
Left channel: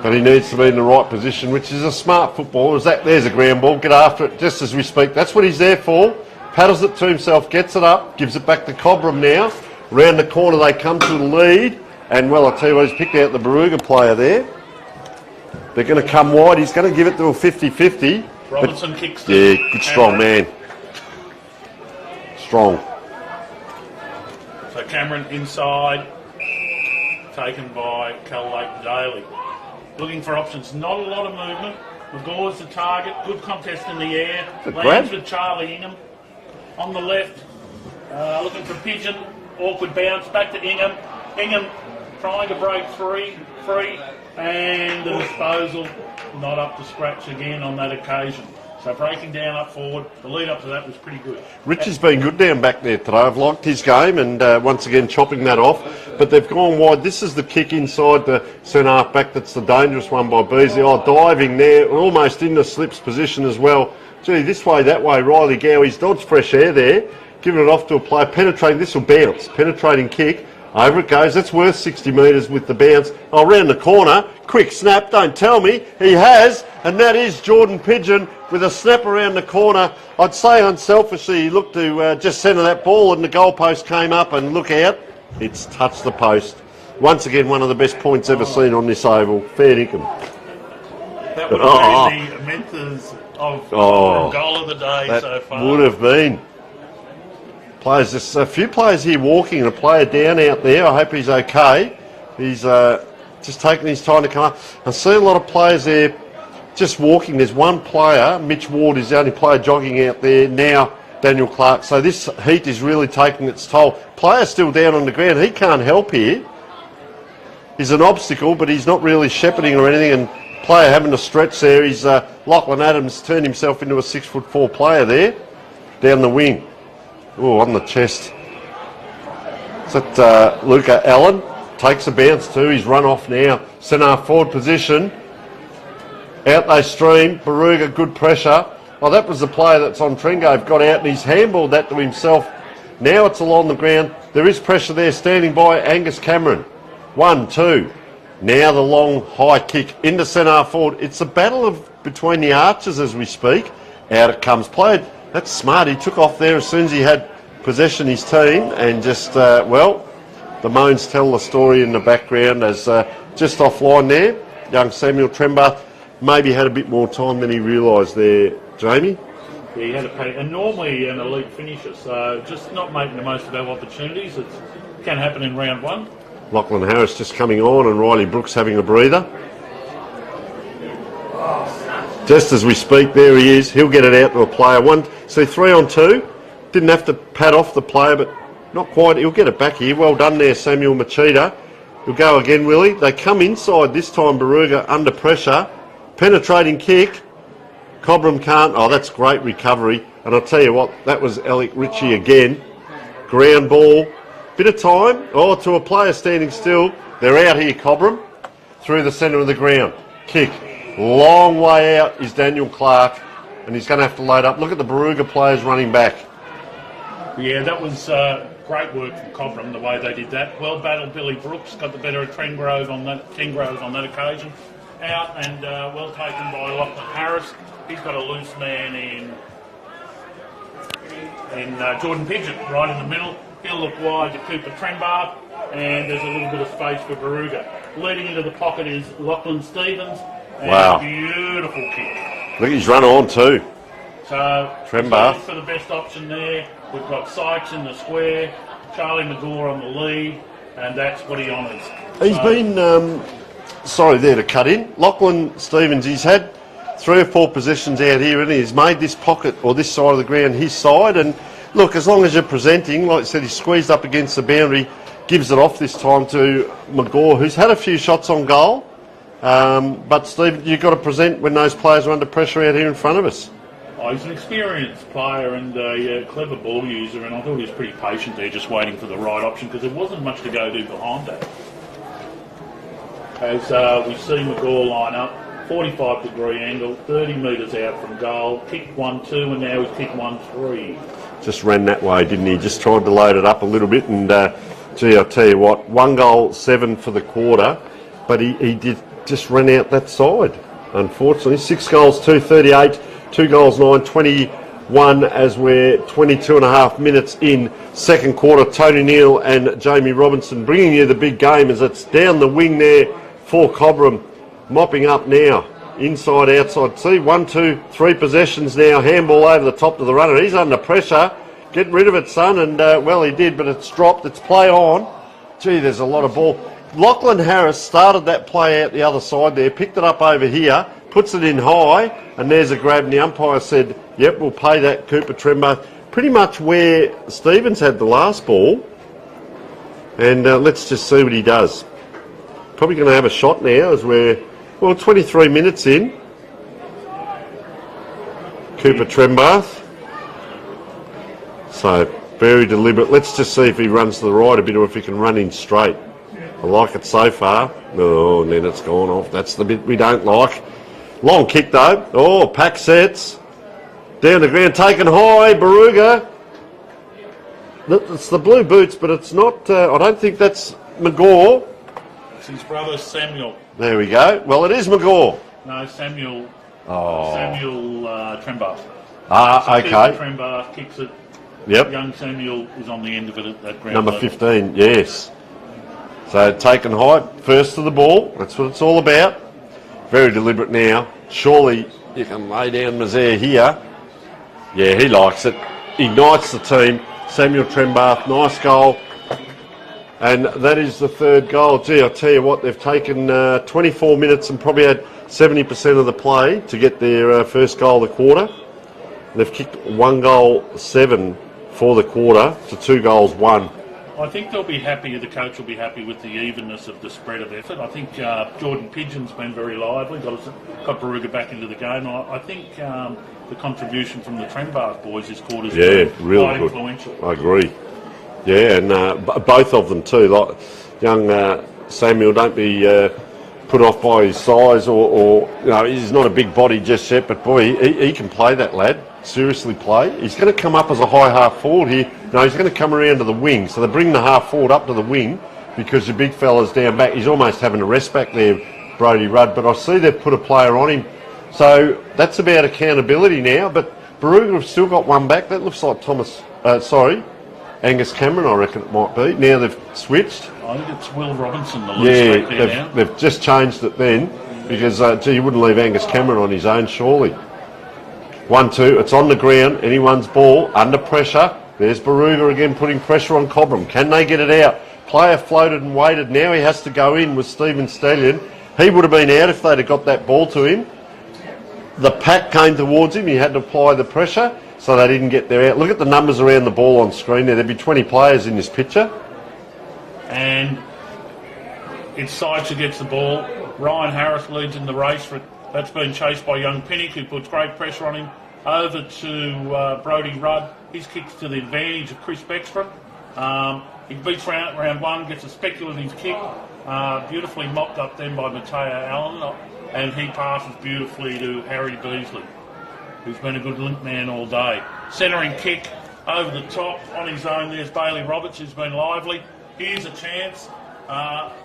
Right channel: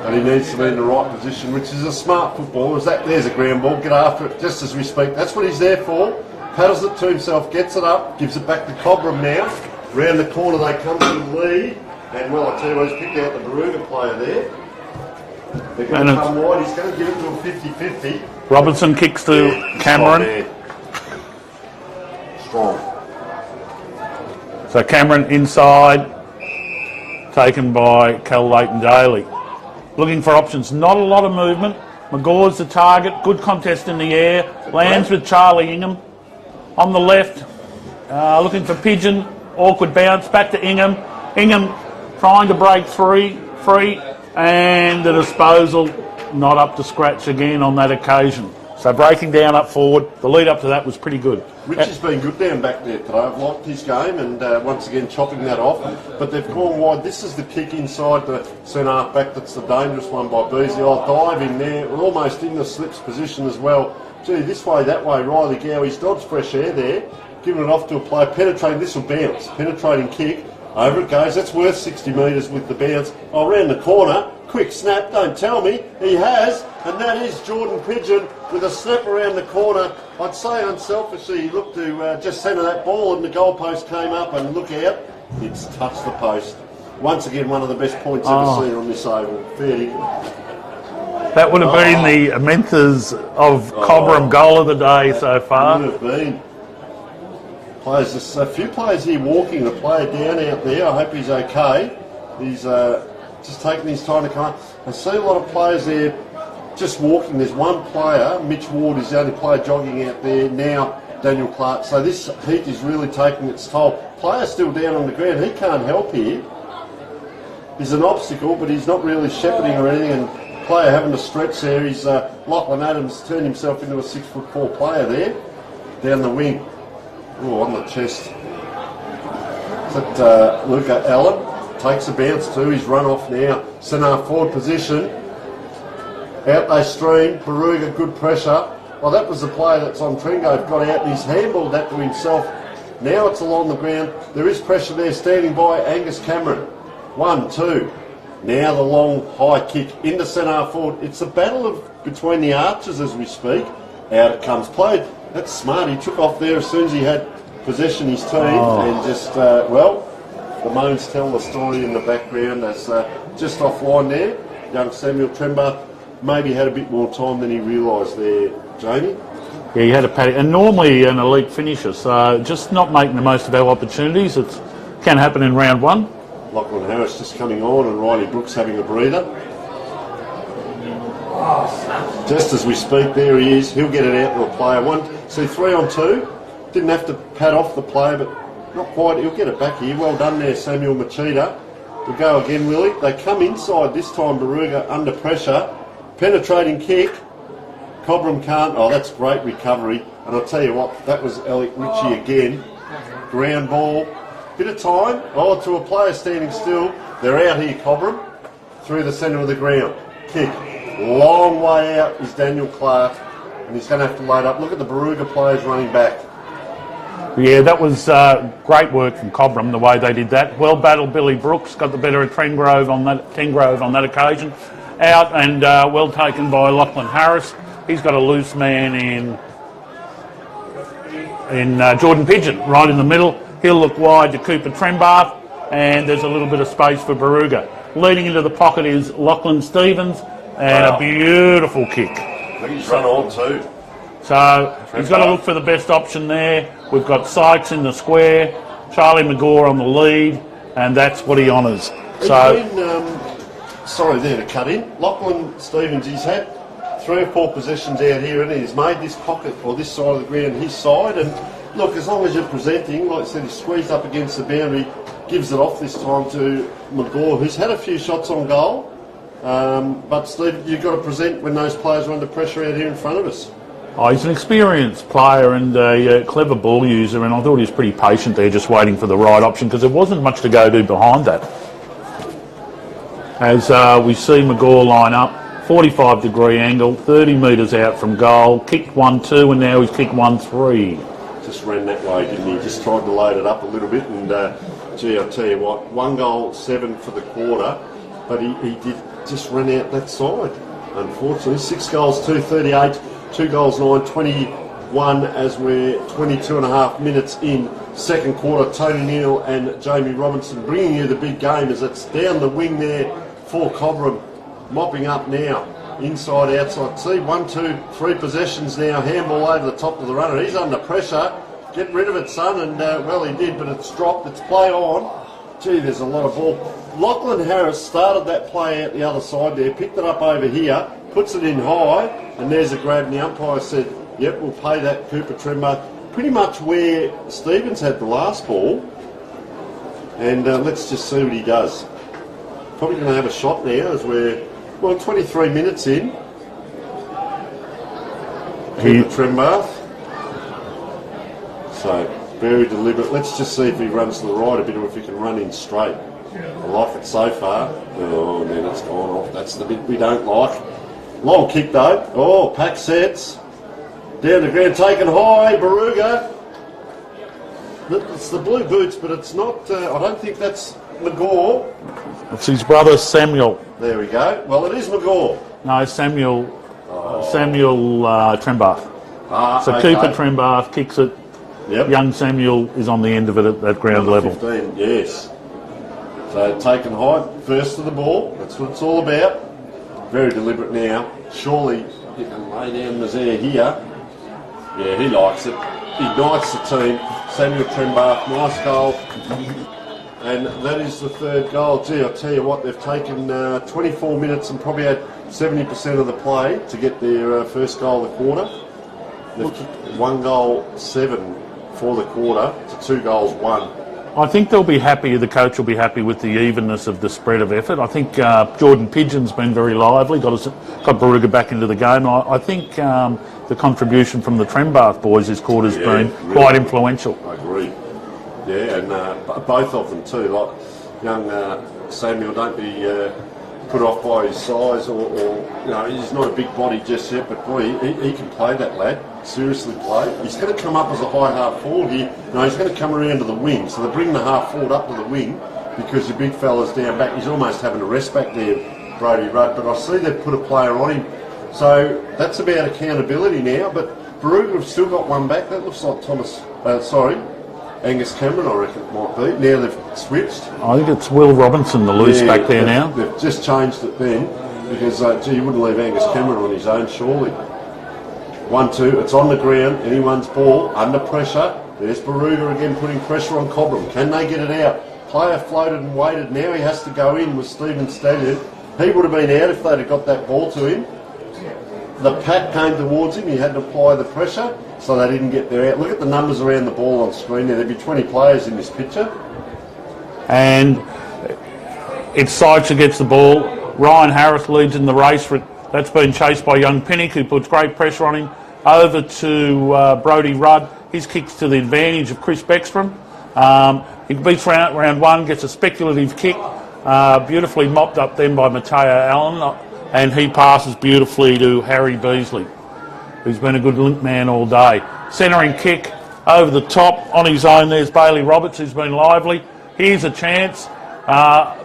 But he needs to be in the right position, which is a smart footballer. There's a ground ball. Get after it just as we speak. That's what he's there for. Paddles it to himself, gets it up, gives it back to Cobram now. Round the corner they come to the lead. And, well, I'll tell you what, he's picked out the Barooga player there. They're going to come wide. He's going to give it to a 50-50. Robinson kicks to Cameron. Strong man. Strong. So Cameron inside, taken by Cal Leighton-Daly. Looking for options. Not a lot of movement. McGaw's the target. Good contest in the air. Lands with Charlie Ingham. On the left, looking for Pigeon. Awkward bounce. Back to Ingham. Ingham trying to break free. And the disposal not up to scratch again on that occasion. So breaking down up forward, the lead up to that was pretty good. Rich has been good down back there today. I've liked his game and once again chopping that off. But they've gone wide. This is the kick inside the centre half back. That's the dangerous one by Beasley. Oh, diving there, almost in the slips position as well. Gee, this way, that way, Riley Gowie's dodged fresh air there, giving it off to a player, penetrating, this will bounce, penetrating kick, over it goes, that's worth 60 metres with the bounce. Oh, round the corner, quick snap, don't tell me, he has, and that is Jordan Pigeon with a snap around the corner. I'd say unselfishly he looked to just centre that ball and the goalpost came up and look out, it's touched the post. Once again, one of the best points ever seen on this oval, fair dinkum. That would have been the Menthers of Cobram goal of the day so far. Would have been. Players, there's a few players here walking, and a player down out there. I hope he's okay. He's just taking his time to come up. I see a lot of players there just walking. There's one player, Mitch Ward, is the only player jogging out there now, Daniel Clark. So this heat is really taking its toll. Player still down on the ground. He can't help here. He's an obstacle, but he's not really shepherding or anything. And player having to stretch there. He's Lachlan Adams turned himself into a 6'4" player there, down the wing. Oh, on the chest. Is that Luca Allen? Takes a bounce too. He's run off now. Centre forward position. Out they stream. Barooga, good pressure. Oh, that was the player that's on Trengove. Got out and he's handballed that to himself. Now it's along the ground. There is pressure there. Standing by Angus Cameron. 1, 2. Now the long high kick into centre forward. It's a battle between the archers as we speak. Out it comes. Played. That's smart. He took off there as soon as he had possession his team and just, well, the moans tell the story in the background as just offline there. Young Samuel Trembath maybe had a bit more time than he realised there, Jamie. Yeah, he had a paddock, and normally an elite finisher, so just not making the most of our opportunities. It can happen in round one. Lachlan Harris just coming on and Riley Brooks having a breather. Just as we speak, there he is. He'll get it out to a player. See, 3 on 2. Didn't have to pat off the player, but not quite. He'll get it back here. Well done there, Samuel Machida. We'll go again, Willie. They come inside this time, Barooga, under pressure. Penetrating kick. Cobram can't. Oh, that's great recovery. And I'll tell you what, that was Alec Ritchie again. Ground ball. Bit of time. Oh, to a player standing still. They're out here, Cobram. Through the centre of the ground. Kick. Long way out is Daniel Clark. And he's going to have to load up. Look at the Barooga players running back. Yeah, that was great work from Cobram, the way they did that. Well battled Billy Brooks, got the better of Tengrove on that occasion. Out and well taken by Lachlan Harris. He's got a loose man in Jordan Pigeon, right in the middle. He'll look wide to Cooper Trembath, and there's a little bit of space for Barooga. Leading into the pocket is Lachlan Stevens, and a beautiful kick. Look, he's run on too. So he's got to look for the best option there. We've got Sykes in the square, Charlie McGaw on the lead, and that's what he honours. He's been, sorry there to cut in, Lachlan Stevens, he's had 3 or 4 possessions out here and he's made this pocket or this side of the ground his side, and look, as long as you're presenting, like I said, he's squeezed up against the boundary, gives it off this time to McGaw, who's had a few shots on goal. But Steve, you've got to present when those players are under pressure out here in front of us. Oh, he's an experienced player and a clever ball user, and I thought he was pretty patient there, just waiting for the right option, because there wasn't much to go to behind that. As we see McGaw line up, 45-degree angle, 30 metres out from goal, kicked 1-2, and now he's kicked 1-3. Just ran that way, didn't he? Just tried to load it up a little bit, and gee, I'll tell you what, 1 goal, 7 for the quarter, but he did just run out that side, unfortunately. 6 goals, 238, 2 goals, 9, 21 as we're 22 and a half minutes in second quarter. Tony Neal and Jamie Robinson bringing you the big game as it's down the wing there for Cobram, mopping up now, inside, outside. See, 1, 2, 3 possessions now, handball over the top to the runner. He's under pressure. Get rid of it, son, and well, he did, but it's dropped. It's play on. Gee, there's a lot of ball. Lachlan Harris started that play out the other side there, picked it up over here, puts it in high, and there's a grab, and the umpire said, yep, we'll pay that Cooper Trembath. Pretty much where Stevens had the last ball, and let's just see what he does. Probably going to have a shot now as we're, well, 23 minutes in. Cooper Trembath. So, very deliberate. Let's just see if he runs to the right a bit or if he can run in straight. I like it so far. Oh, and then it's gone off. That's the bit we don't like. Long kick though. Oh, pack sets. Down the ground, taken high, Barooga. It's the blue boots, but it's not, I don't think that's McGaw. It's his brother Samuel. There we go. Well, it is McGaw. No, Samuel Trembath. So Okay. Cooper Trembath kicks it. Yep. Young Samuel is on the end of it at that ground Number level. 15, yes. So taken high, first to the ball. That's what it's all about. Very deliberate now. Surely you can lay down Mazaire here. Yeah, he likes it. Ignites the team. Samuel Trembath, nice goal. And that is the third goal. Gee, I tell you what, they've taken 24 minutes and probably had 70% of the play to get their first goal of the quarter. They've kicked 1 goal 7 for the quarter to 2 goals 1. I think they'll be happy, the coach will be happy with the evenness of the spread of effort. I think Jordan Pigeon's been very lively, got Barooga back into the game. I think the contribution from the Trembath boys this quarter's been really quite good. influential. I agree. Yeah, and both of them too. Like young Samuel, don't be put off by his size or he's not a big body just yet, but boy, he can play, that lad. Seriously play. He's going to come up as a high half forward here. No, he's going to come around to the wing. So they bring the half forward up to the wing because your big fella's down back. He's almost having a rest back there, Brodie Rudd. But I see they've put a player on him. So that's about accountability now. But Barooga have still got one back. That looks like Angus Cameron, I reckon it might be. Now they've switched. I think it's Will Robinson, the loose back there now. They've just changed it then because, you wouldn't leave Angus Cameron on his own, surely. 1-2, it's on the ground, anyone's ball, under pressure. There's Barooga again putting pressure on Cobram. Can they get it out? Player floated and waited. Now he has to go in with Stephen Stallion. He would have been out if they'd have got that ball to him. The pack came towards him. He had to apply the pressure, so they didn't get there out. Look at the numbers around the ball on screen there. There'd be 20 players in this picture. And it's Sykes who gets the ball. Ryan Harris leads in the race. That's been chased by young Pinnock, who puts great pressure on him. Over to Brodie Rudd. His kick's to the advantage of Chris Beckstrom. He beats round one, gets a speculative kick, beautifully mopped up then by Mateo Allen, and he passes beautifully to Harry Beasley, who's been a good link man all day. Centering kick over the top on his own. There's Bailey Roberts, who's been lively. Here's a chance, but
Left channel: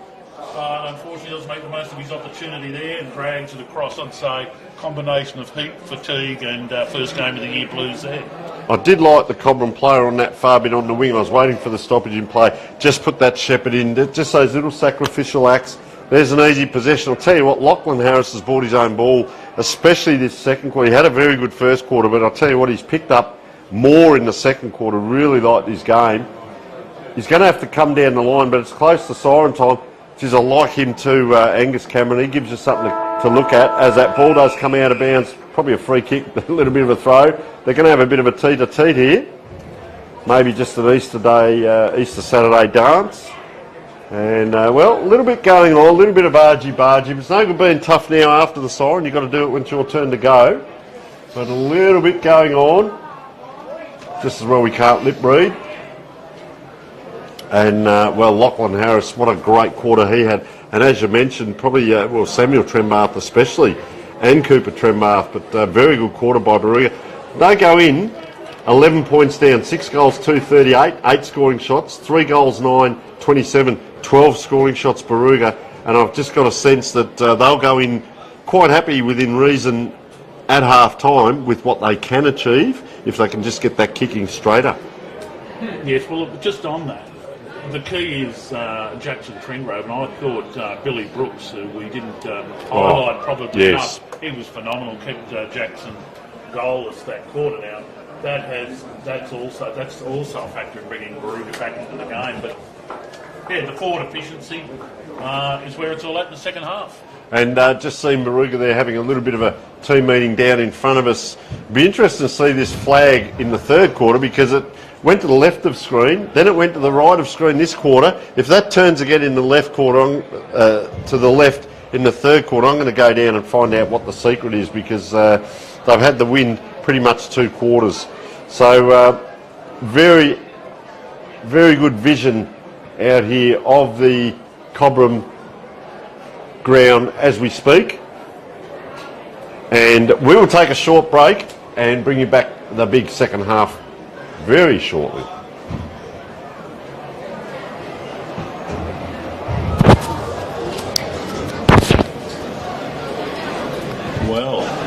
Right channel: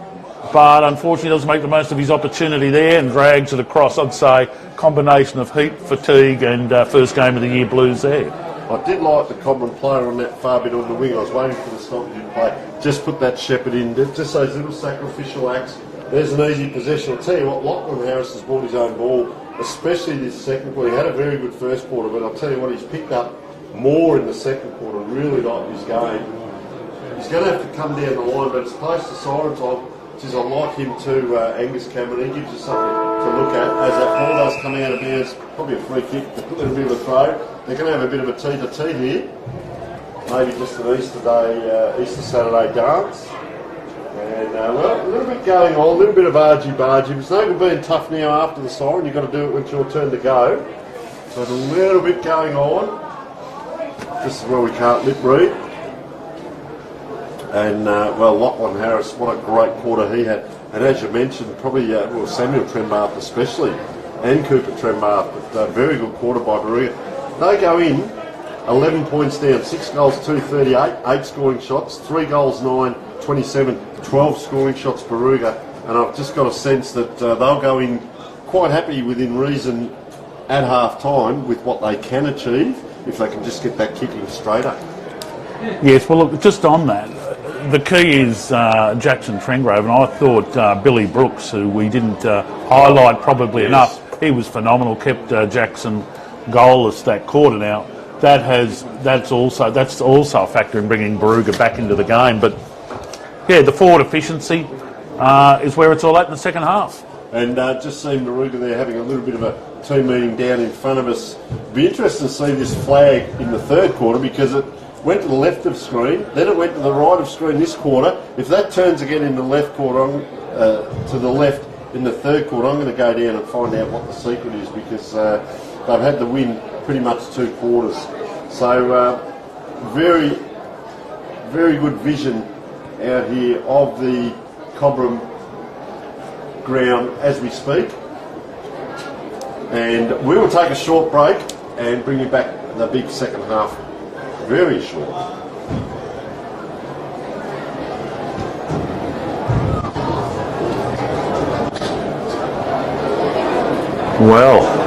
unfortunately doesn't make the most of his opportunity there and drags it across. I'd say combination of heat, fatigue and first game of the year blues there. I did like the Cobram player on that far bit on the wing. I was waiting for the stoppage in play. Just put that Shepherd in. Just those little sacrificial acts. There's an easy possession. I'll tell you what, Lachlan Harris has brought his own ball, especially this second quarter. He had a very good first quarter, but I'll tell you what, he's picked up more in the second quarter. Really liked his game. He's going to have to come down the line, but it's close to siren time. Geez, I like him too, Angus Cameron. He gives you something to look at as that ball does come out of bounds. Probably a free kick, a little bit of a throw. They're going to have a bit of a teet-a-teet here. Maybe just an Easter Saturday dance. And, well, a little bit going on, a little bit of bargy-bargy. It's no good being tough now after the siren. You've got to do it when it's your turn to go. But a little bit going on. Just as well we can't lip read. And, well, Lachlan Harris, what a great quarter he had. And as you mentioned, probably, Samuel Trembath especially, and Cooper Trembath, but very good quarter by Barooga. They go in, 11 points down, 6 goals, 238, 8 scoring shots, 3 goals, 9, 27, 12 scoring shots Barooga. And I've just got a sense that they'll go in quite happy within reason at half-time with what they can achieve if they can just get that kicking straighter. Yes, well, look, just on that, the key is Jackson Trengrove, and I thought Billy Brooks, who we didn't highlight probably enough, he was phenomenal, kept Jackson goalless that quarter. Now, that's also a factor in bringing Barooga back into the game. But, yeah, the forward efficiency is where it's all at in the second half. And just seeing Barooga there having a little bit of a team meeting down in front of us. It'd be interesting to see this flag in the third quarter because it went to the left of screen, then it went to the right of screen this quarter. If that turns again in the left quarter, to the left in the third quarter, I'm going to go down and find out what the secret is because they've had the win pretty much 2 quarters. So very, very good vision out here of the Cobram ground as we speak. And we will take a short break. and bring you back the big second half very shortly. Well,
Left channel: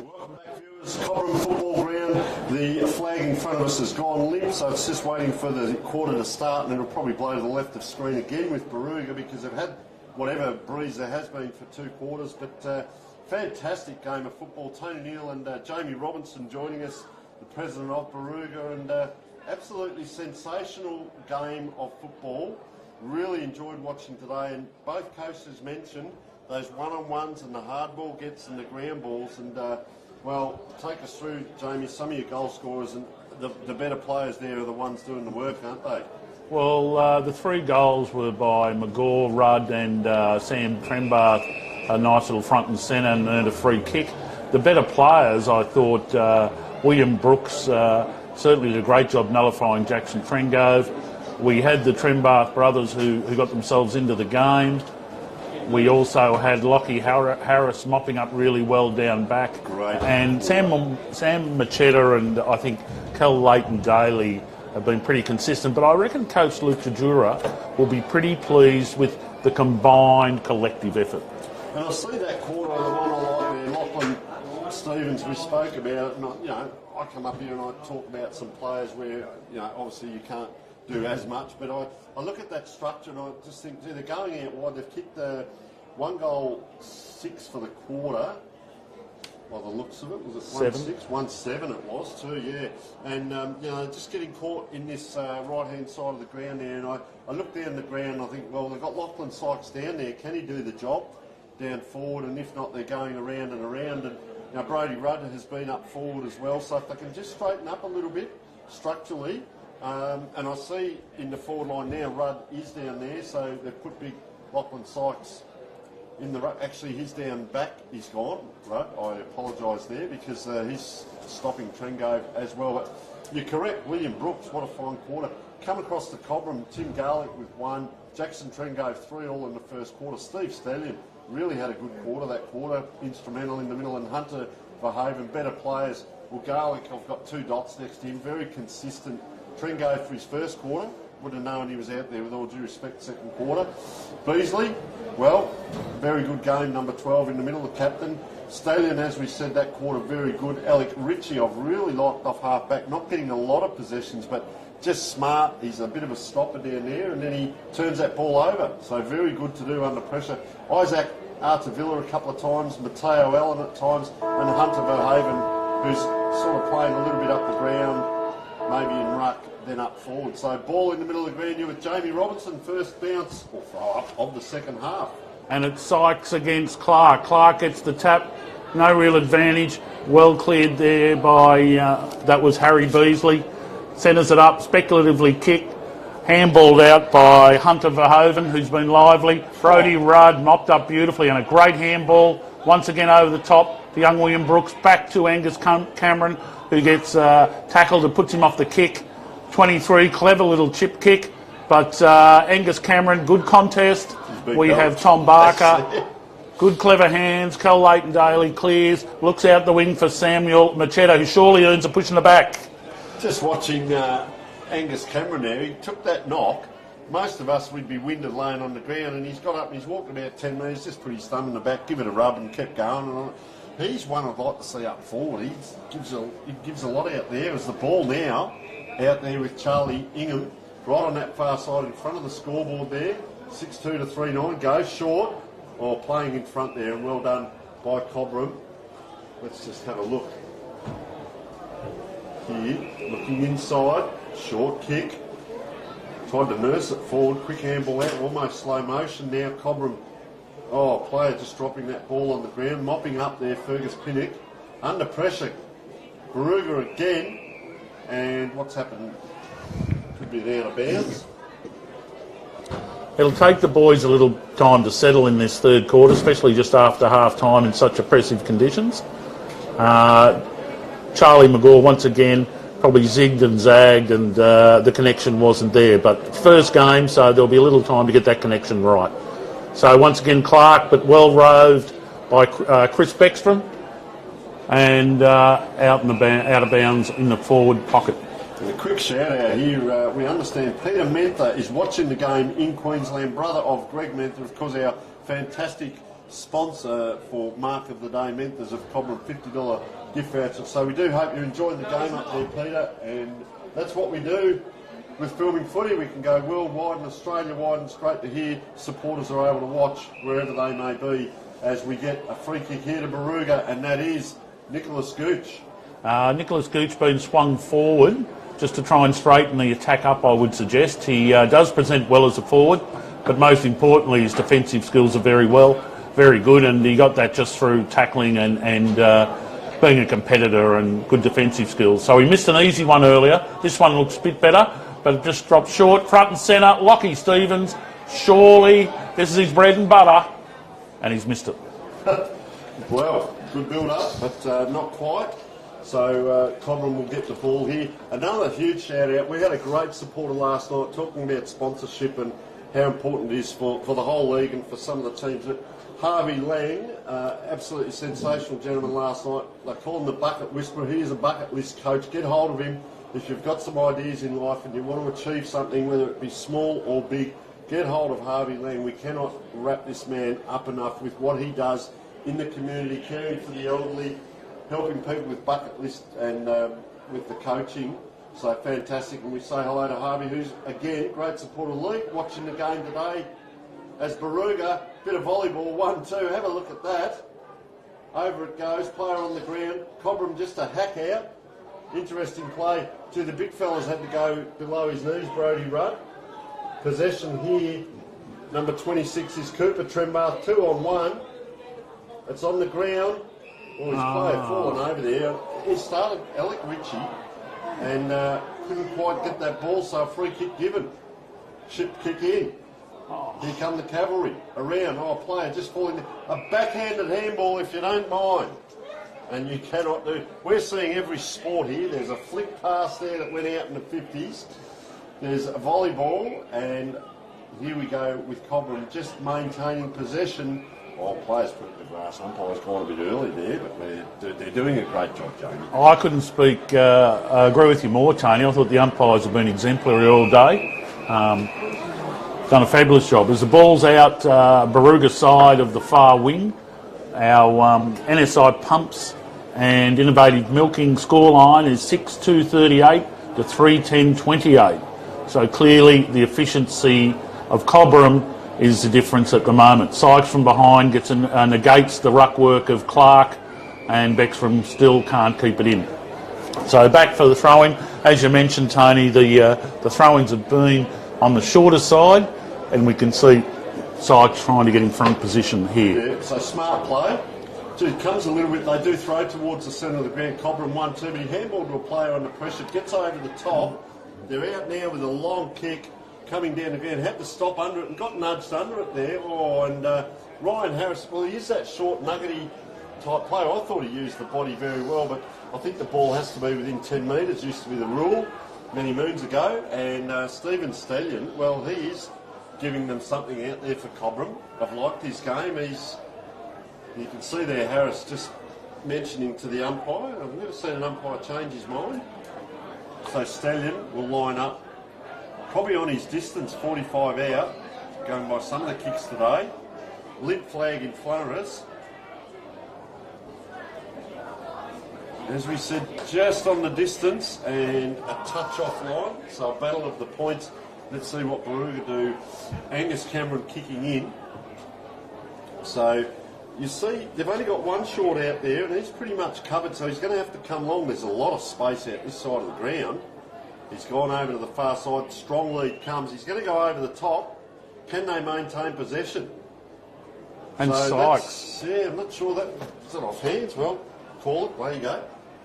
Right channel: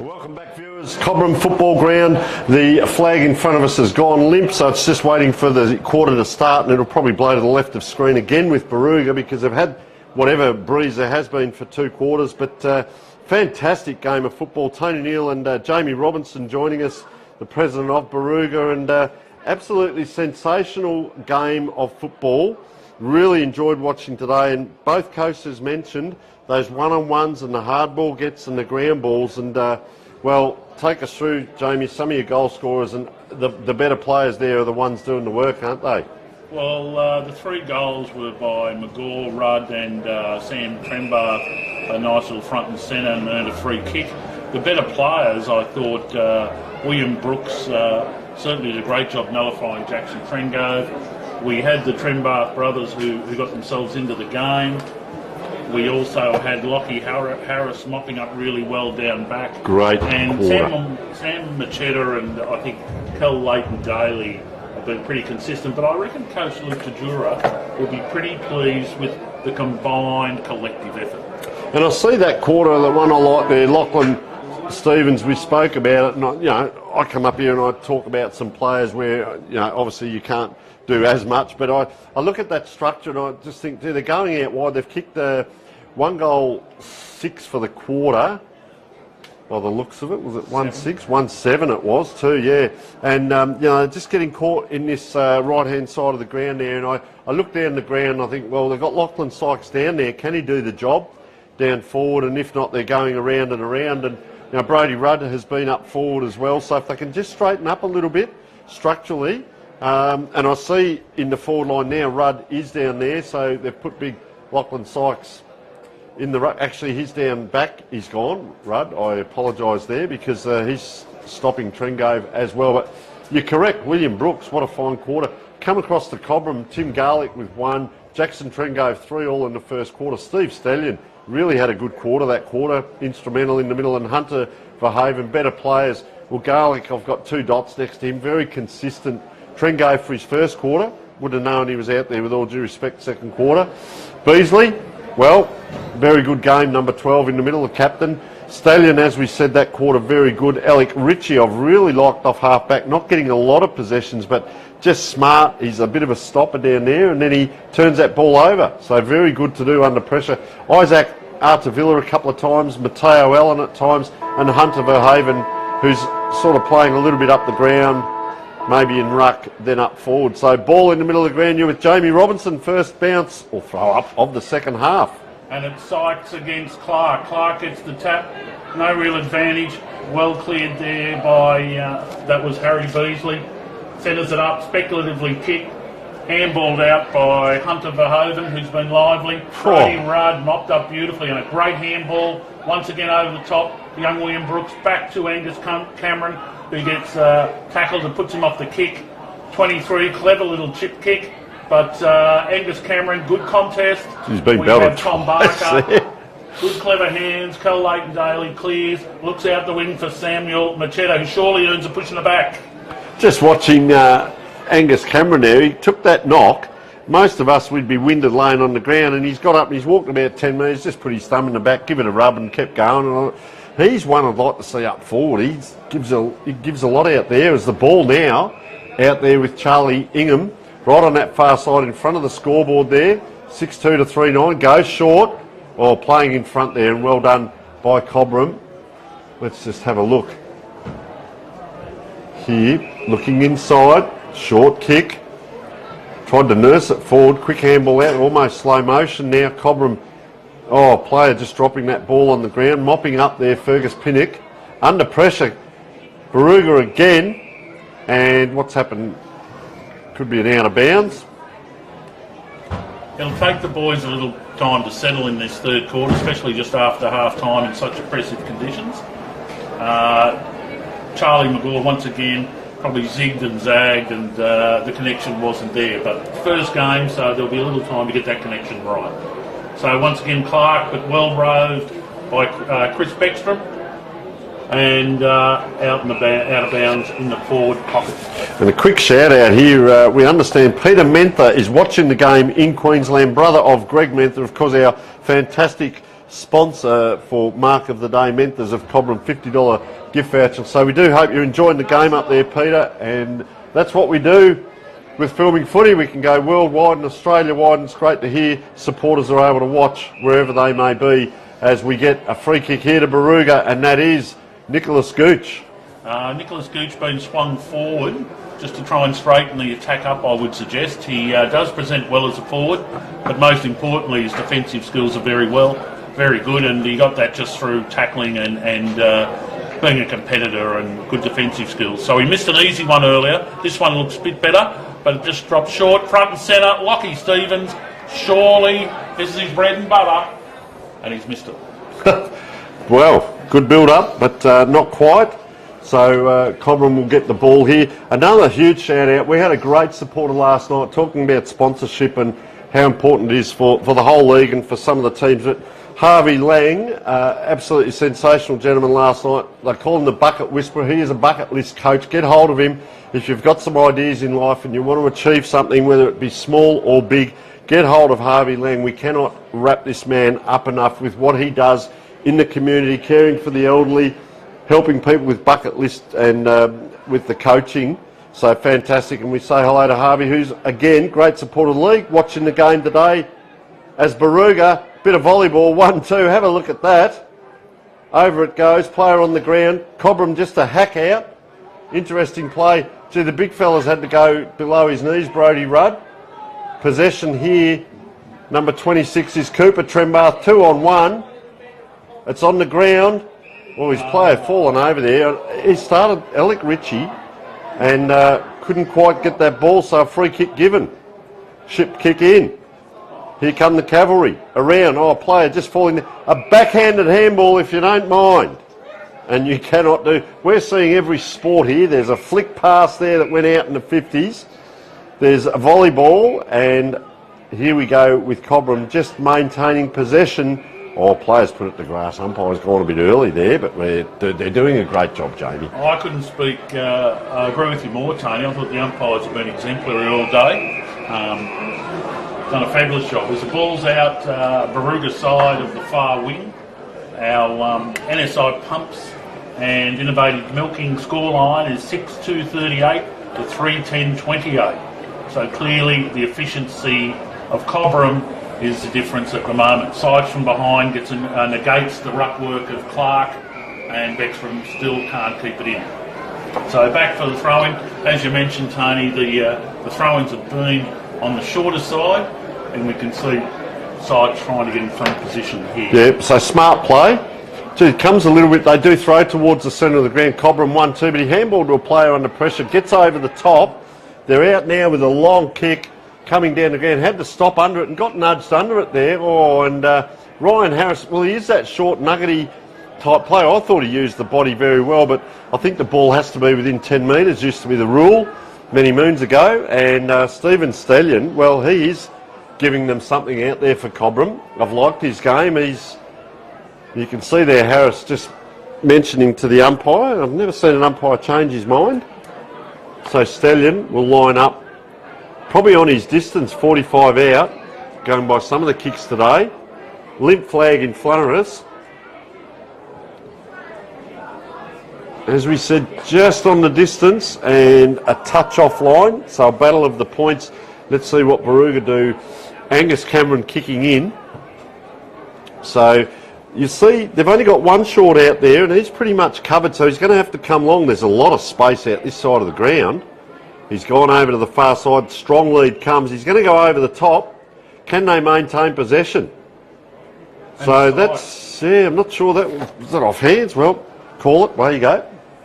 Welcome back, viewers. Cobram football ground. The flag in front of us has gone limp, so it's just waiting for the quarter to start, and it'll probably blow to the left of screen again with Barooga because they've had whatever breeze there has been for 2 quarters. But fantastic game of football. Tony Neal and Jamie Robinson joining us, the president of Barooga, and absolutely sensational game of football. Really enjoyed watching today, and both coaches mentioned those one-on-ones and the hard ball gets and the ground balls. And well, take us through, Jamie, some of your goal scorers, and the better players there are the ones doing the work, aren't they? Well, the 3 goals were by McGaw, Rudd and Sam Trembath, a nice little front and centre, and earned a free kick. The better players, I thought, William Brooks certainly did a great job nullifying Jackson Trengove. We had the Trembath brothers who got themselves into the game. We also had Lockie Harris mopping up really well down back. Great. And Sam Machetta and I think Kel Leighton Daly have been pretty consistent. But I reckon Coach Luke Tajura will be pretty pleased with the combined collective effort. And I see that quarter, the one I like there, Lachlan Stevens, we spoke about it. And I come up here and I talk about some players where, obviously you can't do as much. But I look at that structure and I just think, they're going out wide. They've kicked the 1 goal 6 for the quarter, by the looks of it. Was it 1-6? 1-7 it was too, yeah. And, just getting caught in this right-hand side of the ground there. And I look down the ground and I think, well, they've got Lachlan Sykes down there. Can he do the job down forward? And if not, they're going around and around. And, Brodie Rudd has been up forward as well. So if they can just straighten up a little bit structurally. And I see in the forward line now, Rudd is down there. So they've put big Lachlan Sykes in the actually, he's down back. He's gone, Rudd. I apologise there because he's stopping Trengove as well. But you're correct, William Brooks. What a fine quarter. Come across the Cobram. Tim Garlick with 1. Jackson Trengove 3 all in the first quarter. Steve Stallion really had a good quarter. That quarter instrumental in the middle, and Hunter Verhaven better players. Well, Garlick, I've got 2 dots next to him. Very consistent. Trengove for his first quarter. Would have known he was out there with all due respect. Second quarter. Beasley. Well, very good game, number 12 in the middle, the captain. Stallion, as we said, that quarter, very good. Alec Ritchie, I've really liked off half-back, not getting a lot of possessions, but just smart. He's a bit of a stopper down there, and then he turns that ball over. So very good to do under pressure. Isaac Artavilla a couple of times, Matteo Allen at times, and Hunter Verhaven, who's sort of playing a little bit up the ground, maybe in ruck, then up forward. So ball in the middle of the ground, you're with Jamie Robinson, first bounce or throw up of the second half. And it's Sykes against Clark. Clark gets the tap, no real advantage. Well cleared there by, that was Harry Beasley. Centres it up, speculatively kicked. Handballed out by Hunter Verhoeven, who's been lively. Brodie Rudd mopped up beautifully, and a great handball. Once again over the top to young William Brooks, back to Angus Cameron, who gets tackled and puts him off the kick. 23, clever little chip kick. But Angus Cameron, good contest. We have Tom Barker. Good clever hands. Kel Leighton Daly clears, looks out the wing for Samuel Machetta, who surely earns a push in the back. Just watching Angus Cameron there, he took that knock. Most of us, we'd be winded laying on the ground, and he's got up and he's walked about 10 metres, just put his thumb in the back, give it a rub and kept going. And he's one I'd like to see up forward. He gives a lot out there. As the ball now out there with Charlie Ingham, right on that far side in front of the scoreboard there, 6-2 to 3-9, goes short, while playing in front there, and well done by Cobram. Let's just have a look here, looking inside, short kick. Tried to nurse it forward, quick handball out, almost slow motion. Now Cobram, player just dropping that ball on the ground, mopping up there, Fergus Pinnock. Under pressure, Barooga again, and what's happened? Could be an out of bounds. It'll take the boys a little time to settle in this third quarter, especially just after half-time in such oppressive conditions. Charlie McGaw, once again, probably zigged and zagged, and the connection wasn't there. But first game, so there'll be a little time to get that connection right. So once again, Clark, but well roved by Chris Beckstrom, and out of bounds in the forward pocket. And a quick shout out here, we understand Peter Mentha is watching the game in Queensland, brother of Greg Mentha, of course, our fantastic sponsor for Mark of the Day Menthers of Cobram, $50 gift voucher. So we do hope you're enjoying the game up there, Peter, and that's what we do with filming footy. We can go worldwide and Australia-wide, and it's great to hear supporters are able to watch wherever they may be as we get a free kick here to Barooga, and that is Nicholas Gooch. Nicholas Gooch being swung forward just to try and straighten the attack up, I would suggest. He does present well as a forward, but most importantly his defensive skills are very good, and he got that just through tackling and being a competitor and good defensive skills. So he missed an easy one earlier. This one looks a bit better, but it just dropped short. Front and centre, Lockie Stevens. Surely this is his bread and butter, and he's missed it. Well, good build-up, but not quite. So Cobram will get the ball here. Another huge shout-out. We had a great supporter last night talking about sponsorship and how important it is for the whole league and for some of the teams. But Harvey Lang, absolutely sensational gentleman last night. They call him the bucket whisperer. He is a bucket list coach. Get hold of him. If you've got some ideas in life and you want to achieve something, whether it be small or big, get hold of Harvey Lang. We cannot wrap this man up enough with what he does in the community, caring for the elderly, helping people with bucket list and with the coaching. So fantastic. And we say hello to Harvey, who's, again, great supporter of the league, watching the game today as Barooga. Bit of volleyball, 1-2, have a look at that. Over it goes, player on the ground. Cobram just a hack out. Interesting play. Gee, the big fella's had to go below his knees, Brodie Rudd. Possession here, number 26 is Cooper Trembath, 2-on-1. It's on the ground. Well, his player fallen over there. He started Alec Ritchie and couldn't quite get that ball, so a free kick given. Ship kick in. Here come the cavalry around. Oh, a player just falling there. A backhanded handball, if you don't mind. And you cannot do. We're seeing every sport here. There's a flick pass there that went out in the 50s. There's a volleyball, and here we go with Cobram just maintaining possession. Oh, players put it to grass. Umpire's gone a bit early there, but they're doing a great job, Jamie. I couldn't agree with you more, Tony. I thought the umpires have been exemplary all day. Done a fabulous job. As the ball's out Barooga side of the far wing, our NSI pumps and innovative milking scoreline is 6-2-38 to 3-10-28. So clearly the efficiency of Cobram is the difference at the moment. Sykes from behind gets negates the ruck work of Clark, and Beckstrom still can't keep it in. So back for the throw-in. As you mentioned, Tony, the throw-ins have been on the shorter side, and we can see Sykes trying to get in front position here. Yeah, so smart play. Gee, it comes a little bit, they do throw towards the centre of the ground. Cobram 1-2, but he handballed to a player under pressure, gets over the top. They're out now with a long kick coming down the ground, had to stop under it and got nudged under it there. Oh, and Ryan Harris, well, he is that short, nuggety type player. I thought he used the body very well, but I think the ball has to be within 10 metres, used to be the rule many moons ago. And Stephen Stallion, well, he is giving them something out there for Cobram. I've liked his game. You can see there Harris just mentioning to the umpire. I've never seen an umpire change his mind. So Stallion will line up probably on his distance, 45 out, going by some of the kicks today. Limp flag in front of us. As we said, just on the distance and a touch offline. So a battle of the points. Let's see what Barooga do. Angus Cameron kicking in. So you see, they've only got one short out there and he's pretty much covered, so he's going to have to come long. There's a lot of space out this side of the ground. He's gone over to the far side. Strong lead comes. He's going to go over the top. Can they maintain possession? And so that's, yeah, I'm not sure that was that off hands. Well, call it. There you go.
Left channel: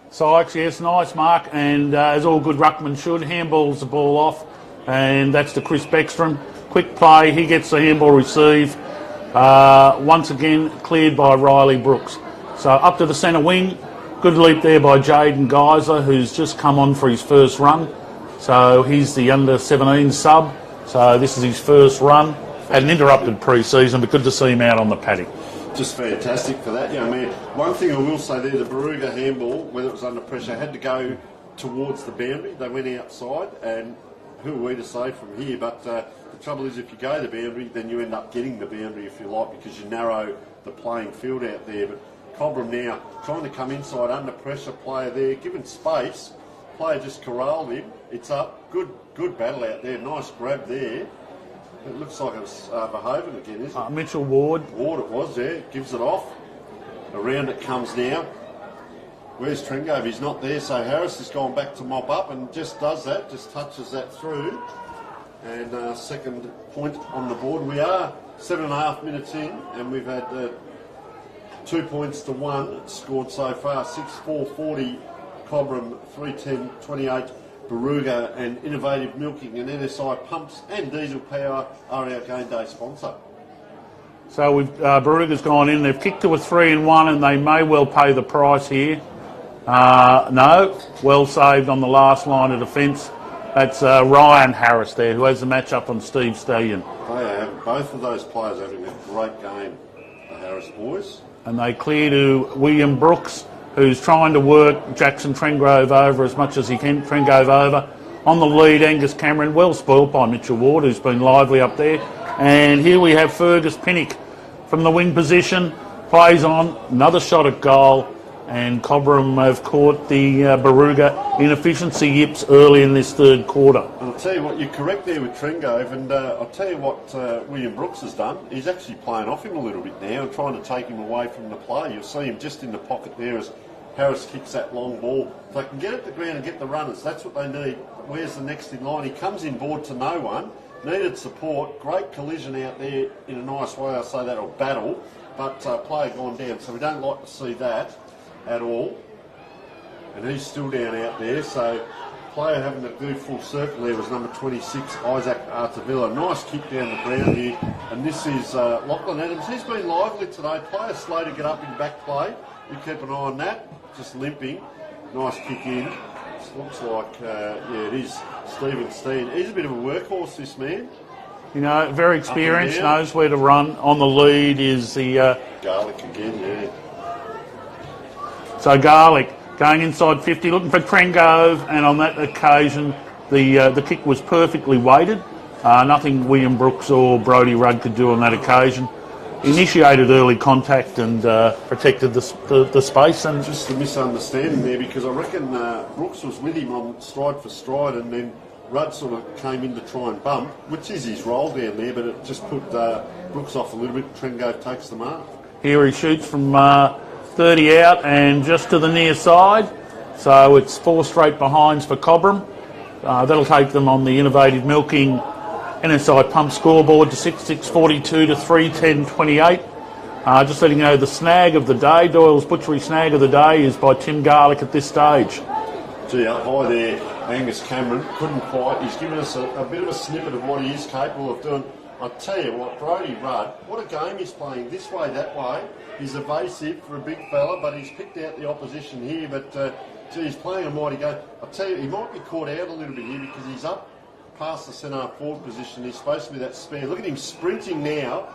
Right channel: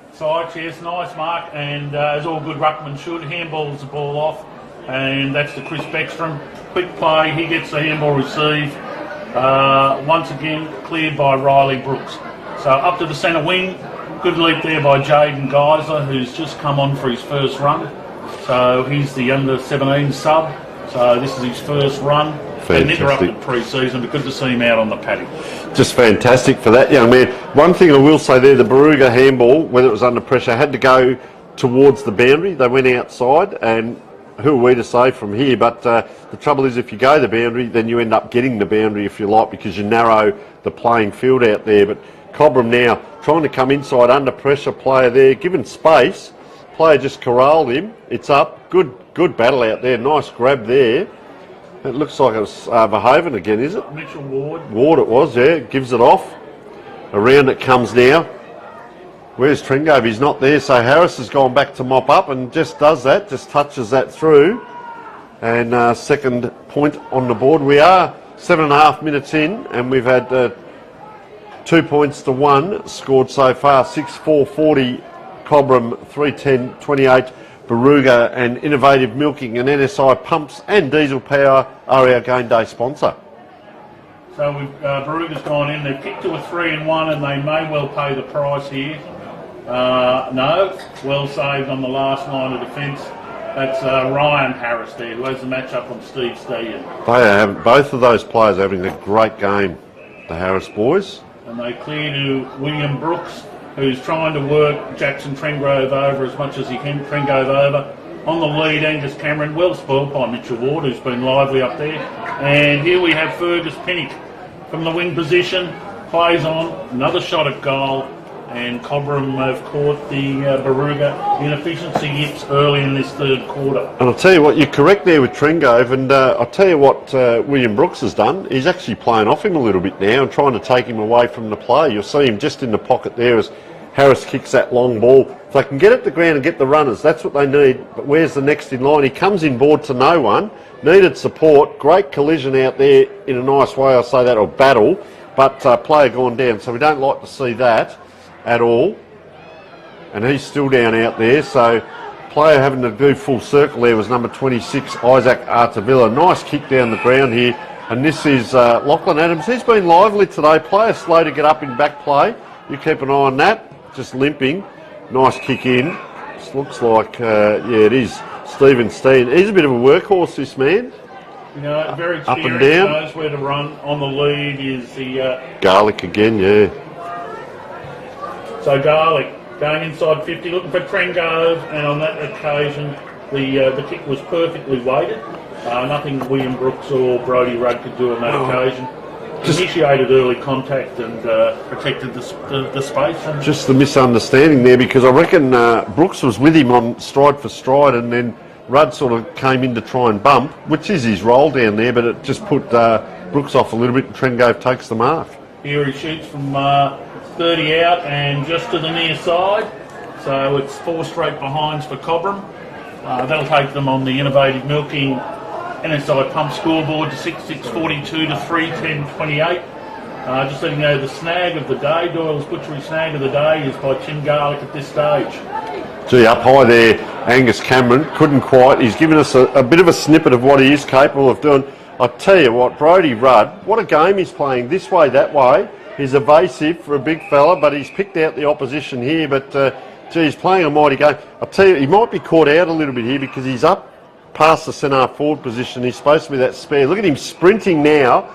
Sykes, yes, nice mark, and as all good ruckmen should, handballs the ball off, and that's to Chris Beckstrom. Quick play, he gets the handball receive. Once again, cleared by Riley Brooks. So up to the centre wing. Good leap there by Jaden Geiser, who's just come on for his first run. So he's the under-17 sub. So this is his first run. Had an interrupted pre-season, but good to see him out on the paddock. Just fantastic for that young man. One thing I will say there, the Barooga handball, whether it was under pressure, had to go towards the boundary. They went outside, and who are we to say from here? But the trouble is, if you go the boundary, then you end up getting the boundary, if you like, because you narrow the playing field out there. But Cobram now trying to come inside under pressure, player there, given space. Player just corralled him. It's up. Good battle out there. Nice grab there. It looks like it was Verhoeven again, is it? Mitchell Ward. Ward it was, yeah. Gives it off. Around it comes now. Where's Tringove? He's not there, so Harris has gone back to mop up and just does that, just touches that through. And second point on the board. We are 7.5 minutes in, and we've had 2 points to 1 scored so far. 6-4-40 Cobram, 3-10-28 Barooga, and Innovative Milking and NSI Pumps and Diesel Power are our game day sponsor. So Barooga's gone in. They've kicked to a 3-1, and they may well pay the price here. No, well saved on the last line of defence. That's Ryan Harris there, who has the match up on Steve Stallion. Both of those players are having a great game, the Harris boys. And they clear to William Brooks, who's trying to work Jackson Trengrove over as much as he can. Trengrove over. On the lead, Angus Cameron, well spoiled by Mitchell Ward, who's been lively up there. And here we have Fergus Pinnock from the wing position, plays on, another shot at goal, and Cobram have caught the Barooga inefficiency yips early in this third quarter. And I'll tell you what, you're correct there with Trengove, and I'll tell you what William Brooks has done. He's actually playing off him a little bit now and trying to take him away from the play. You'll see him just in the pocket there as Harris kicks that long ball. If they can get it to ground and get the runners, that's what they need. But where's the next in line? He comes in board to no one. Needed support. Great collision out there in a nice way, I say that, or battle. But player gone down. So we don't like to see that at all. And he's still down out there. So player having to do full circle there was number 26, Isaac Artavilla. Nice kick down the ground here. And this is Lachlan Adams. He's been lively today. Player slow to get up in back play. You keep an eye on that. Just limping. Nice kick in. This looks like, yeah, it is Stephen Steen. He's a bit of a workhorse, this man. You know, very experienced, knows where to run. On the lead is the... Garlic again, yeah. So Garlic going inside 50, looking for Trengove, and on that occasion the kick was perfectly weighted. Nothing William Brooks or Brodie Rudd could do on that occasion. Initiated early contact and protected the space. And just the misunderstanding there, because I reckon Brooks was with him on stride for stride, and then Rudd sort of came in to try and bump, which is his role down there, but it just put Brooks off a little bit, and Trengove takes the mark. Here he shoots from 30 out and just to the near side. So it's 4 straight behinds for Cobram. That'll take them on the Innovative Milking NSI Pump scoreboard to 6-6-42 to 3-10-28. Just letting you know the snag of the day, Doyle's Butchery snag of the day, is by Tim Garlic at this stage. Gee, up high there, Angus Cameron, couldn't quite. He's given us a bit of a snippet of what he is capable of doing. I tell you what, Brodie Rudd, what a game he's playing, this way, that way. He's evasive for a big fella, but he's picked out the opposition here. But, gee, he's playing a mighty game. I tell you, he might be caught out a little bit here because he's up past the centre forward position. He's supposed to be that spare. Look at him sprinting now,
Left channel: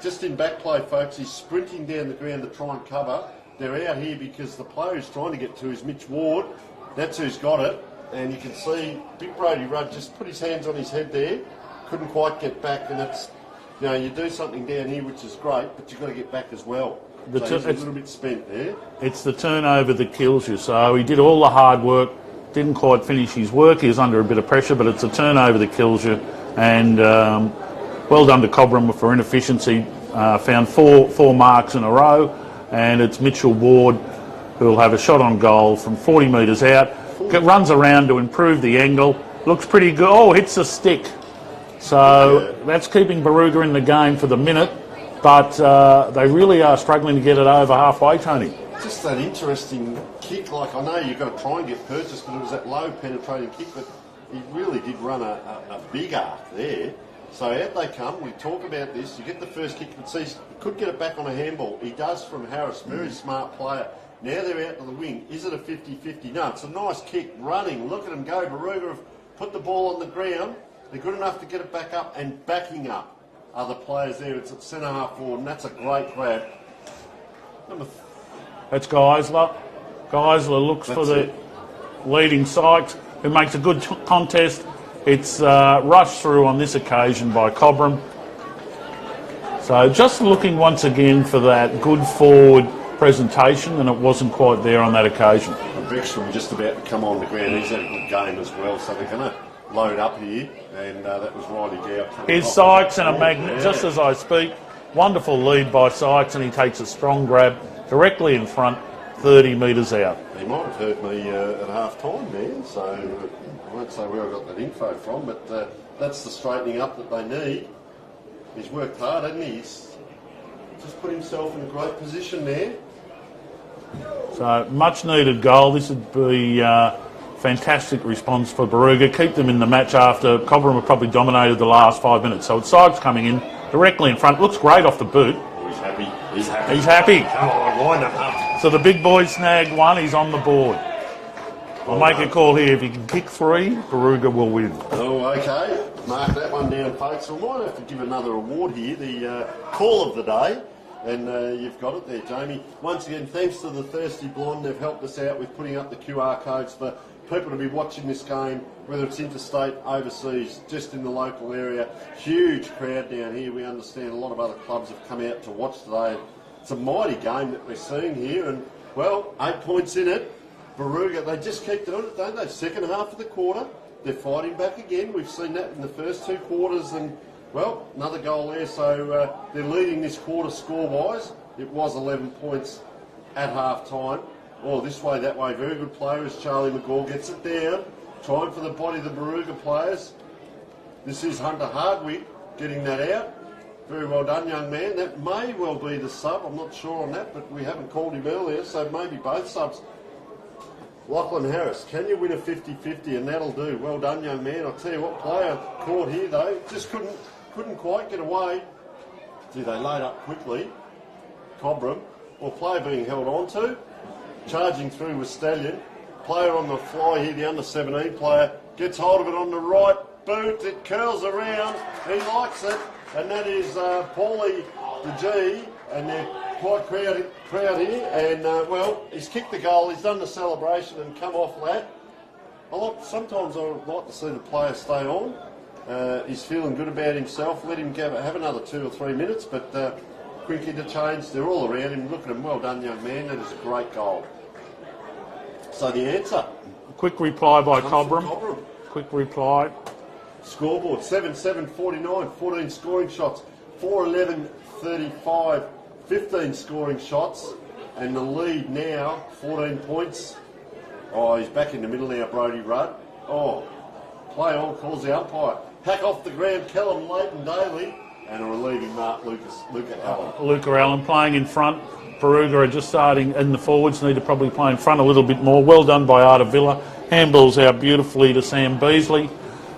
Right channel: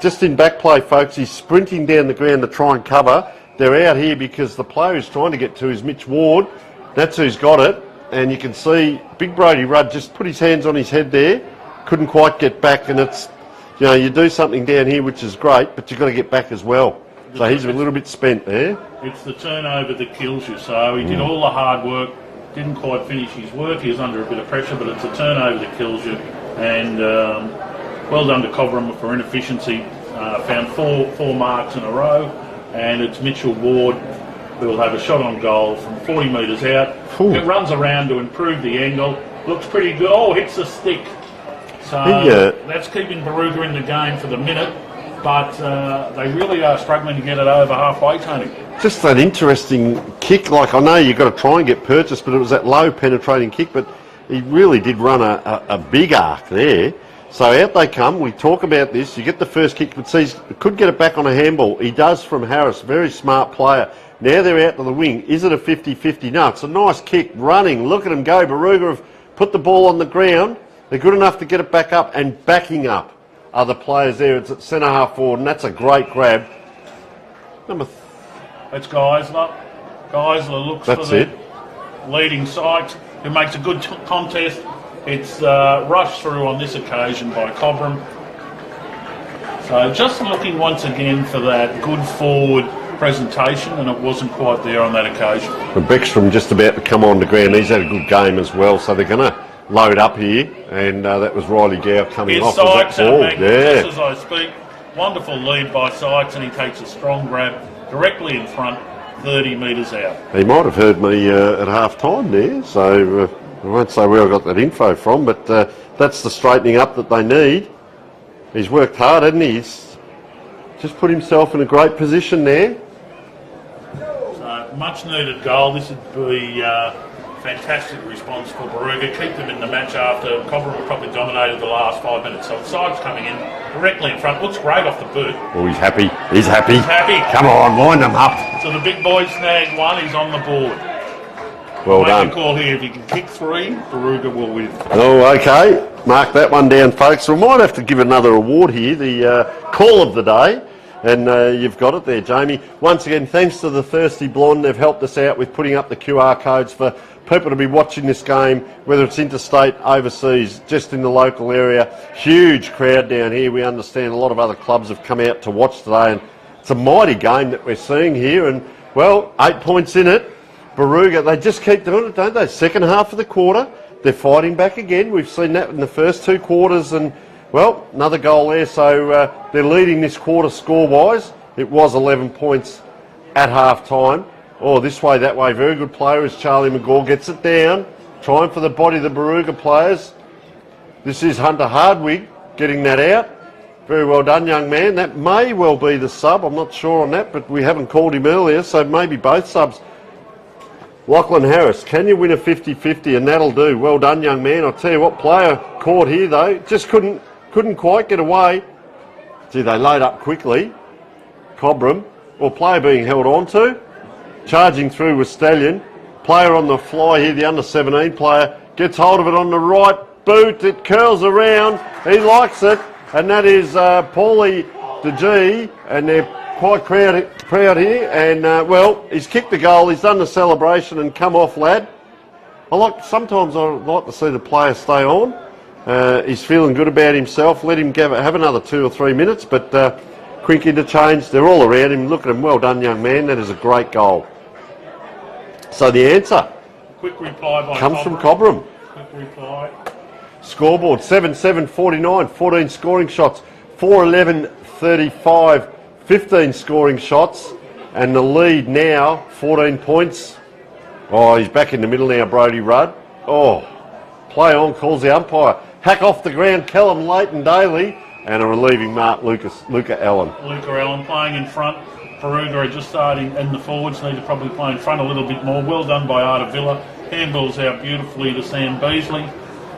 just in back play, folks. He's sprinting down the ground to try and cover. They're out here because the player who's trying to get to is Mitch Ward. That's who's got it. And you can see big Brodie Rudd just put his hands on his head there. Couldn't quite get back, and it's, you know, you do something down here which is great, but you've got to get back as well. So he's a little bit spent there. It's the turnover that kills you. So he did all the hard work, didn't quite finish his work. He was under a bit of pressure, but it's a turnover that kills you. And well done to Cobram for inefficiency. Found four marks in a row, and it's Mitchell Ward who will have a shot on goal from 40 metres out. It runs around to improve the angle. Looks pretty good. Oh, hits a stick. So that's keeping Barooga in the game for the minute, but they really are struggling to get it over halfway, Tony. Just that interesting kick. Like, I know you've got to try and get purchase, but it was that low penetrating kick, but he really did run a big arc there. So out they come. We talk about this. You get the first kick, but see, could get it back on a handball. He does from Harris. Very smart player. Now they're out to the wing. Is it a 50-50? No, it's a nice kick. Running. Look at him go. Barooga have put the ball on the ground. They're good enough to get it back up, and backing up are the players there. It's at centre half forward, and that's a great grab. That's Geisler. Geisler looks for the leading Sykes, who makes a good contest, It's rushed through on this occasion by Cobram. So just looking once again for that good forward presentation, and it wasn't quite there on that occasion. But Beckstrom just about to come on the ground. He's had a good game as well, so they're going to load up here, and that was Riley Gow coming Here's off. Sykes, Yeah. just as I speak. Wonderful lead by Sykes, and he takes a strong grab directly in front, 30 metres out. He might have heard me at half-time there, so I won't say where I got that info from, but that's the straightening up that they need. He's worked hard, hasn't he? He's just put himself in a great position there. So, much needed goal. This would be fantastic response for Barooga. Keep them in the match after Cobram have probably dominated the last 5 minutes. So, it's Sykes coming in directly in front. Looks great off the boot. Oh, he's happy. He's happy. He's happy. Come on, wind him up. So, the big boy snagged one. He's on the board. Well Make done. a call here. If he can kick 3, Barooga will win. Oh, okay. Mark that one down, folks. We might have to give another award here, the call of the day. And you've got it there, Jamie. Once again, thanks to the Thirsty Blonde. They've helped us out with putting up the QR codes for people to be watching this game, whether it's interstate, overseas, just in the local area. Huge crowd down here. We understand a lot of other clubs have come out to watch today. And it's a mighty game that we're seeing here. And, well, 8 points in it. Barooga, they just keep doing it, don't they? Second half of the quarter, they're fighting back again. We've seen that in the first 2 quarters, and, well, another goal there. So they're leading this quarter score-wise. It was 11 points at half-time. Oh, this way, that way. Very good player as Charlie McGaw gets it down. Trying for the body of the Barooga players. This is Hunter Hardwig getting that out. Very well done, young man. That may well be the sub. I'm not sure on that, but we haven't called him earlier, so maybe both subs. Lachlan Harris, can you win a 50-50? And that'll do. Well done, young man. I'll tell you what, player caught here, though. Just couldn't quite get away. Gee, they load up quickly. Cobram, or player being held on to. Charging through with Stallion. Player on the fly here, the under-17 player. Gets hold of it on the right boot. It curls around. He likes it. And that is Paulie DeG. And they're quite proud here, and well, he's kicked the goal, he's done the celebration and come off, lad. Sometimes I like to see the player stay on. He's feeling good about himself. Let him have another 2 or 3 minutes, but Quinky to change. They're all around him. Look at him. Well done, young man. That is a great goal. So the answer Quick reply by comes from Cobram. Quick reply. Scoreboard 7-7-49, 14 scoring shots, 4-11-35. 15 scoring shots, and the lead now, 14 points. Oh, he's back in the middle now, Brodie Rudd. Oh, play on, calls the umpire. Hack off the ground, Callum Leighton Daly, and a relieving mark, Luca Allen. Luca Allen playing in front. Barooga are just starting, and the forwards need to probably play in front a little bit more. Well done by Artavilla. Handballs out beautifully to Sam Beasley.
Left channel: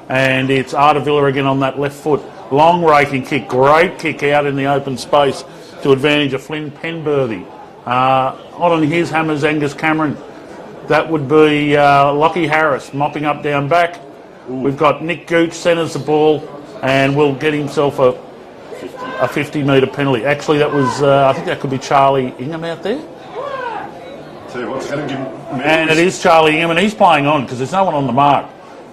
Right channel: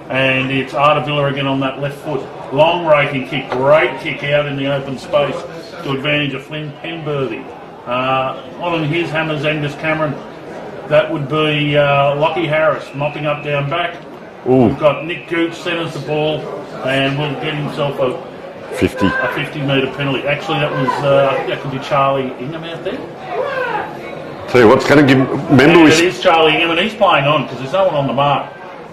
And it's Artavilla again on that left foot. Long raking kick, great kick out in the open space to advantage of Flynn Penberthy. On his hammers, Angus Cameron. That would be Lockie Harris mopping up down back. Ooh. We've got Nick Gooch centres the ball and will get himself a 50-metre penalty. Actually, that was, I think that could be Charlie Ingham out there. Tell you what's going to give... And it is Charlie Ingham, and he's playing on because there's no one on the mark.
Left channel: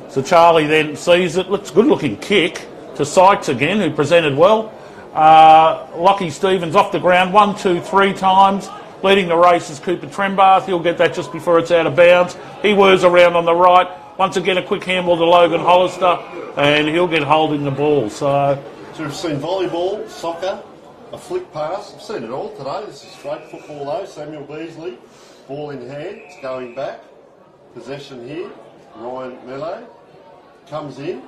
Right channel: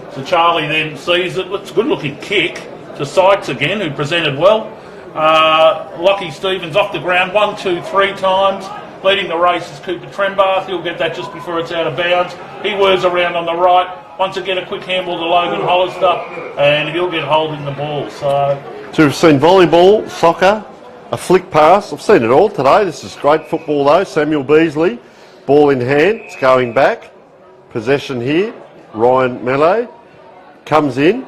So Charlie then sees it. It's a good-looking kick to Sykes again, who presented well. Lockie Stevens off the ground 1, 2, 3 times. Leading the race is Cooper Trembath. He'll get that just before it's out of bounds. He whirs around on the right. Once again, a quick handball to Logan Hollister, and he'll get holding the ball. So we've seen volleyball, soccer, a flick pass. I've seen it all today. This is great football, though. Samuel Beasley, ball in hand. It's going back. Possession here. Ryan Melee comes in.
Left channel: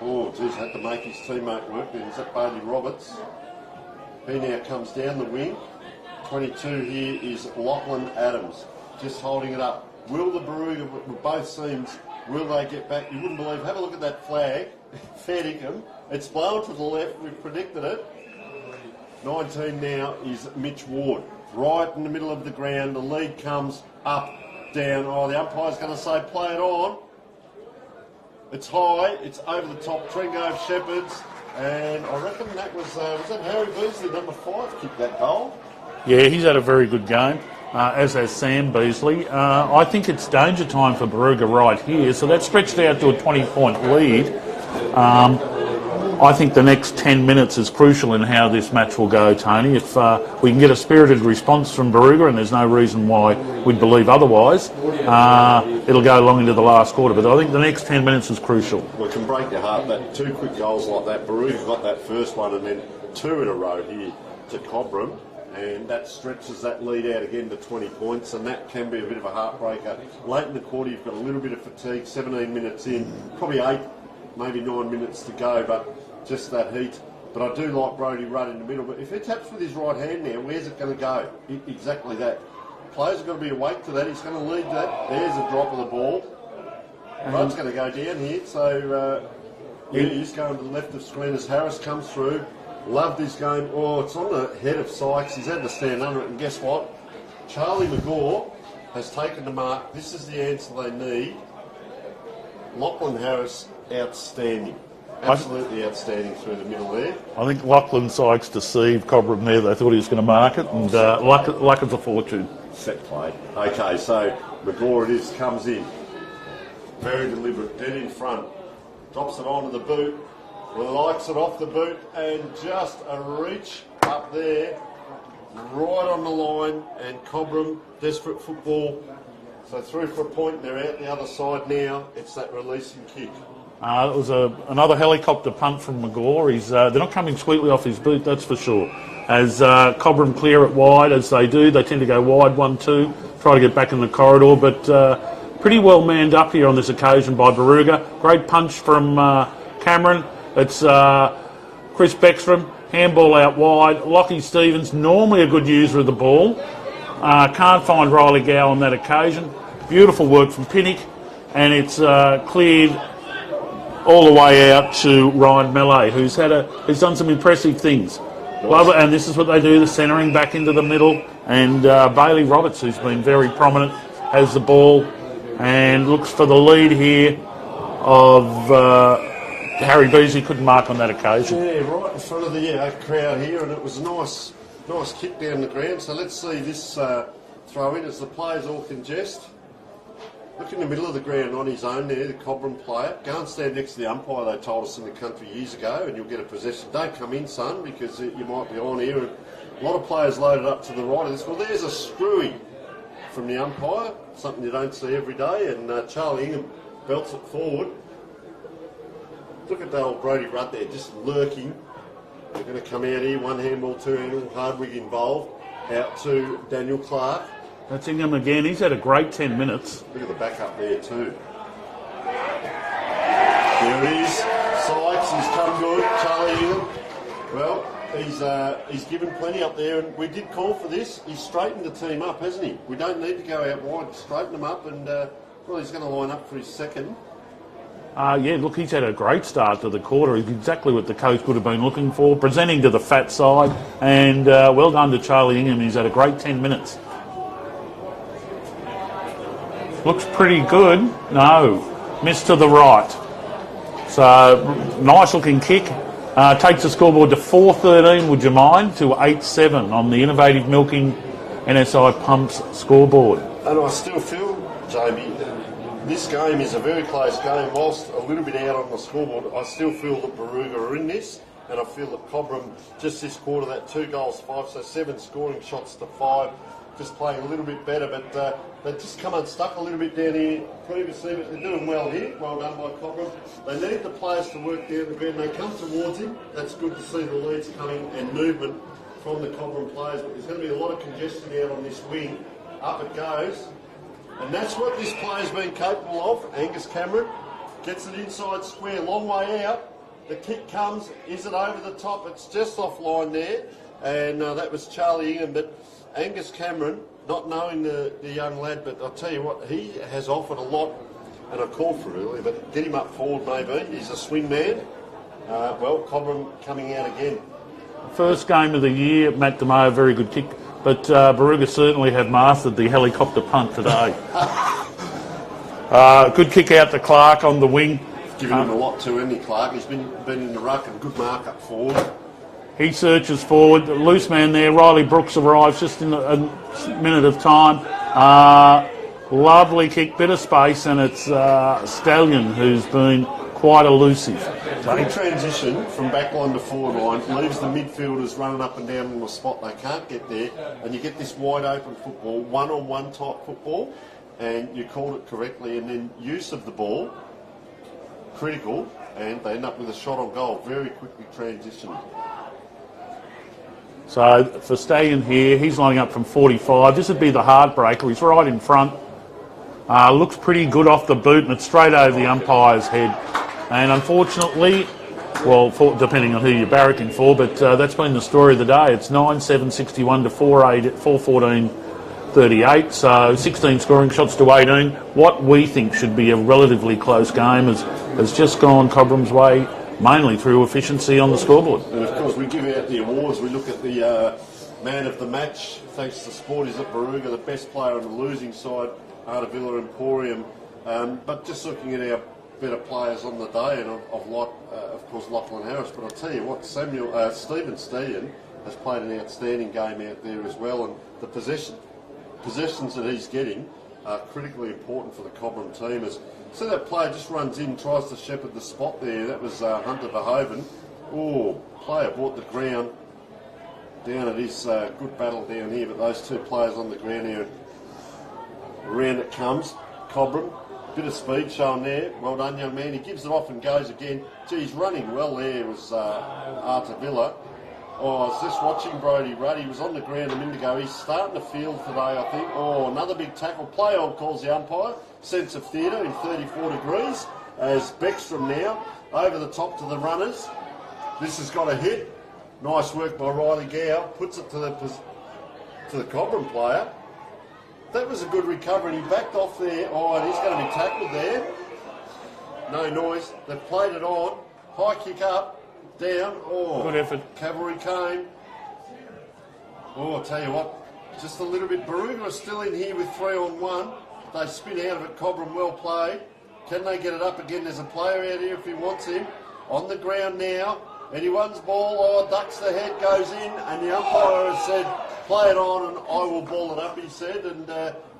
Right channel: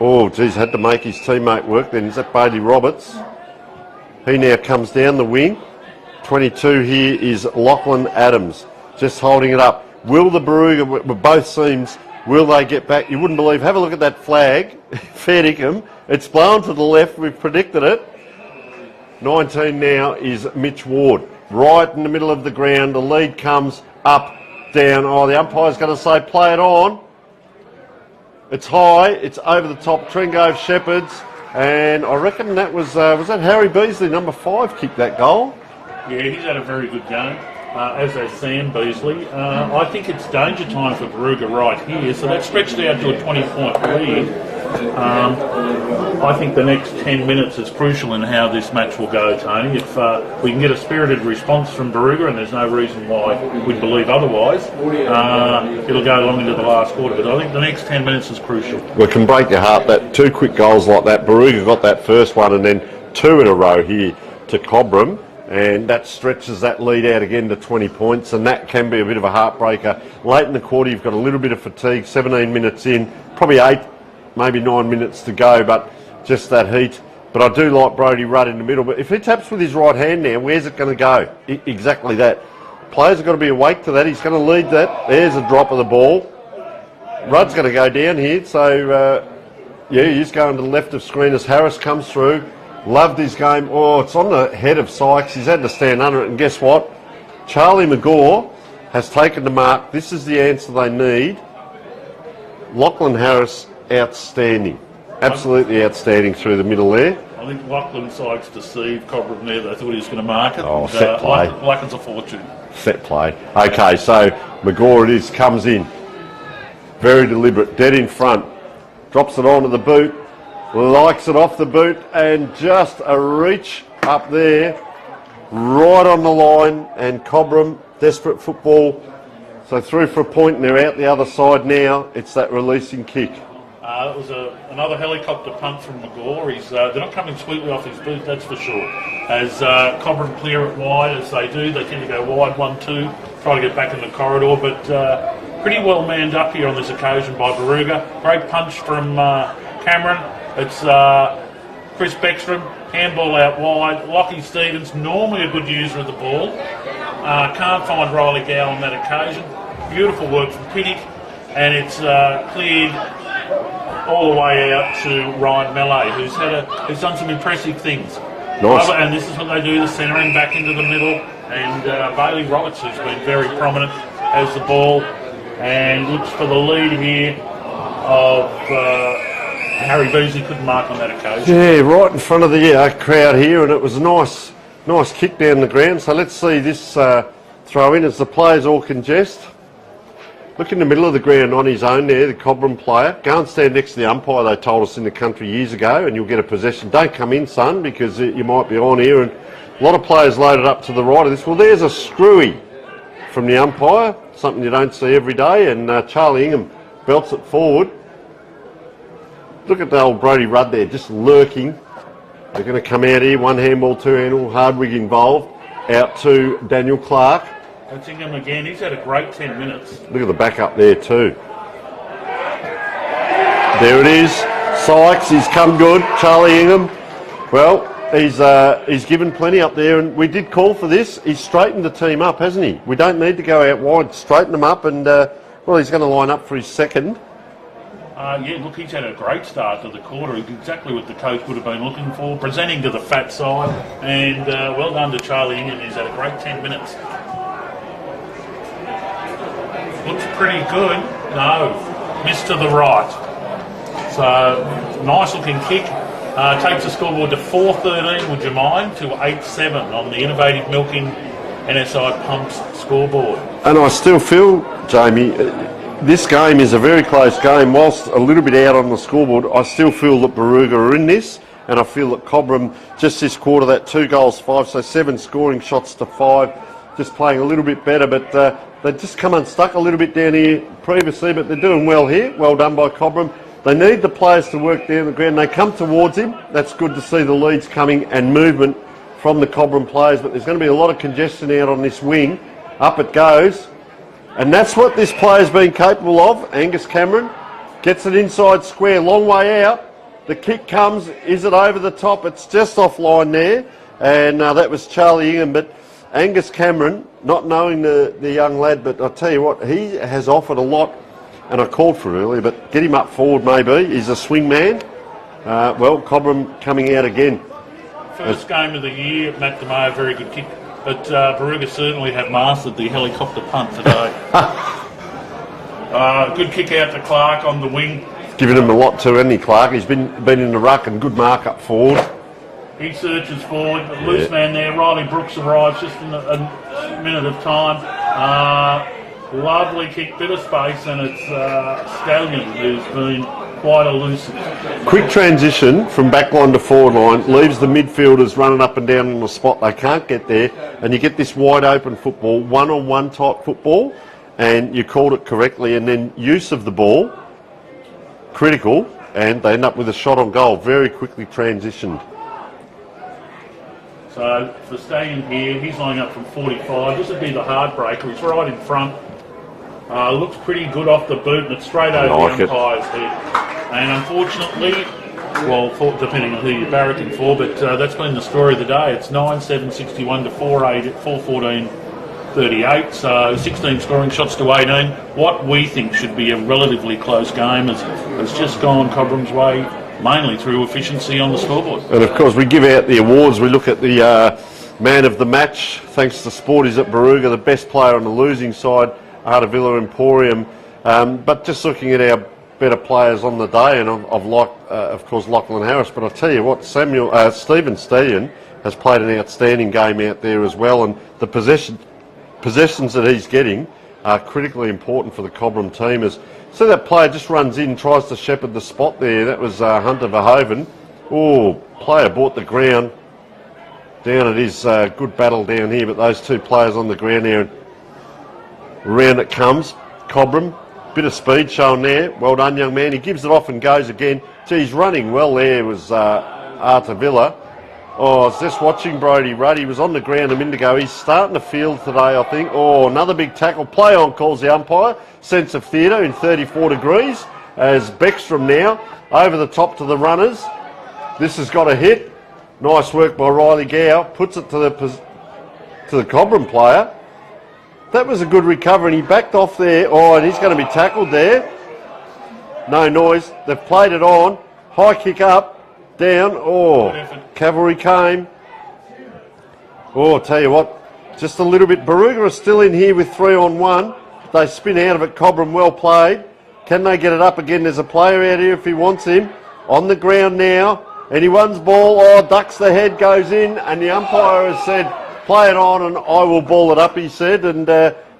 Oh, geez, had to make his teammate work then. Is that Bailey Roberts? He now comes down the wing. 22 here is Lachlan Adams, just holding it up. Will the Barooga, with both teams, will they get back? You wouldn't believe. Have a look at that flag. Fair dinkum. It's blown to the left. We've predicted it. 19 now is Mitch Ward. Right in the middle of the ground. The lead comes up, down. Oh, the umpire's going to say play it on. It's high, it's over the top, Trengove Shepherds, and I reckon that was that Harry Beasley, number 5, kicked that goal? yeah, he's had a very good game. as has Sam Beasley. I think it's danger time for Barooga right here, so that's stretched out to a 20-point lead. I think the next 10 minutes is crucial in how this match will go, Tony. If we can get a spirited response from Barooga, and there's no reason why we'd believe otherwise, it'll go along into the last quarter. But I think the next 10 minutes is crucial. Well, it can break your heart that 2 quick goals like that. Barooga got that first one and then 2 in a row here to Cobram, and that stretches that lead out again to 20 points, and that can be a bit of a heartbreaker. Late in the quarter, you've got a little bit of fatigue, 17 minutes in, probably 8, maybe 9 minutes to go, but just that heat. But I do like Brodie Rudd in the middle. But if he taps with his right hand now, where's it going to go? Exactly that. Players have got to be awake to that. He's going to lead that. There's a drop of the ball. Rudd's going to go down here. So, he's going to the left of screen as Harris comes through. Loved his game. Oh, it's on the head of Sykes. He's had to stand under it. And guess what? Charlie McGaw has taken the mark. This is the answer they need. Lachlan Harris, outstanding. Absolutely outstanding through the middle there. I think Lachlan Sykes deceived Cobram there. They thought he was going to mark it. Oh, and set play. Lachlan's a fortune. Set play. Okay, so McGaw it is, comes in. Very deliberate, dead in front. Drops it onto the boot. Likes it off the boot, and just a reach up there. Right on the line, and Cobram, desperate football. So through for a point, and they're out the other side now. It's that releasing kick. It was another helicopter punt from McGaw. They're not coming sweetly off his boot, that's for sure. As Cobram clear it wide, as they do, they tend to go wide 1-2, try to get back in the corridor, but pretty well manned up here on this occasion by Barooga. Great punch from Cameron. It's Chris Beckstrom, handball out wide. Lockie Stevens, normally a good user of the ball. Can't find Riley Gow on that occasion. Beautiful work from Pinnock, and it's cleared all the way out to Ryan Mallet, who's done some impressive things. Nice. And this is what they do, the centering back into the middle. And Bailey Roberts, who's been very prominent, has the ball and looks for the lead here of Harry Beasley. Couldn't mark on that occasion. Yeah, right in front of the crowd here, and it was a nice kick down the ground. So let's see this throw in as the players all congest. Look in the middle of the ground on his own there, the Cobram player. Go and stand next to the umpire, they told us in the country years ago, and you'll get a possession. Don't come in, son, because you might be on here. And a lot of players loaded up to the right of this. Well, there's a screwy from the umpire, something you don't see every day, and Charlie Ingham belts it forward. Look at the old Brodie Rudd there, just lurking. They're going to come out here, one handball, two handball, Hardwig involved, out to Daniel Clark. That's Ingham again. He's had a great 10 minutes. Look at the back up there too. There it is. Sykes, he's come good. Charlie Ingham. Well, he's given plenty up there, and we did call for this. He's straightened the team up, hasn't he? We don't need to go out wide. Straighten them up, and well, he's going to line up for his second. Yeah, look, he's had a great start to the quarter. Exactly what the coach would have been looking for. Presenting to the fat side, and well done to Charlie Ingham. He's had a great 10 minutes. Looks pretty good. No, missed to the right. So, nice looking kick. Takes the scoreboard to 4-13, would you mind, to 8-7 on the Innovative Milking NSI Pumps scoreboard. And I still feel, Jamie, this game is a very close game. Whilst a little bit out on the scoreboard, I still feel that Barooga are in this, and I feel that Cobram, just this quarter, that 2 goals, 5, so 7 scoring shots to 5, just playing a little bit better, but they just come unstuck a little bit down here previously, but they're doing well here. Well done by Cobram. They need the players to work down the ground. They come towards him. That's good to see the leads coming and movement from the Cobram players, but there's going to be a lot of congestion out on this wing. Up it goes. And that's what this player's been capable of. Angus Cameron gets it inside square, long way out. The kick comes. Is it over the top? It's just offline there. And that was Charlie Ingham. But Angus Cameron, not knowing the young lad, but I'll tell you what, he has offered a lot, and I called for it earlier, but get him up forward maybe. He's a swing man. Well, Cobram coming out again. First game of the year, Matt DeMoe, very good kick. But Barooga certainly have mastered the helicopter punt today. Good kick out to Clark on the wing. Given him a lot too, hasn't he, Clark? He's been in the ruck and good mark up forward. He searches forward. Loose man there. Riley Brooks arrives just in a minute of time. Lovely kick, bit of space, and it's Stallion who's been quite elusive. Quick transition from back line to forward line, leaves the midfielders running up and down on the spot. They can't get there, and you get this wide open football, one-on-one type football, and you called it correctly, and then use of the ball, critical, and they end up with a shot on goal. Very quickly transitioned. So for Stallion here, he's lining up from 45. This would be the heartbreaker. He's right in front. Looks pretty good off the boot, and it's straight over the umpire's head. And unfortunately, well, depending on who you're barracking for, but that's been the story of the day. It's 9-7-61 to 4-14-38. So 16 scoring shots to 18. What we think should be a relatively close game has just gone Cobram's way, mainly through efficiency on the scoreboard. And of course, we give out the awards. We look at the man of the match, thanks to Sporties at Barooga, the best player on the losing side, Artavilla Emporium. But just looking at our better players on the day, and of course, Lachlan Harris. But I'll tell you what, Stephen Stallion has played an outstanding game out there as well, and the possessions that he's getting are critically important for the Cobram team. So that player just runs in, tries to shepherd the spot there. That was Hunter Verhoeven. Oh, player bought the ground. Down it is, good battle down here, but those two players on the ground there. Round it comes. Cobram, bit of speed shown there. Well done, young man. He gives it off and goes again. Gee, he's running well there, was Artavilla. Oh, I was just watching Brodie Rudd. He was on the ground a minute ago. He's starting to field today, I think. Oh, another big tackle. Play on, calls the umpire. Sense of theatre in 34 degrees. As Beckstrom now over the top to the runners. This has got a hit. Nice work by Riley Gow. Puts it to the Cobram player. That was a good recovery, and he backed off there. Oh, and he's going to be tackled there. No noise. They've played it on. High kick up. Down. Oh, cavalry came. Oh, I'll tell you what, just a little bit. Barooga are still in here with 3-on-1. They spin out of it. Cobram, well played. Can they get it up again? There's a player out here if he wants him. On the ground now. Anyone's ball. Oh, ducks the head, goes in, and the umpire has said, play it on and I will ball it up, he said. And,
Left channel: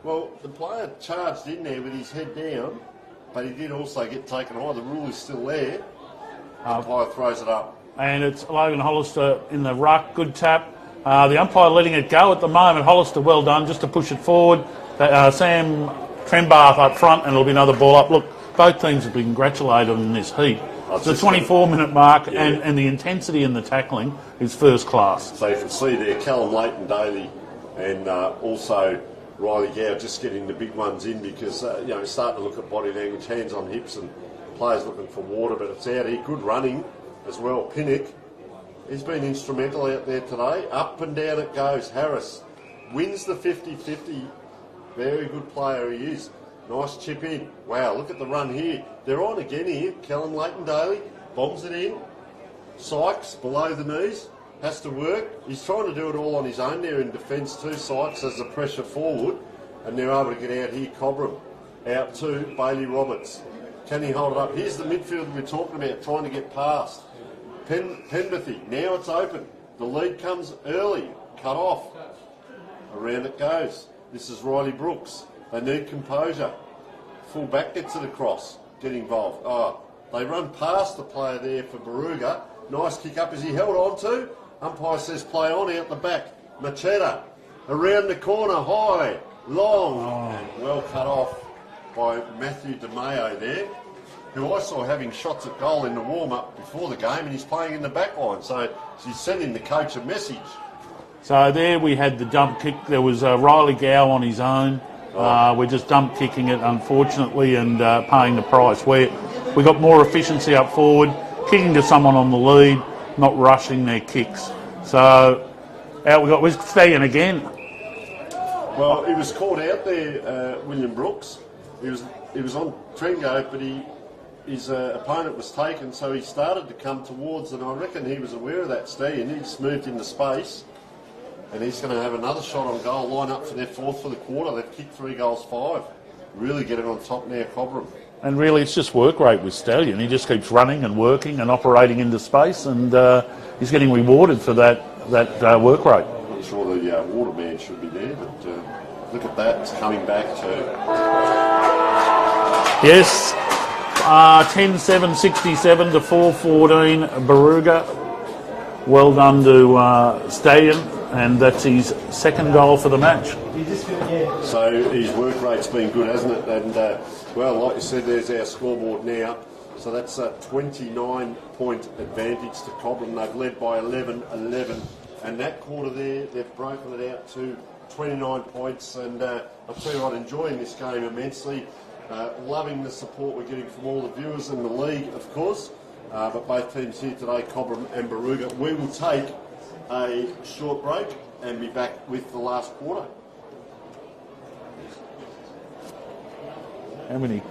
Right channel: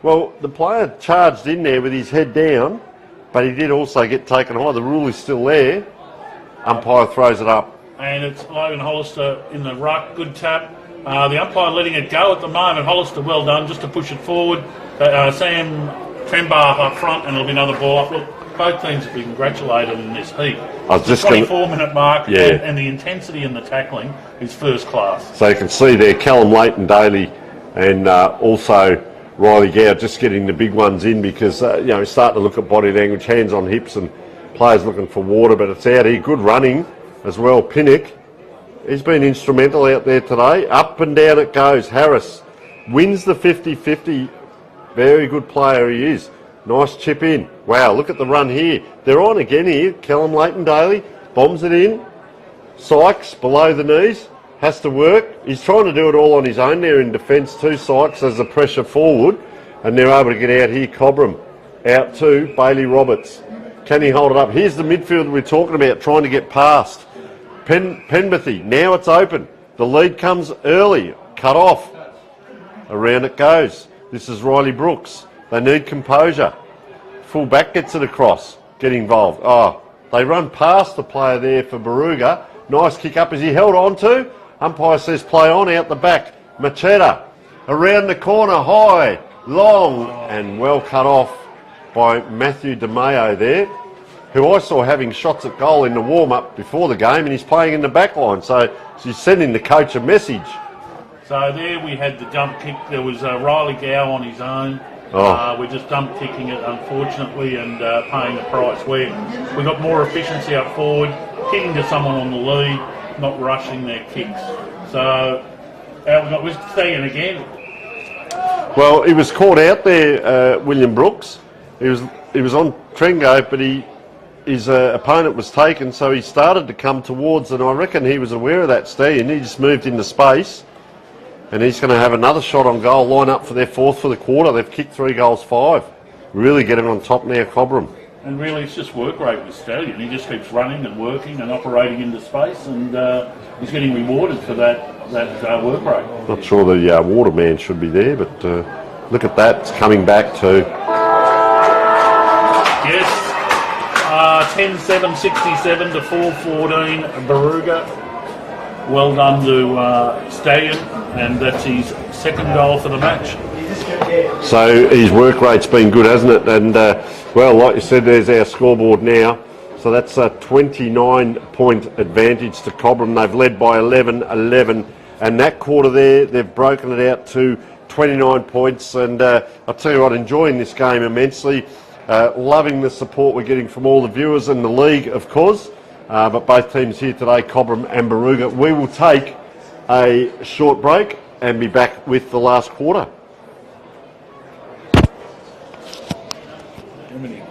well, the player charged in there with his head down, but he did also get taken high. The rule is still there. Umpire throws it up. And it's Logan Hollister in the ruck. Good tap. The umpire letting it go at the moment. Hollister, well done, just to push it forward. Sam Trembath up front, and it'll be another ball up. Look, both teams have been congratulated in this heat. The 24-minute mark, yeah. and the intensity in the tackling is first class. So you can see there Callum Leighton Daly and also Riley Gow just getting the big ones in because, starting to look at body language, hands on hips and players looking for water, but it's out here. Good running as well. Pinnock, he's been instrumental out there today. Up and down it goes. Harris wins the 50-50. Very good player he is. Nice chip in. Wow, look at the run here. They're on again here. Callum Leighton Daly bombs it in. Sykes below the knees. Has to work. He's trying to do it all on his own there in defence too. Sykes as the pressure forward. And they're able to get out here. Cobram out to Bailey Roberts. Can he hold it up? Here's the midfield we're talking about, trying to get past. Penberthy, now it's open. The lead comes early. Cut off. Around it goes. This is Riley Brooks. They need composure. Full back gets it across. Get involved. Oh, they run past the player there for Barooga. Nice kick up. Is he held on to? Umpire says play on out the back. Macheta around the corner, high, long, and well cut off by Matthew DeMayo there, who I saw having shots at goal in the warm-up before the game, and he's playing in the back line. So she's sending the coach a message. So there we had the dump kick. There was Riley Gow on his own. We're just dump kicking it, unfortunately, and paying the price. We got more efficiency up forward, kicking to someone on the lead, not rushing their kicks. So out we got. We're staying again. Well, he was caught out there, William Brooks. He was on Trengo, but his opponent was taken, so he started to come towards, and I reckon he was aware of that Stallion. He just moved into space. And he's going to have another shot on goal, line up for their fourth for the quarter. They've kicked 3 goals, 5. Really getting on top now, Cobram. And really, it's just work rate with Stallion. He just keeps running and working and operating into space, and he's getting rewarded for that work rate. Not sure the Waterman should be there, but look at that. It's coming back to... Yes, 10-7, 67 to 4-14, Barooga. Well done to Stallion, and that's his second goal for the match. So his work rate's been good, hasn't it? And, well, like you said, there's our scoreboard now. So that's a 29-point advantage to Cobram. They've led by 11. And that quarter there, they've broken it out to 29 points. And I'll tell you what, enjoying this game immensely. Loving the support we're getting from all the viewers in the league, of course. But both teams here today, Cobram and Barooga. We will take a short break and be back with the last quarter. How many?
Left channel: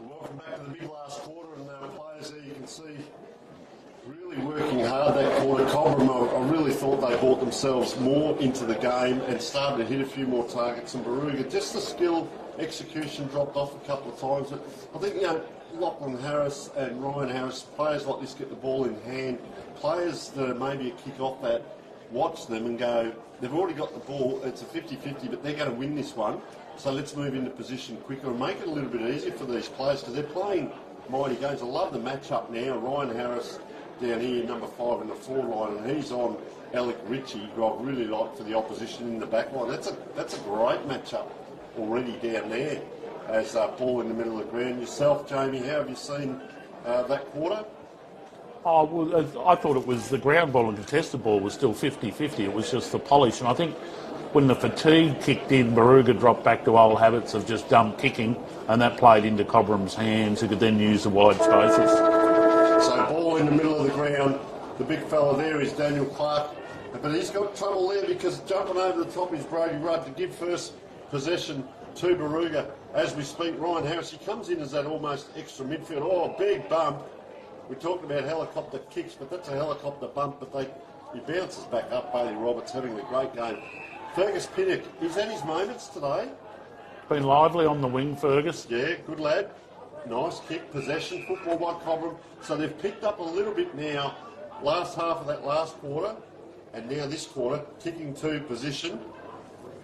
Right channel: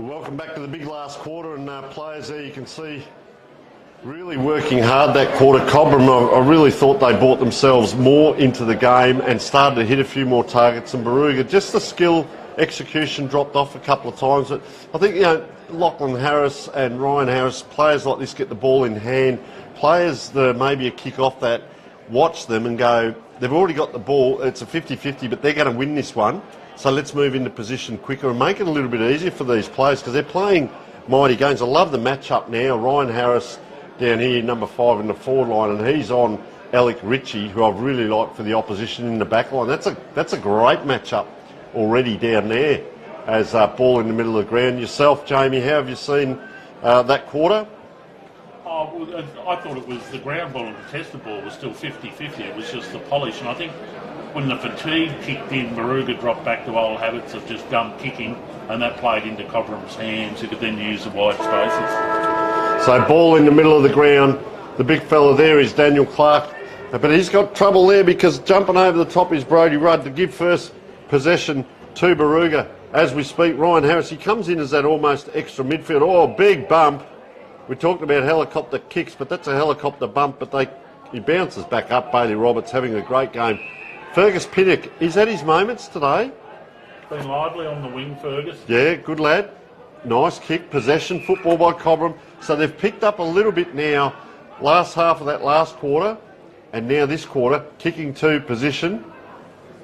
Welcome back to the big last quarter, and players there you can see really working hard that quarter. Cobram, I really thought they brought themselves more into the game and started to hit a few more targets than Barooga. Just the skill, execution dropped off a couple of times. But I think, you know, Lachlan Harris and Ryan Harris, players like this get the ball in hand. Players that are maybe a kick off that, watch them and go, they've already got the ball, it's a 50-50, but they're going to win this one. So let's move into position quicker and make it a little bit easier for these players because they're playing mighty games. I love the matchup now. Ryan Harris down here, number 5 in the forward line, and he's on Alec Ritchie, who I've really liked for the opposition in the back line. That's a great matchup already down there as ball in the middle of the ground. Yourself, Jamie, how have you seen that quarter? Oh, well, I thought it was the ground ball and contested ball was still 50-50. It was just the polish, and I think when the fatigue kicked in, Barooga dropped back to old habits of just dump kicking, and that played into Cobram's hands, who could then use the wide spaces. So ball in the middle of the ground. The big fella there is Daniel Clark, but he's got trouble there because jumping over the top is Brodie Rudd to give first possession to Barooga. As we speak, Ryan Harris, he comes in as that almost extra midfield. Oh, big bump. We talked about helicopter kicks, but that's a helicopter bump, but he bounces back up. Bailey Roberts having a great game. Fergus Pinnock, he's had his moments today. Been lively on the wing, Fergus. Yeah, good lad. Nice kick, possession, football by Cobram. So they've picked up a little bit now, last half of that last quarter, and now this quarter, kicking to position.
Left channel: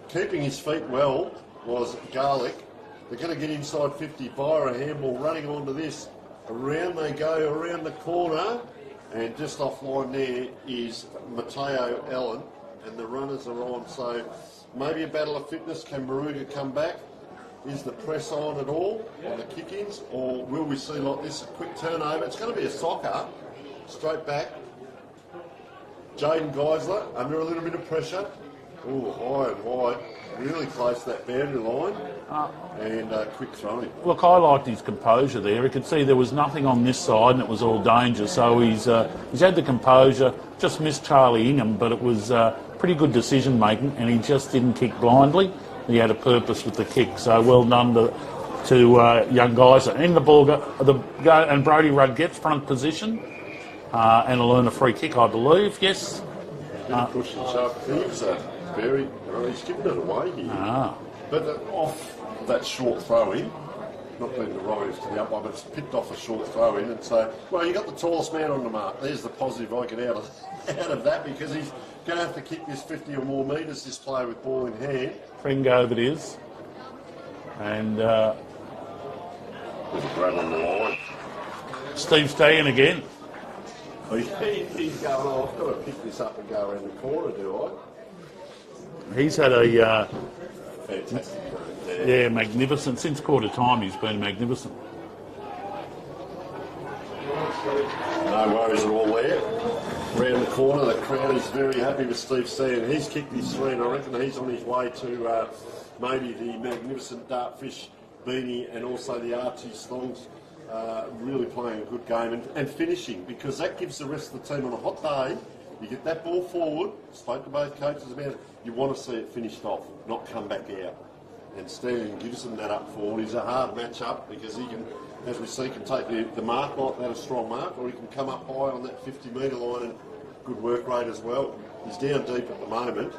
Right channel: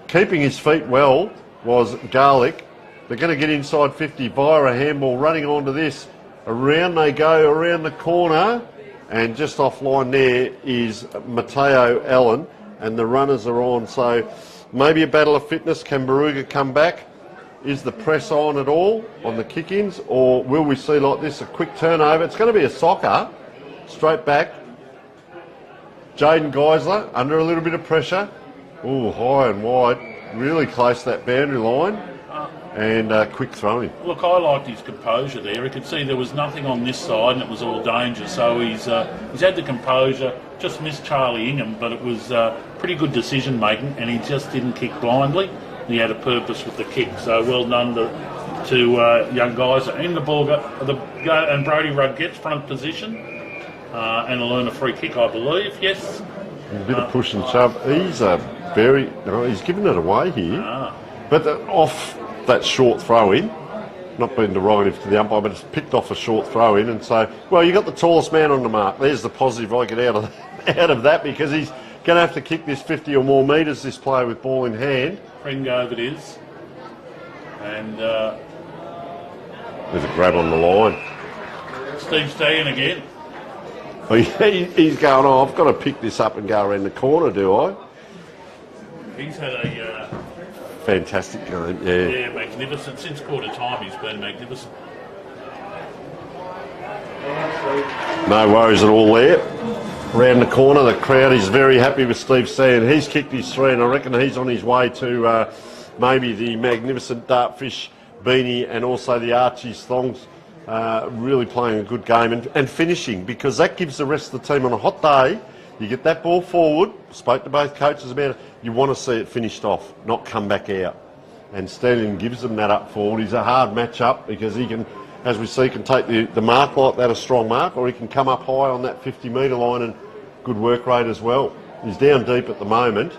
Keeping his feet well was Garlic. They're going to get inside 50 via a handball, running onto this. Around they go, around the corner, and just offline there is Matteo Allen. And the runners are on, so maybe a battle of fitness. Can Barooga come back? Is the press on at all on the kick-ins, or will we see like this, a quick turnover? It's going to be a soccer, straight back. Jaden Geisler under a little bit of pressure. Oh, high and wide, really close to that boundary line, and quick throwing. Look, I liked his composure there. He could see there was nothing on this side and it was all danger, so he's had the composure. Just missed Charlie Ingham, but it was pretty good decision making, and he just didn't kick blindly. He had a purpose with the kick, so well done to young guys. And the ball and Brodie Rudd gets front position and will earn a free kick, I believe. Yes. A bit of push and shove. He's given it away here, but off that short throw in. Not being derogative to the umpire, but it's picked off a short throw in, and so, well, you got the tallest man on the mark. There's the positive I get out of that, because he's going to have to kick this 50 or more metres, this player with ball in hand. Pregame it is. And there's a grab on the line. Steve Stagan again. He's going, I've got to pick this up and go around the corner, do I? He's had a fantastic game, yeah. Yeah, magnificent. Since quarter time, he's been magnificent. No worries at all there. Around the corner, the crowd is very happy with Steve Sand. He's kicked his 3, and I reckon he's on his way to maybe the magnificent Dartfish beanie and also the Archie's thongs. Really playing a good game and finishing, because that gives the rest of the team on a hot day. You get that ball forward, spoke to both coaches about it, you want to see it finished off, not come back out. And Sterling gives them that up forward. He's a hard match-up because he can, as we see, can take the mark like that, a strong mark, or he can come up high on that 50-metre line, and good work rate as well. He's down deep at the moment.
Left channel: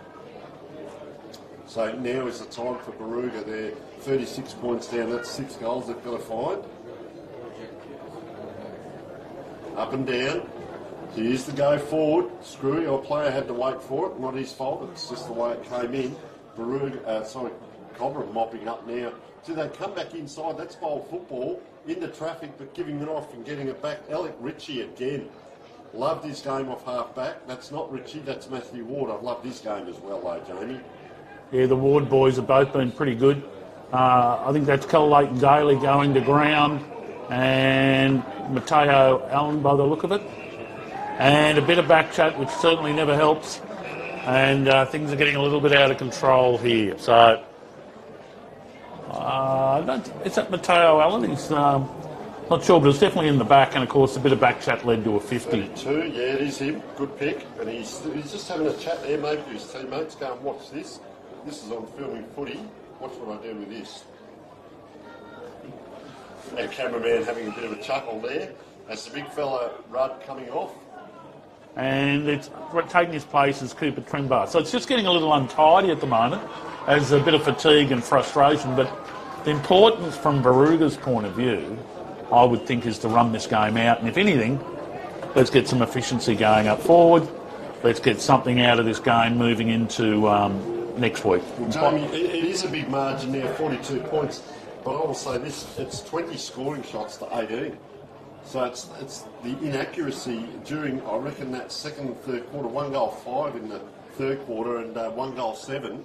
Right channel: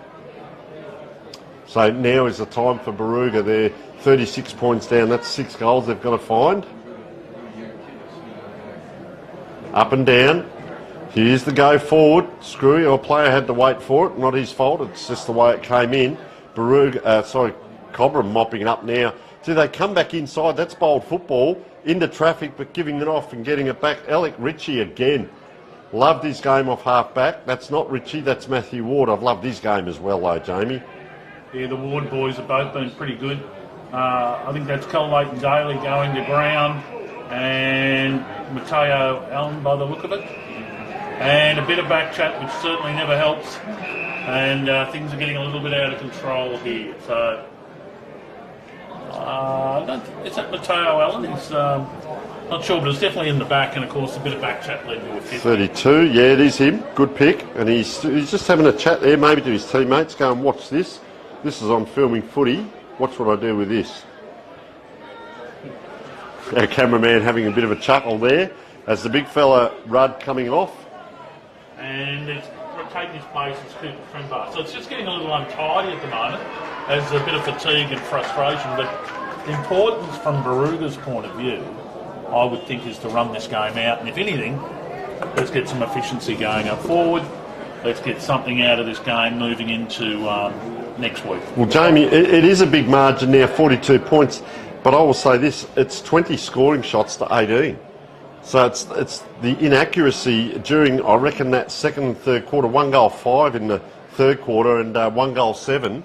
So now is the time for Barooga. They're 36 points down. That's 6 goals they've got to find. Up and down. Here's the go forward. Screwy, our player had to wait for it. Not his fault. It's just the way it came in. Cobram mopping it up now. Do they come back inside? That's bold football. Into traffic, but giving it off and getting it back. Alec Ritchie again. Loved his game off half-back. That's not Ritchie, that's Matthew Ward. I've loved his game as well, though, Jamie. Yeah, the Ward boys have both been pretty good. I think that's Cal Leighton Daly going to ground, and Matteo Allen by the look of it. And a bit of back chat, which certainly never helps. And things are getting a little bit out of control here. So, is that Matteo Allen? He's not sure, but it's definitely in the back. And, of course, a bit of back chat led to a 50. 32, yeah, it is him. Good pick. And he's just having a chat there, maybe to his teammates. Go and watch this. This is on filming footy. Watch what I do with this. Our cameraman having a bit of a chuckle there as the big fella Rudd coming off. And it's taking his place is Cooper Trimbar. So it's just getting a little untidy at the moment as a bit of fatigue and frustration. But the importance from Barooga's point of view, I would think, is to run this game out. And if anything, let's get some efficiency going up forward. Let's get something out of this game moving into next week. Well, Jamie, it is a big margin now, 42 points. But I will say this, it's 20 scoring shots to 18. So it's the inaccuracy during, I reckon, that second and third quarter. 1 goal 5 in the third quarter and 1 goal 7.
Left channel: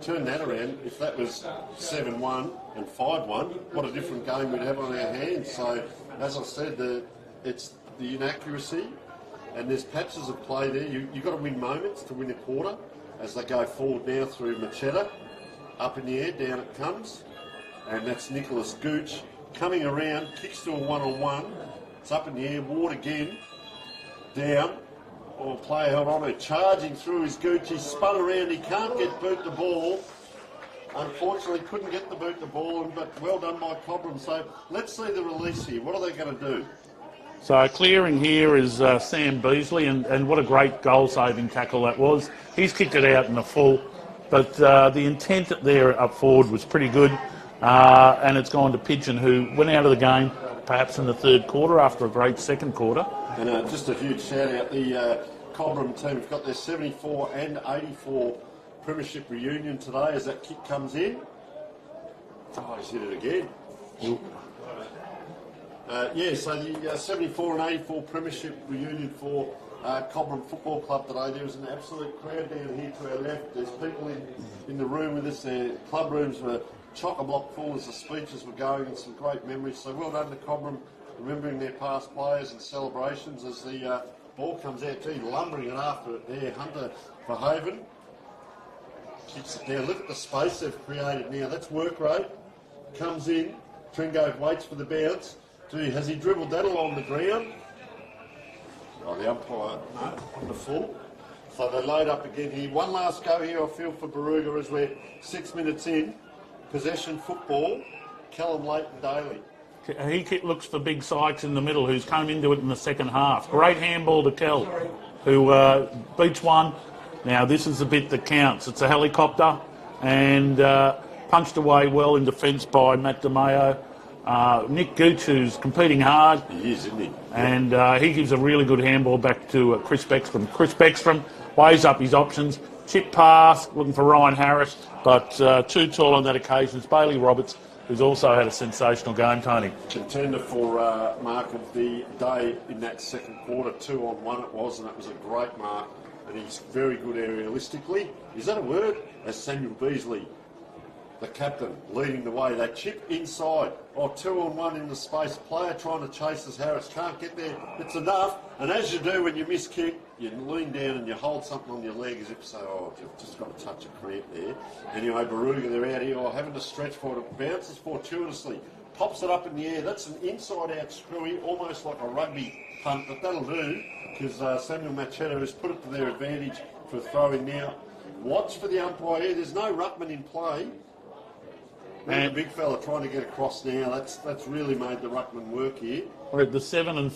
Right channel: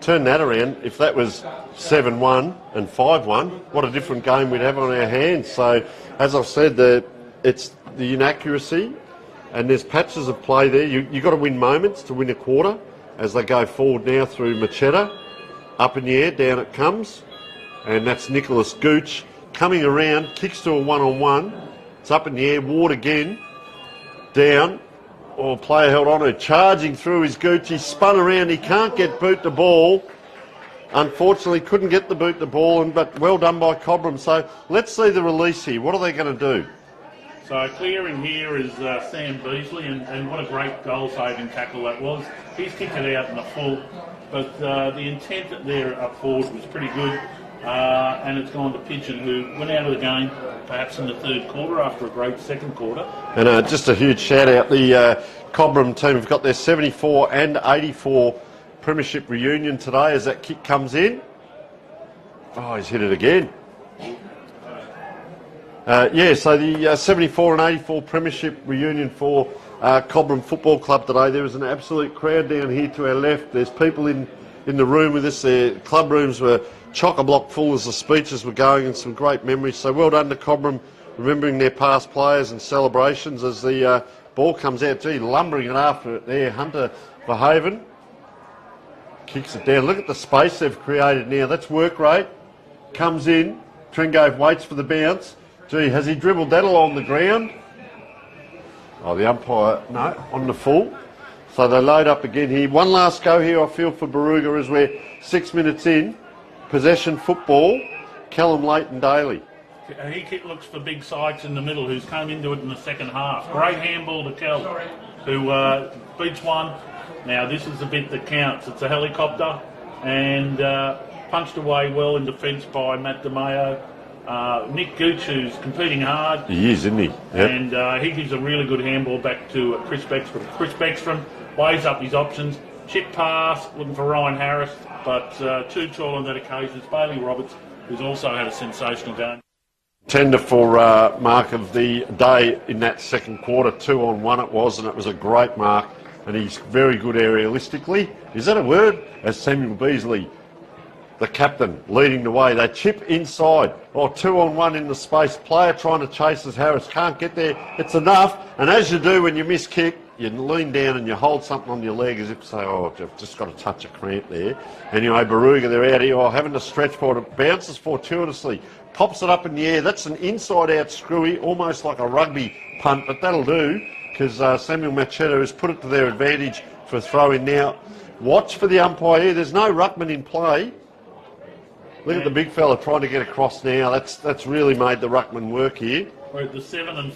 Turn that around. If that was 7-1 and 5-1, what a different game we'd have on our hands. So, as I've said, it's the inaccuracy, and there's patches of play there. You've got to win moments to win a quarter as they go forward now through Machetta. Up in the air, down it comes. And that's Nicholas Gooch coming around, kicks to a one-on-one. It's up in the air, Ward again, down. Or player held on to, charging through his Gooch. He spun around, he can't get boot the ball. Unfortunately, couldn't get the boot the ball, but well done by Cobram. So let's see the release here. What are they going to do? So clearing here is Sam Beasley, and what a great goal-saving tackle that was. He's kicked it out in the full, but the intent there up forward was pretty good. And it's gone to Pigeon, who went out of the game perhaps in the third quarter after a great second quarter. And just a huge shout out, the Cobram team have got their 74 and 84 premiership reunion today as that kick comes in. Oh, he's hit it again. So the 74 and 84 premiership reunion for Cobram Football Club today. There was an absolute crowd down here to our left. There's people in the room with us. Their club rooms were chock-a-block full as the speeches were going, and some great memories. So well done to Cobram, remembering their past players and celebrations as the ball comes out. Gee, lumbering it after it there. Hunter Verhaven kicks it down. Look at the space they've created now. That's work rate. Comes in. Trengove waits for the bounce. Gee, has he dribbled that along the ground? Oh, the umpire, no, on the full. So they load up again here. One last go here, I feel, for Barooga as we're 6 minutes in. Possession football, Callum Leighton-Daly. He looks for Big Sykes in the middle, who's come into it in the second half. Great handball to Kel, who beats one. Now, this is the bit that counts. It's a helicopter, and punched away well in defence by Matt DeMayo. Nick Gooch, who's competing hard. He is, isn't he? Yep. And he gives a really good handball back to Chris Beckstrom. Chris Beckstrom weighs up his options. Chip pass, looking for Ryan Harris, but too tall on that occasion is Bailey Roberts, who's also had a sensational game, Tony. Tender for mark of the day in that second quarter, 2-on-1 it was, and it was a great mark, and he's very good aerialistically. Is that a word? As Samuel Beasley, the captain, leading the way. They chip inside. 2-on-1 in the space. Player trying to chase as Harris can't get there. It's enough, and as you do when you miss kick, you lean down and you hold something on your leg as if to say, I've just got to touch a cramp there. Anyway, Barooga, they're out here, having to stretch for it. It bounces fortuitously, pops it up in the air. That's an inside-out screwy, almost like a rugby punt, but that'll do because Samuel Machetta has put it to their advantage for a throw-in now. Watch for the umpire. There's no ruckman in play. Look at the big fella trying to get across now. That's really made the ruckman work here. We're at the 7-minute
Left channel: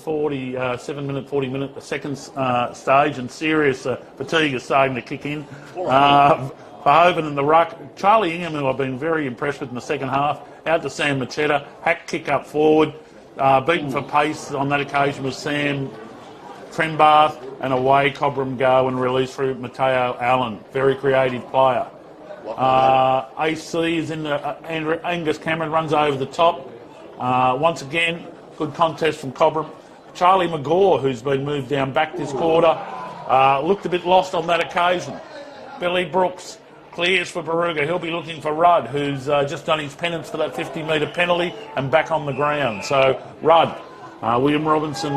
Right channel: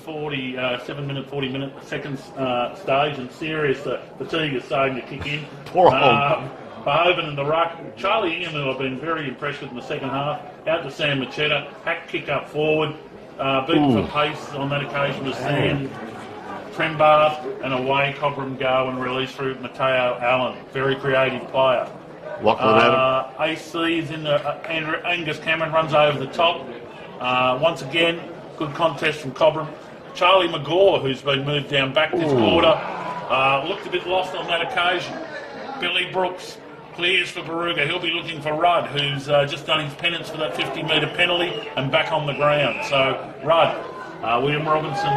40 second stage, and serious fatigue is starting to kick in. Verhoeven and the ruck. Charlie Ingham, who I've been very impressed with in the second half, out to Sam Machetta. Hack kick up forward. Beaten for pace on that occasion was Sam Trembath, and away Cobram go and release through Matteo Allen. Very creative player. AC is in the Angus Cameron runs over the top. Once again, good contest from Cobram. Charlie McGaw, who's been moved down back this quarter, looked a bit lost on that occasion. Billy Brooks clears for Barooga. He'll be looking for Rudd, who's just done his penance for that 50-metre penalty and back on the ground. So Rudd, William Robinson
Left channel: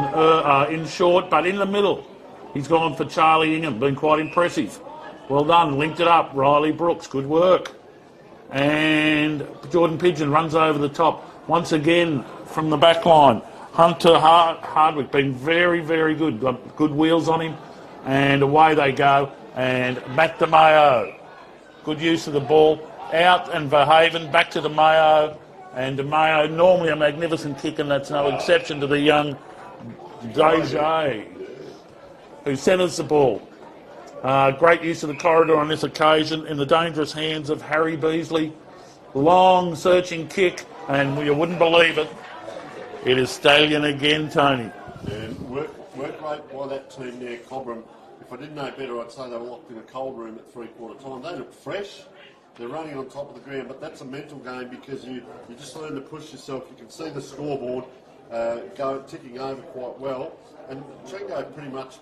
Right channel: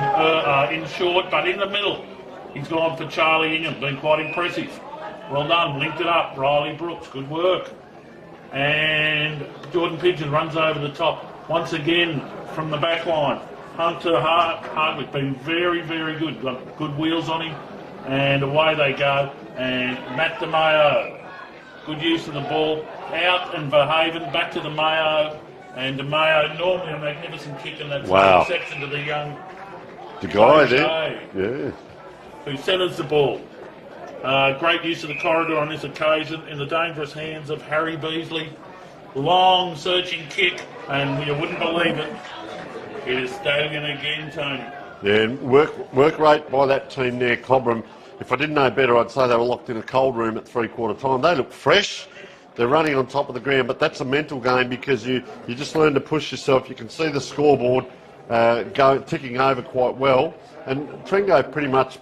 in short, but in the middle, he's gone for Charlie Ingham, been quite impressive. Well done, linked it up. Riley Brooks, good work. And Jordan Pigeon runs over the top. Once again, from the back line, Hunter Hardwick, been very, very good. Got good wheels on him. And away they go. And Matt DeMayo, good use of the ball. Out and Verhaven, back to the Mayo. And DeMayo, normally a magnificent kick, and that's Wow. no exception to the young The guy Jay, there. Yeah. who centres the ball. Great use of the corridor on this occasion in the dangerous hands of Harry Beasley. Long searching kick, and you wouldn't believe it. It is Stallion again, Tony. Yeah, and work rate by that team there, Cobram. If I didn't know better, I'd say they were locked in a cold room at three-quarter time. They look fresh. They're running on top of the ground, but that's a mental game because you just learn to push yourself. You can see the scoreboard ticking over quite well. And Trengo pretty much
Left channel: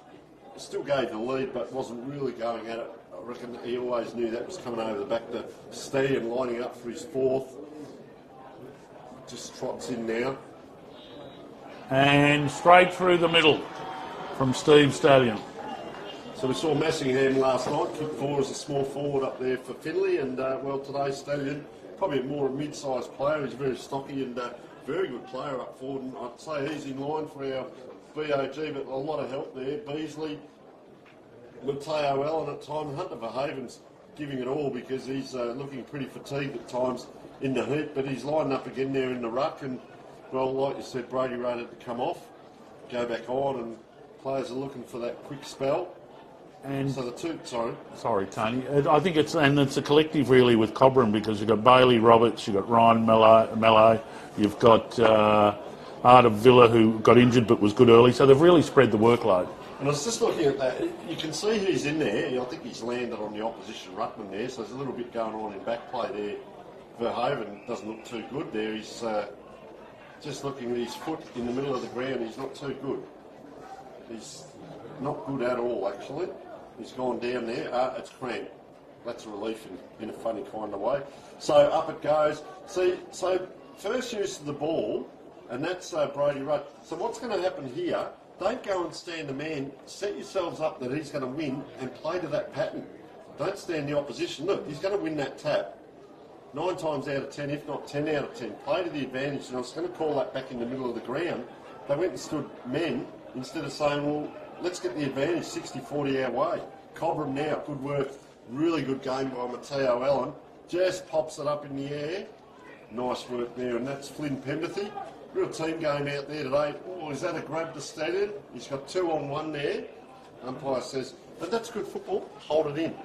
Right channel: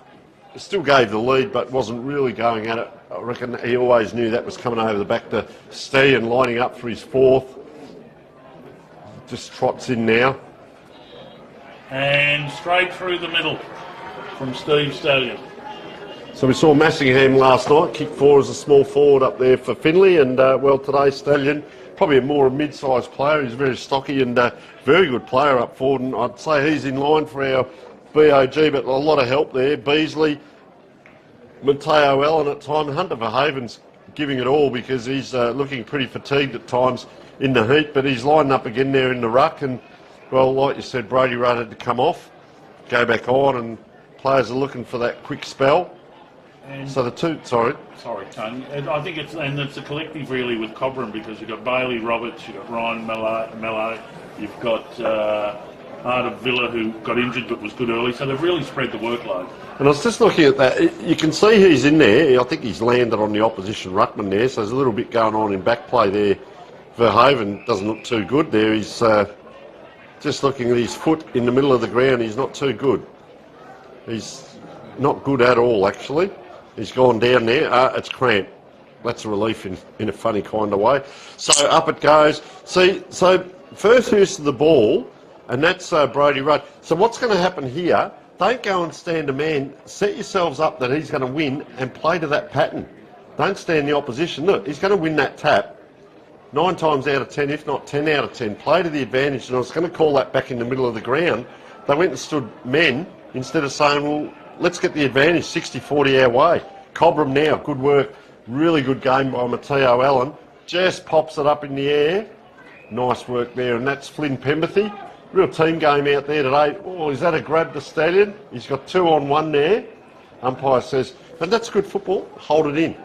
still gave the lead, but wasn't really going at it. I reckon he always knew that was coming over the back to Stallion, lining up for his fourth. Just trots in now. And straight through the middle from Steve Stallion. So we saw Massingham last night, kick four as a small forward up there for Finley, and well, today Stallion, probably a more mid-sized player. He's very stocky and very good player up forward, and I'd say he's in line for our BOG, but a lot of help there. Beasley, Mateo Allen at times. Hunter Verhaven's giving it all because he's looking pretty fatigued at times in the heat, but he's lining up again there in the ruck, and well, like you said, Brody Rudd had to come off, go back on, and players are looking for that quick spell. And So the two, sorry, Tony. I think it's a collective really with Cobram, because you've got Bailey Roberts, you've got Ryan Mello, you've got Art Villa, who got injured but was good early, so they've really spread the workload. and I was just looking at that. You can see he's in there. I think he's landed on the opposition ruckman there, so there's a little bit going on in back play there. Verhaven doesn't look too good there. He's just looking at his foot in the middle of the ground. He's not too good. He's not good at all, actually. He's gone down there. It's cramped. That's a relief in a funny kind of way. So up it goes. See, so first use of the ball, and that's Brody Rudd. So what's going to happen here, don't go and stand a man. Set yourselves up that he's going to win and play to that pattern. Don't stand the opposition. Look, he's going to win that tap. 9 times out of 10, if not 10 out of 10, play to the advantage. And I was going to call that back in the middle of the ground. They went and stood men instead of saying, well, let's get the advantage 60-40 our way. Cobram now, good work. Really good game by Mateo Allen. Just pops it up in the air. Nice work there. And that's Flynn Pemberthy. Real team game out there today. Oh, is that a grab to Stallion? He's got 2-on-1 there. Umpire says, and that's good football. Hold it in.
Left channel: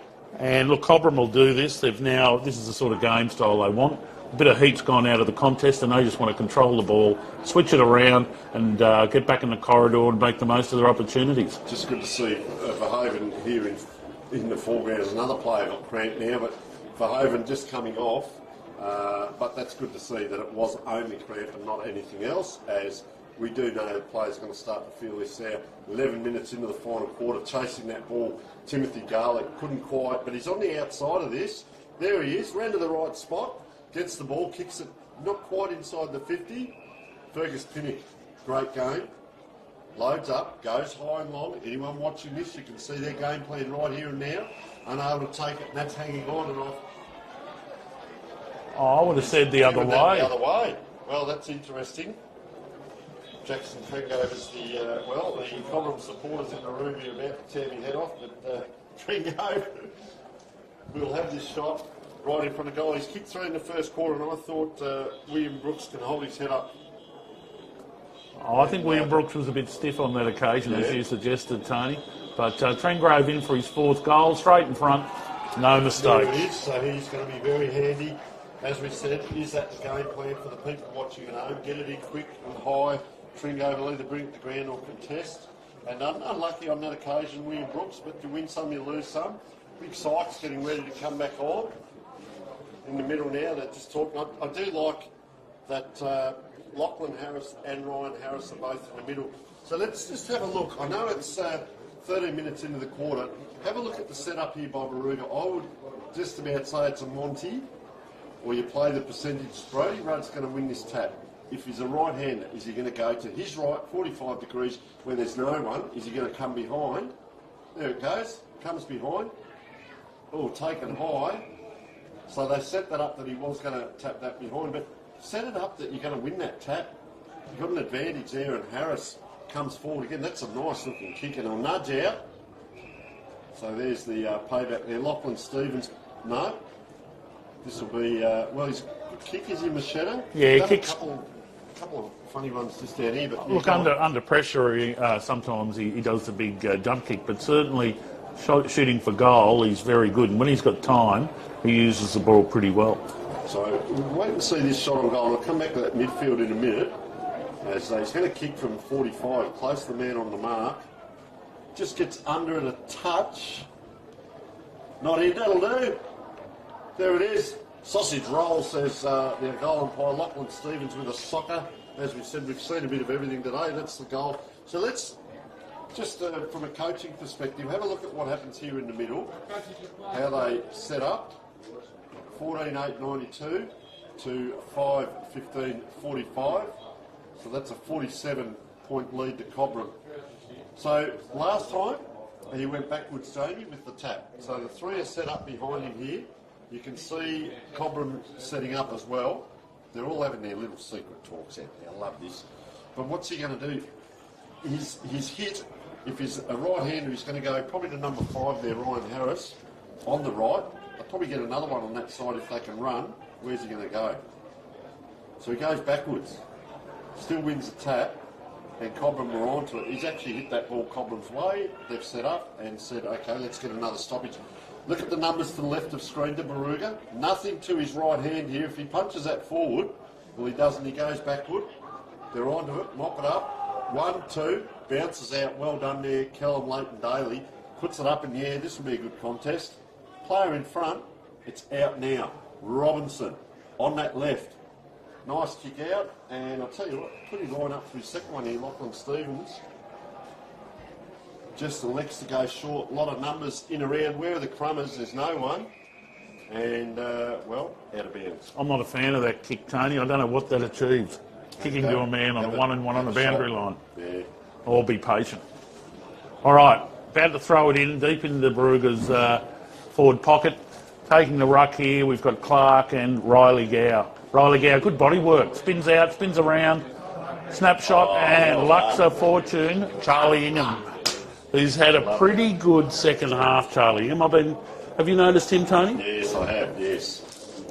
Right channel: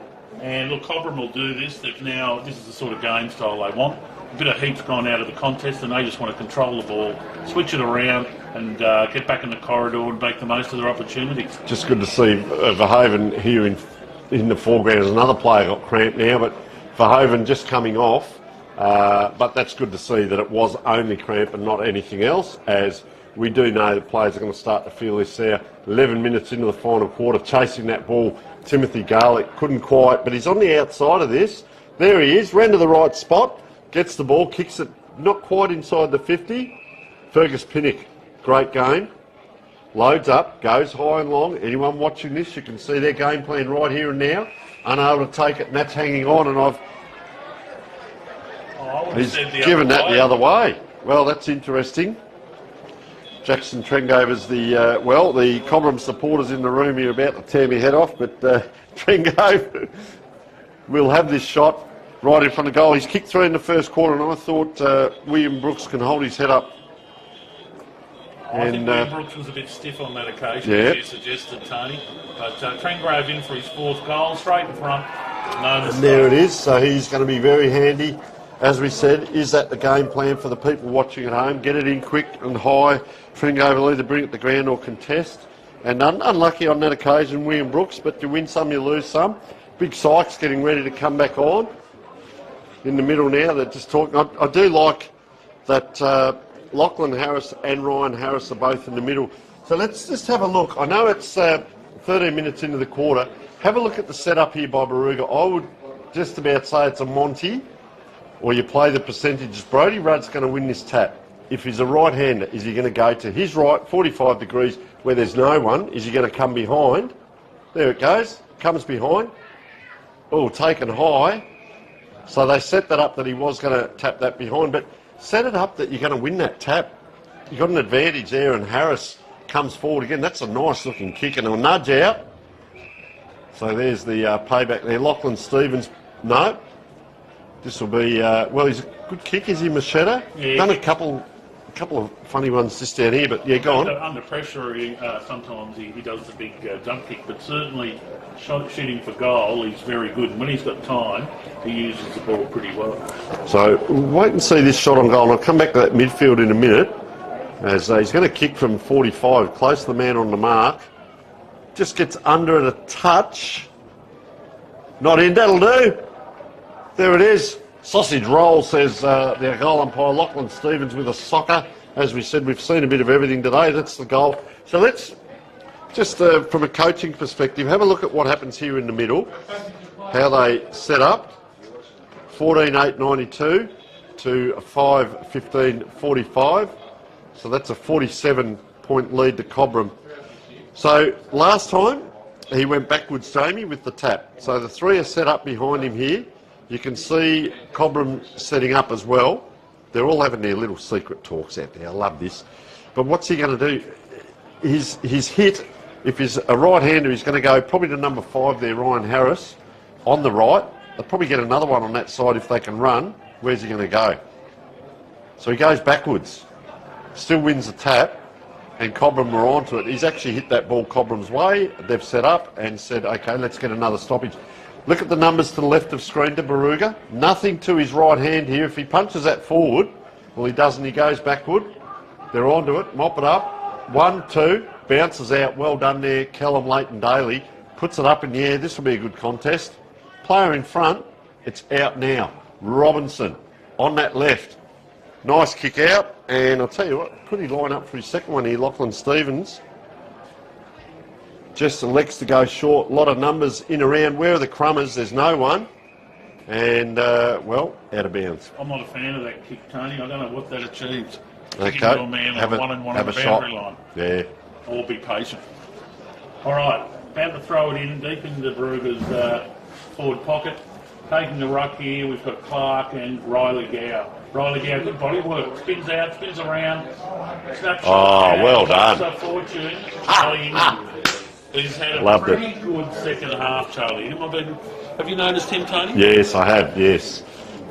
And look, Cobram will do this. This is the sort of game style they want. A bit of heat's gone out of the contest, and they just want to control the ball, switch it around, and get back in the corridor and make the most of their opportunities. Just good to see Verhaven here in the foreground. As another player got cramped now, but Verhaven just coming off. But that's good to see that it was only cramp and not anything else, as we do know that players are going to start to feel this there. 11 minutes into the final quarter, chasing that ball. Timothy Garlick couldn't quite, but he's on the outside of this. There he is, ran to the right spot, gets the ball, kicks it not quite inside the 50. Fergus Pinnock, great game. Loads up, goes high and long. Anyone watching this, you can see their game plan right here and now. Unable to take it, and that's hanging on, and I would have said the given other that way. the other way. Well, that's interesting. Jackson Trengover's the Cobram supporters in the room here about to tear me head off, but Trengove will have this shot right in front of goal. He's kicked through in the first quarter, and I thought William Brooks can hold his head up. I think William Brooks was a bit stiff on that occasion, as you suggested, Tony. But Trengrove in for his fourth goal, straight in front, no mistake. And there it is, so he's going to be very handy. As we said, is that the game plan for the people watching at home? Get it in quick and high. Trengover will either bring it to ground or contest. And unlucky on that occasion, William Brooks, but you win some, you lose some. Big Sykes getting ready to come back on. In the middle now, they're just talking. I do like that Lachlan Harris and Ryan Harris are both in the middle. So let's just have a look. I know it's 13 minutes into the quarter. Have a look at the setup here by Barooga. I would just about say it's a Monty, or you play the percentages. Brody Rudd's going to win this tap. If he's a right-hander, is he going to go to his right, 45 degrees, where there's no one? Is he going to come behind? There it goes. Comes behind. Oh, taken high. So they set that up that he was going to tap that behind, but set it up that you're going to win that tap. You've got an advantage there, and Harris comes forward again. That's a nice-looking kick, and a nudge out. So there's the payback there. Lachlan Stevens, no. This will be, well, he's a good kick, is he, Machetta? Yeah, Done a couple of funny ones just down here, but yeah, Look, go on. under pressure, sometimes he does the big jump kick, but certainly shooting for goal, he's very good. And when he's got time, he uses the ball pretty well. So we'll wait and see this shot on goal. And I'll come back to that midfield in a minute, as he's going to kick from 45, close to the man on the mark. Just gets under it a touch. Not in, that'll do. There it is. Sausage roll, says their goal umpire, Lachlan Stevens, with a socker. As we said, we've seen a bit of everything today. That's the goal. So let's, just from a coaching perspective, have a look at what happens here in the middle. How they set up. 14-8-92 to 5-15-45. So that's a 47-point lead to Cobram. So last time, he went backwards, Jamie, with the tap. So the three are set up behind him here. You can see Cobram setting up as well. They're all having their little secret talks out there. I love this. But what's he going to do? His hit, if he's a right-hander, he's going to go probably to number 5 there, Ryan Harris, on the right. They'll probably get another one on that side if they can run. Where's he going to go? So he goes backwards. Still wins the tap. And Cobram were onto it. He's actually hit that ball Cobram's way. They've set up and said, OK, let's get another stoppage. Look at the numbers to the left of screen to Barooga. Nothing to his right hand here. If he punches that forward, well, he doesn't. He goes backward. They're onto it. Mop it up. 1, 2. Bounces out. Well done there, Callum Leighton-Daly. Puts it up in the air. This will be a good contest. Player in front. It's out now. Robinson on that left. Nice kick out. And I'll tell you what, could he line up for his second one here, Lachlan Stevens? Just elects to go short. A lot of numbers in around. Where are the crummers? There's no one. And, well, out of bounds. I'm not a fan of that kick, Tony. I don't know what that achieves. Kicking Okay. to a man on one on the boundary line. Yeah. I'll be patient. All right, about to throw it in deep into Barooga's forward pocket. Taking the ruck here, we've got Clark and Riley Gow. Riley Gow, good body work. Spins out, spins around. Snapshot. And well lots done. of fortune. Charlie Ingham, who's had a pretty good second half, Charlie Ingham. Have you noticed him, Tony? Yes, I have, yes.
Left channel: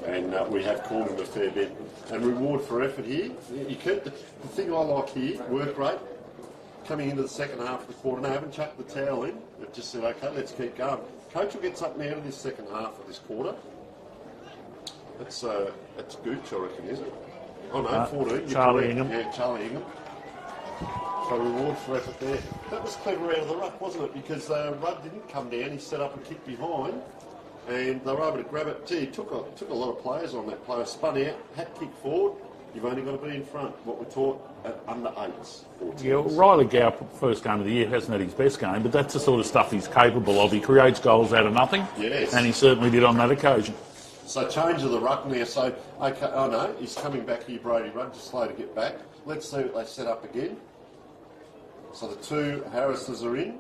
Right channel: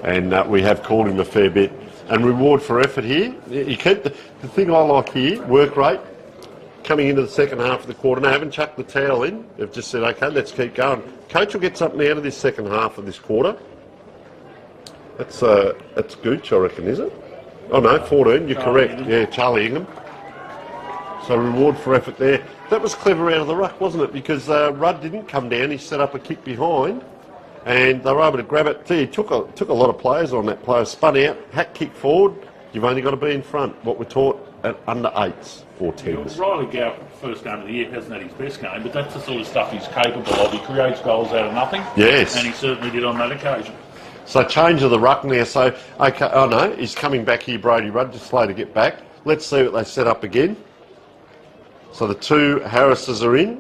And we have called him a fair bit. And reward for effort here. You keep the thing I like here, work rate, coming into the second half of the quarter. They haven't chucked the towel in. They've just said, OK, let's keep going. Coach will get something out of this second half of this quarter. That's Gooch, I reckon, is it? Oh, no, 14, you're Charlie correct. Ingham. Yeah, Charlie Ingham. So reward for effort there. That was clever out of the ruck, wasn't it? Because Rudd didn't come down. He set up a kick behind. And they were able to grab it. See, he took a lot of players on that player. Spun out, hat kick forward. You've only got to be in front. What we're taught at under 8s or 10s. Yeah, Riley Gow, first game of the year, hasn't had his best game, but that's the sort of stuff he's capable of. He creates goals out of nothing. Yes. And he certainly did on that occasion. So change of the ruck now. So, OK, oh no, he's coming back here, Brody Rudd, just slow to get back. Let's see what they set up again. So the 2 Harrises are in.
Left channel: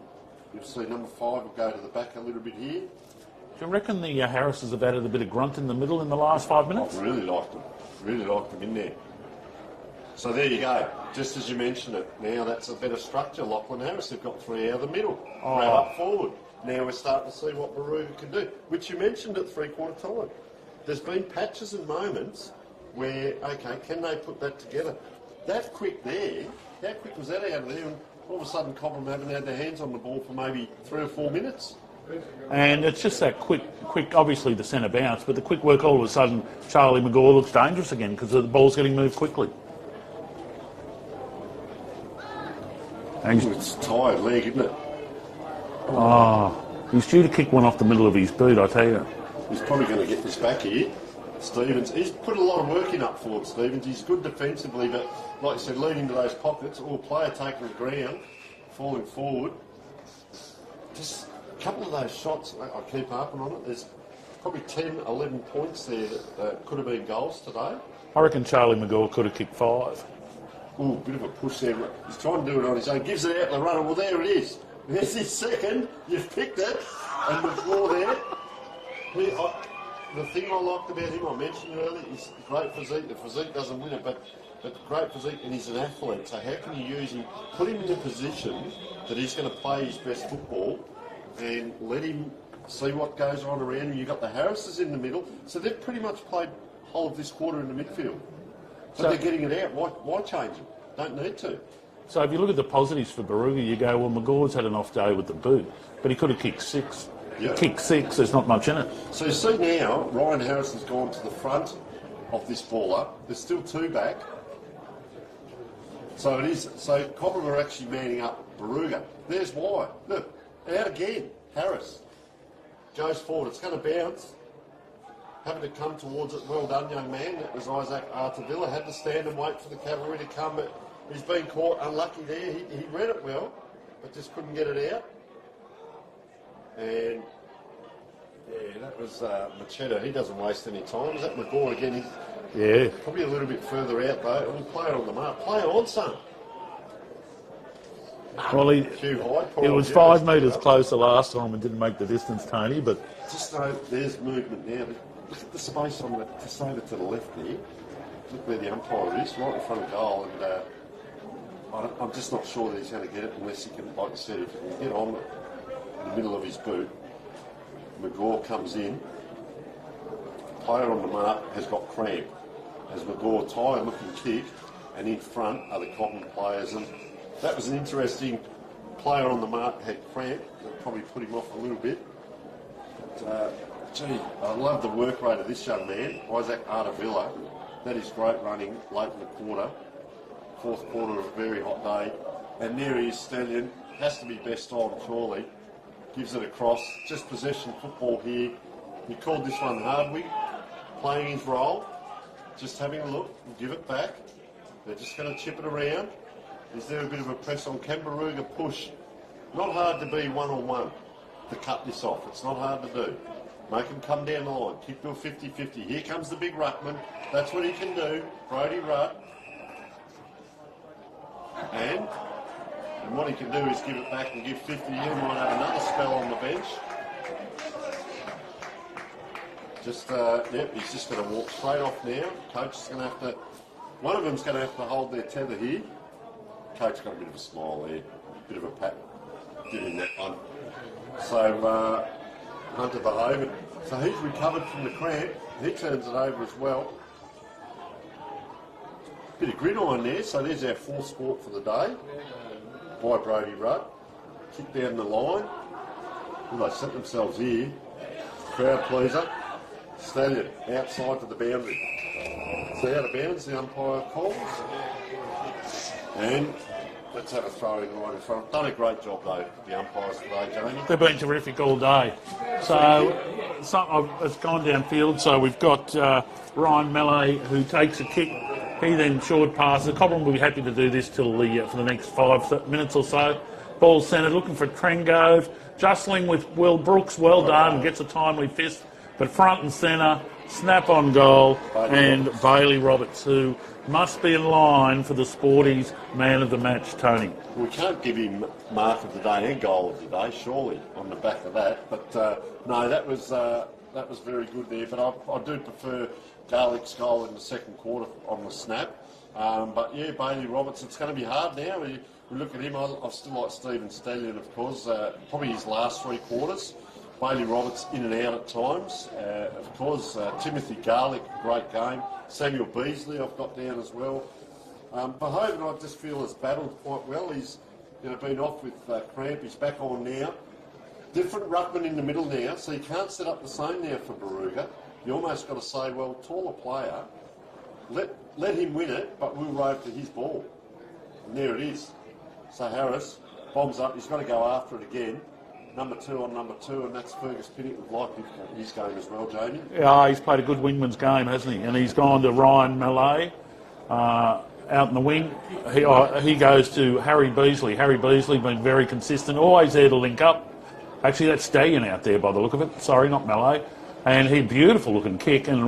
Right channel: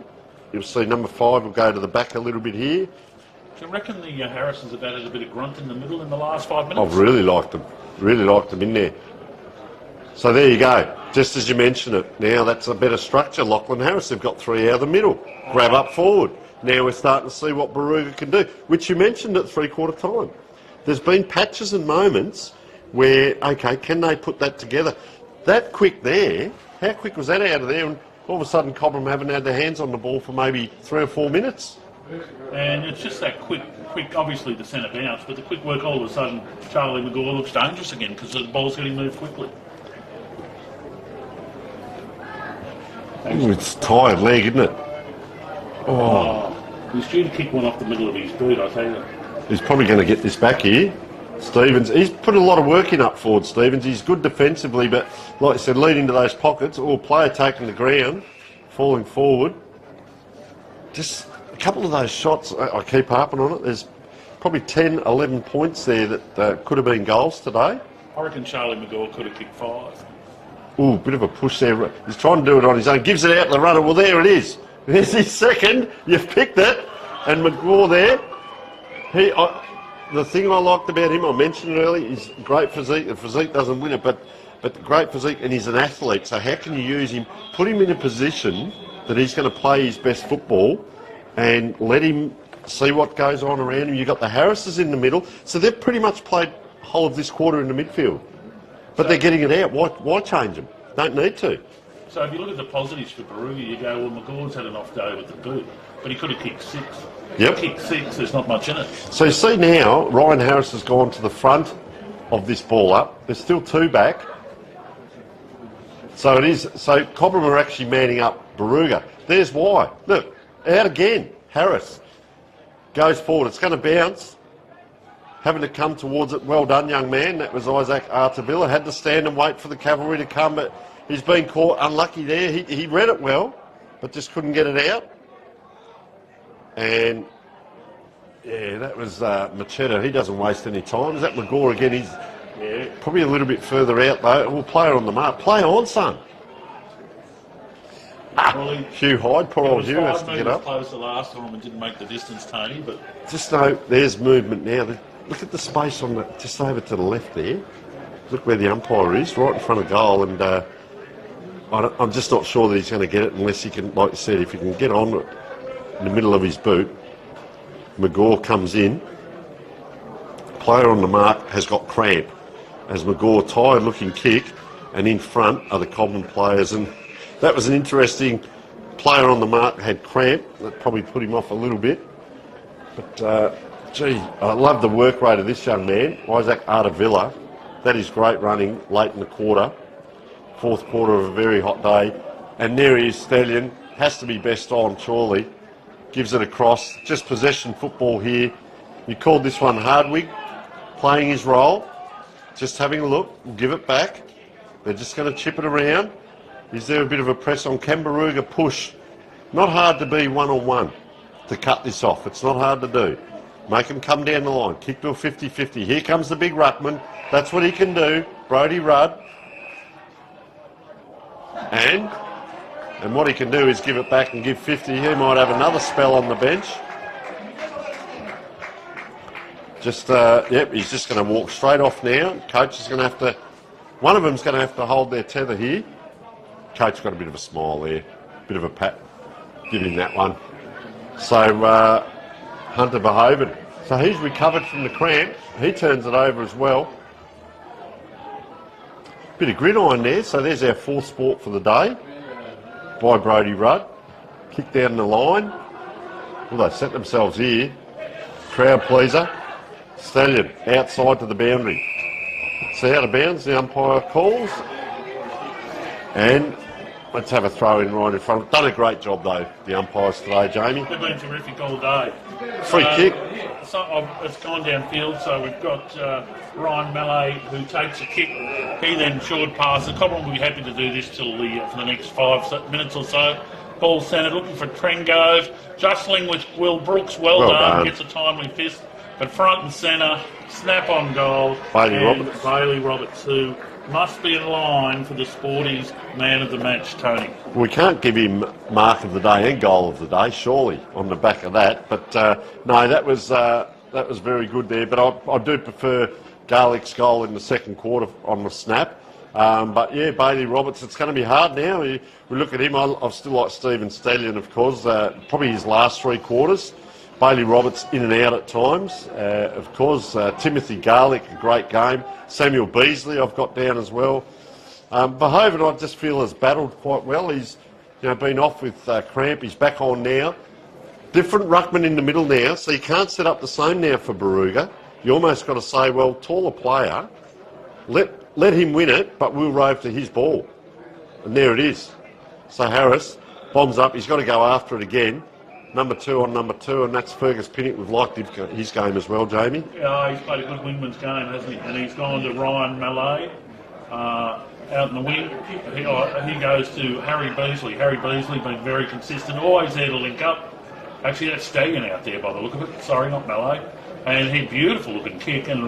You'll see number 5 will go to the back a little bit here. Do you reckon the Harrisons have added a bit of grunt in the middle in the last 5 minutes? I've really liked them. Really liked them in there. So there you go. Just as you mentioned it. Now that's a better structure. Lachlan Harris, they've got 3 out of the middle. Grab up forward. Now we're starting to see what Barooga can do, which you mentioned at three-quarter time. There's been patches and moments where, OK, can they put that together? That quick there, how quick was that out of there? And all of a sudden Cobram haven't had their hands on the ball for maybe 3 or 4 minutes. And it's just that quick, obviously the centre bounce, but the quick work, all of a sudden, Charlie McGaw looks dangerous again because the ball's getting moved quickly. It's a tired leg, isn't it? Oh, he's due to kick one off the middle of his boot, I tell you. He's probably going to get this back here. Stevens, he's put a lot of work in up forward, Stevens. He's good defensively, but like I said, leading to those pockets, or player taking the ground, falling forward. Just a couple of those shots, I keep harping on it. There's probably 10, 11 points there that could have been goals today. I reckon Charlie McGaw could have kicked 5. Ooh, bit of a push there. He's trying to do it on his own. Gives it out to the runner. Well, there it is. There's his second. You've picked it. And McGaw there. The thing I liked about him, I mentioned it earlier, is great physique. The physique doesn't win it, but great physique, and he's an athlete. So how can you use him? Put him in a position that he's going to play his best football and let him see what goes on around him. You've got the Harrises in the middle. So they've pretty much played the whole of this quarter in the midfield. But they're getting it out. Why change them? Don't need to. So if you look at the positives for Barooga, you go, well, McGaw's had an off day with the boot, but he could have kicked 6. Yep. Kick 6, there's not much in it. So you see now, Ryan Harris has gone to the front of this ball up. There's still 2 back. So it is. So Cobram are actually manning up Barooga. There's why. Look, out again. Harris goes forward. It's going to bounce. Having to come towards it. Well done, young man. That was Isaac Artavilla. Had to stand and wait for the cavalry to come, but he's been caught unlucky there. He read it well, but just couldn't get it out. And yeah, that was Machetta. He doesn't waste any time. Is that McGaw again? He's probably a little bit further out though. We'll play her on the mark. Play on, son. Well, Hugh Hyde, poor It old was Hugh has 5 to get metres up. closer last time and didn't make the distance, Tony, but Just know there's movement now. Look at the space on the just over to the left there. Look where the umpire is, right in front of goal, and I'm just not sure that he's going to get it unless he can, like you said, if he can get on it in the middle of his boot. McGaw comes in. Player on the mark has got cramp. As McGaw tired-looking kick, and in front are the Cobram players, and that was an interesting. Player on the mark had cramp. That probably put him off a little bit. But, gee, I love the work rate of this young man, Isaac Artavilla. That is great running late in the quarter. 4th quarter of a very hot day. And there he is, Stallion. Has to be best on, surely. Gives it across. Just possession football here. You called this one Hardwig, playing his role. Just having a look. We'll give it back. They're just going to chip it around. Is there a bit of a press on? Can Barooga push? Not hard to be one-on-one to cut this off. It's not hard to do. Make him come down the line. Kick to a 50-50. Here comes the big ruckman. That's what he can do. Brodie Rudd. And what he can do is give it back and give 50. He might have another spell on the bench. Just, yep, he's just going to walk straight off now. Coach is going to have to, one of them's going to have to hold their tether here. Coach got a bit of a smile there, bit of a pat, give him that one. So Hunter Verhoeven, so he's recovered from the cramp. He turns it over as well. Bit of gridiron there, so there's our 4th sport for the day by Brodie Rudd. Kick down the line. Well, they set themselves here. Crowd pleaser. Stallion outside to the boundary. It's out of bounds, the umpire calls. And let's have a throw in right in front. Done a great job though, the umpires today, Jamie. they've been terrific all day. Free kick. So it's gone downfield, so we've got Ryan Melee who takes a kick. He then short passes. Cobram will be happy to do this till for the next 5 minutes or so. Ball centred, looking for Trengove. Jostling with Will Brooks. Well done. Gets a timely fist. But front and centre, snap on goal. Bailey Roberts, who must be in line for the Sporties man of the match, Tony. We can't give him mark of the day and goal of the day, surely, on the back of that. But no, that was very good there. But I do prefer Garlick's goal in the 2nd quarter on the snap. But yeah, Bailey Roberts, it's going to be hard now. We look at him. I still like Stephen Stallion, of course. Probably his last 3 quarters. Bailey Roberts in and out at times. Of course, Timothy Garlick, a great game. Samuel Beasley I've got down as well. Verhoeven I just feel has battled quite well. He's been off with cramp. He's back on now. Different ruckman in the middle now, so you can't set up the same now for Barooga. You almost got to say, well, taller player, let him win it, but we'll rove to his ball. And there it is. So Harris bombs up. He's got to go after it again. Number 2 on number 2, and that's Fergus Pinnock. We've liked his game as well, Jamie. Yeah, he's played a good wingman's game, hasn't he? And he's gone to Ryan Melee out in the wing. He goes to Harry Beasley. Harry Beasley been very consistent, always there to link up. Actually, that's Stagan out there by the look of it. Sorry, not Melee. And he beautiful looking kick, and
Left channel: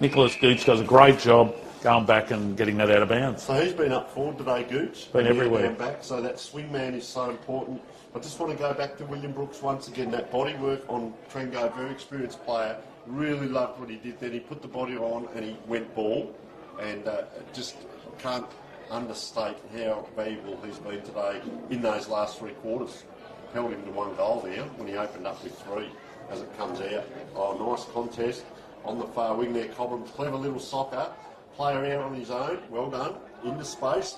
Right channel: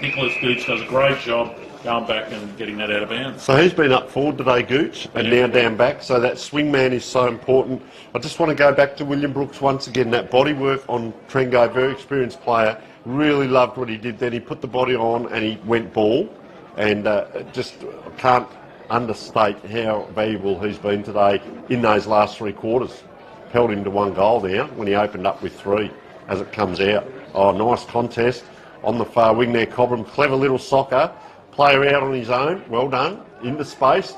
Nicholas Gooch does a great job going back and getting that out of bounds. So he's been up forward today, Gooch, and now down back. So that swing man is so important. I just want to go back to William Brooks once again. That body work on Trengo, very experienced player. Really loved what he did then. He put the body on and he went ball. And just can't understate how valuable he's been today in those last 3 quarters. held him to 1 goal now when he opened up with 3 as it comes out. Oh, nice contest on the far wing there, Cobram. Clever little soccer. Player out on his own. Well done. Into space.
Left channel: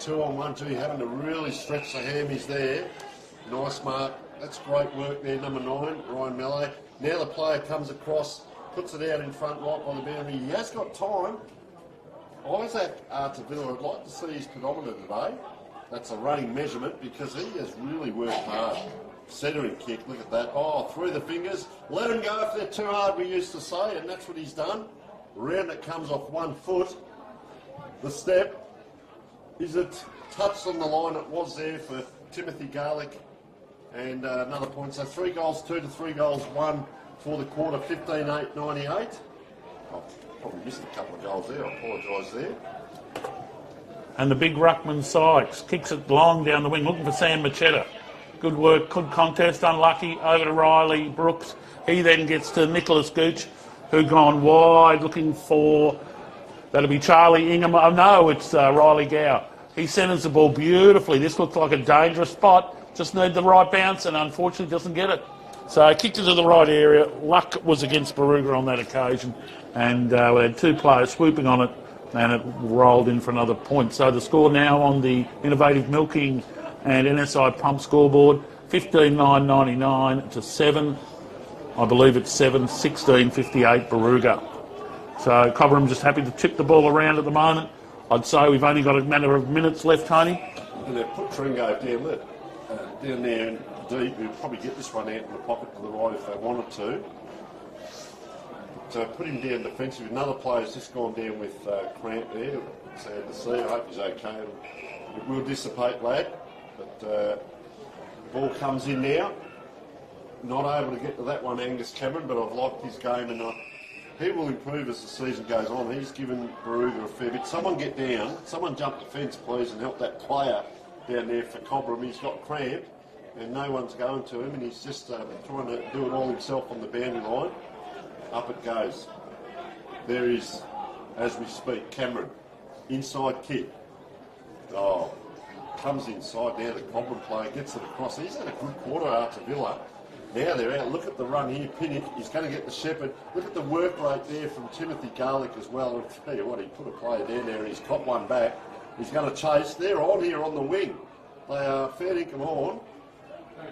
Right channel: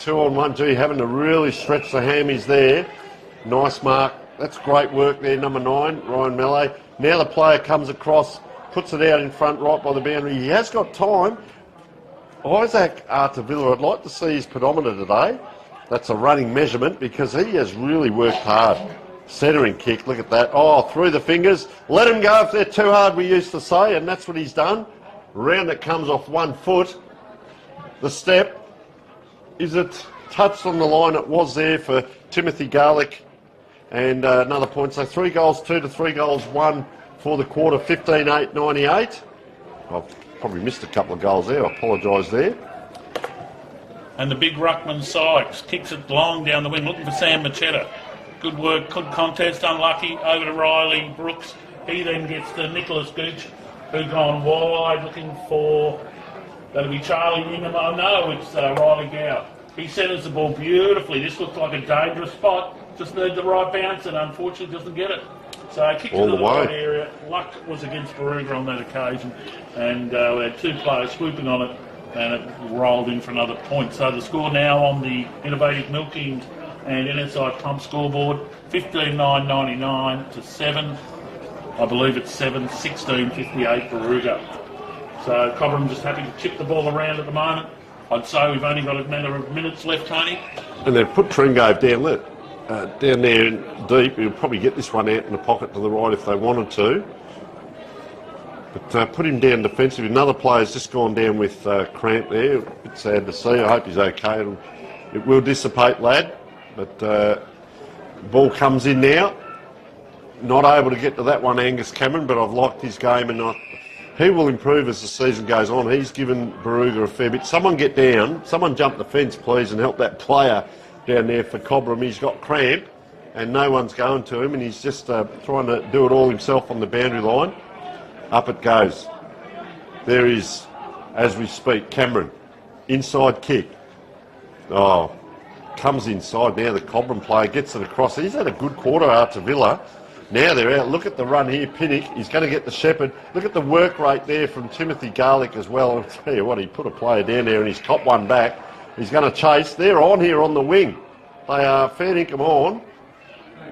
2-on-1. Gee, having to really stretch the hammies there. Nice mark. That's great work there, number 9, Ryan Mallet. Now the player comes across, puts it out in front right by the boundary. He has got time. Isaac Artavilla, I'd like to see his pedometer today. That's a running measurement because he has really worked hard. Centering kick, look at that. Oh, through the fingers. Let him go if they're too hard, we used to say, and that's what he's done. Round it comes off 1 foot. The step, is it touched on the line? It was there for Timothy Garlick. And another point, so 3 goals 2 to 3 goals 1 for the quarter, 15-8-98. I've probably missed a couple of goals there, I apologise there. And the big ruckman Sykes kicks it long down the wing, looking for Sam Machetta. Good work, good contest, unlucky, over to Riley Brooks. He then gets to Nicholas Gooch, who's gone wide, looking for, that'll be Charlie Ingham. Oh no, it's Riley Gow. He centres the ball beautifully. This looks like a dangerous spot. Just need the right bounce and unfortunately doesn't get it. So he kicked it to the right area. Luck was against Barooga on that occasion. And we had 2 players swooping on it and it rolled in for another point. So the score now on the Innovative Milking and NSI Pump scoreboard, 15-9-99 to 7. I believe it's 7-16-58 Barooga. So Cobram just happy to chip the ball around at the moment. I'd say we've only got a matter of minutes left, Tony. And they've put Tringove down there deep. He'll probably get this one out in the pocket to the right if they wanted to. But put him down defensively. Another player's just gone down with cramp there. A bit sad to see. I hope he's okay. It will dissipate, lad. But ball comes in now. Not able to get to that one, Angus Cameron, but I've liked his game and he will improve as the season goes on. He's given Barooga a fair bit. Someone get down. Someone jump the fence, please, and help that player down there for Cobram. He's got cramp and no one's going to him and he's just trying to do it all himself on the boundary line. Up it goes. There is, as we speak, Cameron. Inside kick. Oh, comes inside now. The Cobram player gets it across. He's had a good quarter after Villa. Now they're out. Look at the run here. Pinnock. He's going to get the Shepherd. Look at the work rate there from Timothy Garlick as well. I'll tell you what, he put a player down there and he's top one back. He's going to chase. They're on here on the wing. They are fair dinkum on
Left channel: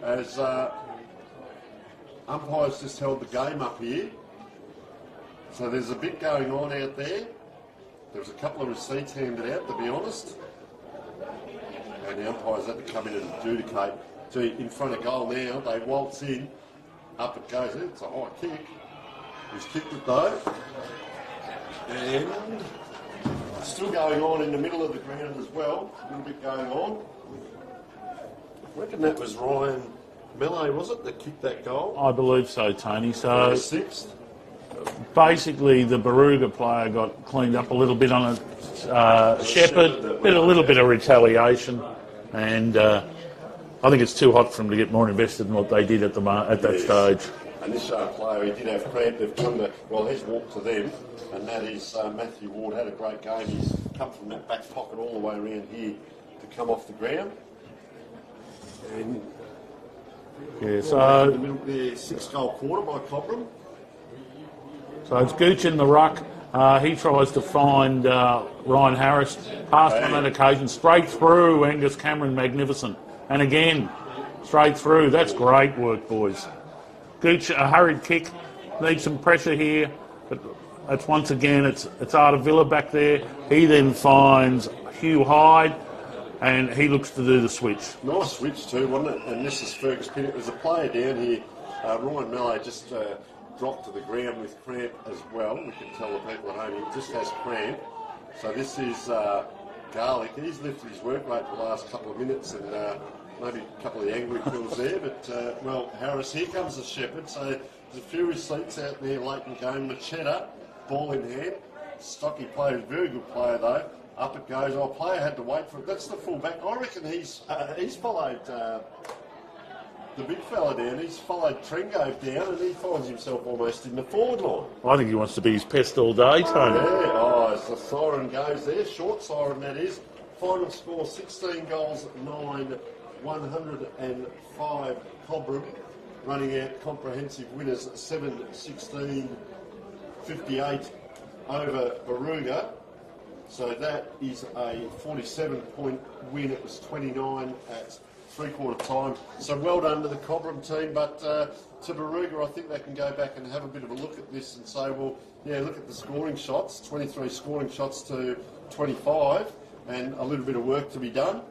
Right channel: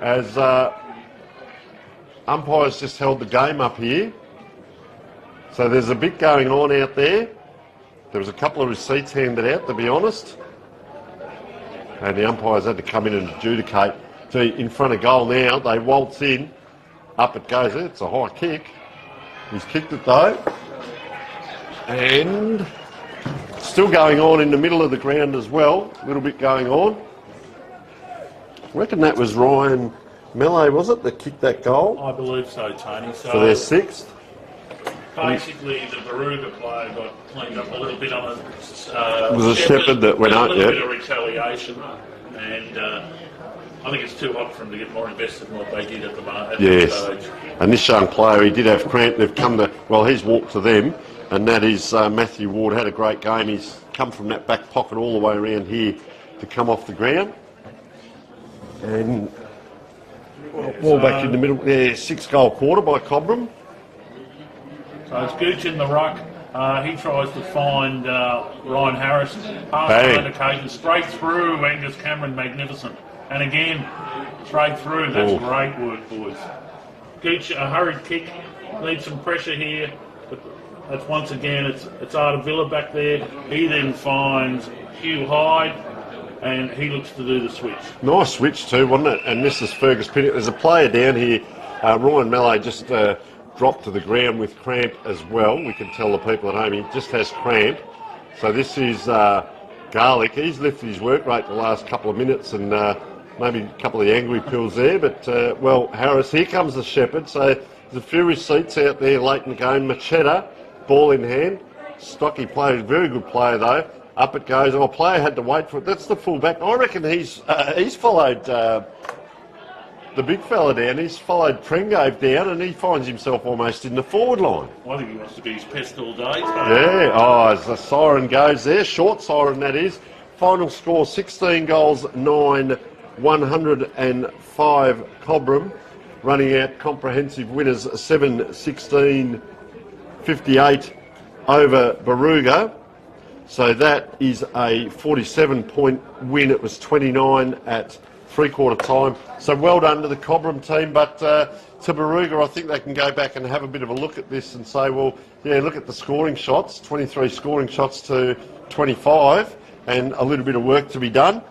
as umpires just held the game up here. So there's a bit going on out there. There was a couple of receipts handed out, to be honest. And the umpires had to come in and adjudicate. Gee, in front of goal now, they waltz in. Up it goes. It's a high kick. He's kicked it though. And still going on in the middle of the ground as well. A little bit going on. I reckon that was Ryan Mallet, was it, that kicked that goal? I believe so, Tony. So for their 6th. Basically, the Barooga player got cleaned up a little bit on a it was a Shepherd that went up, a little bit of retaliation, and I think it's too hot for him to get more invested in what they did at that stage. And this young player, he did have cramp. They've come to, well, he's walked to them, and that is Matthew Ward. Had a great game. He's come from that back pocket all the way around here to come off the ground. And ball back in the middle. 6-goal quarter by Cobram. So it's Gooch in the ruck. He tries to find Ryan Harris. Pass on an occasion. Straight through. Angus Cameron, magnificent. And again, straight through. That's great work, boys. Gooch, a hurried kick. Needs some pressure here. But that's once again, it's Artavilla back there. He then finds Hugh Hyde. And he looks to do the switch. Nice switch too, wasn't it? And this is Fergus Pinnock. There's a player down here. Ryan Mallet just dropped to the ground with cramp as well. We can tell the people at home he just has cramp. So this is Garlick. He's lifted his work rate the last couple of minutes and maybe a couple of the angry pills there. But, well, Harris, here comes the Shepherd. So there's a few receipts out there late in the game. Machetta, ball in hand. Stocky player, very good player though. Up it goes. Oh, a player had to wait for it. That's the full-back. I reckon he's followed the big fella down. He's followed Pregame down and he finds himself almost in the forward line. I think he wants to be his pest all day, Tony. Yeah. Oh, as the siren goes there. Short siren, that is. Final score, 16 goals, 9 105 Cobram, running out comprehensive winners 7-16-58 over Barooga. So that is a 47-point win. It was 29 at three-quarter time. So well done to the Cobram team, but to Barooga, I think they can go back and have a bit of a look at this and say, well, yeah, look at the scoring shots, 23 scoring shots to 25, and a little bit of work to be done.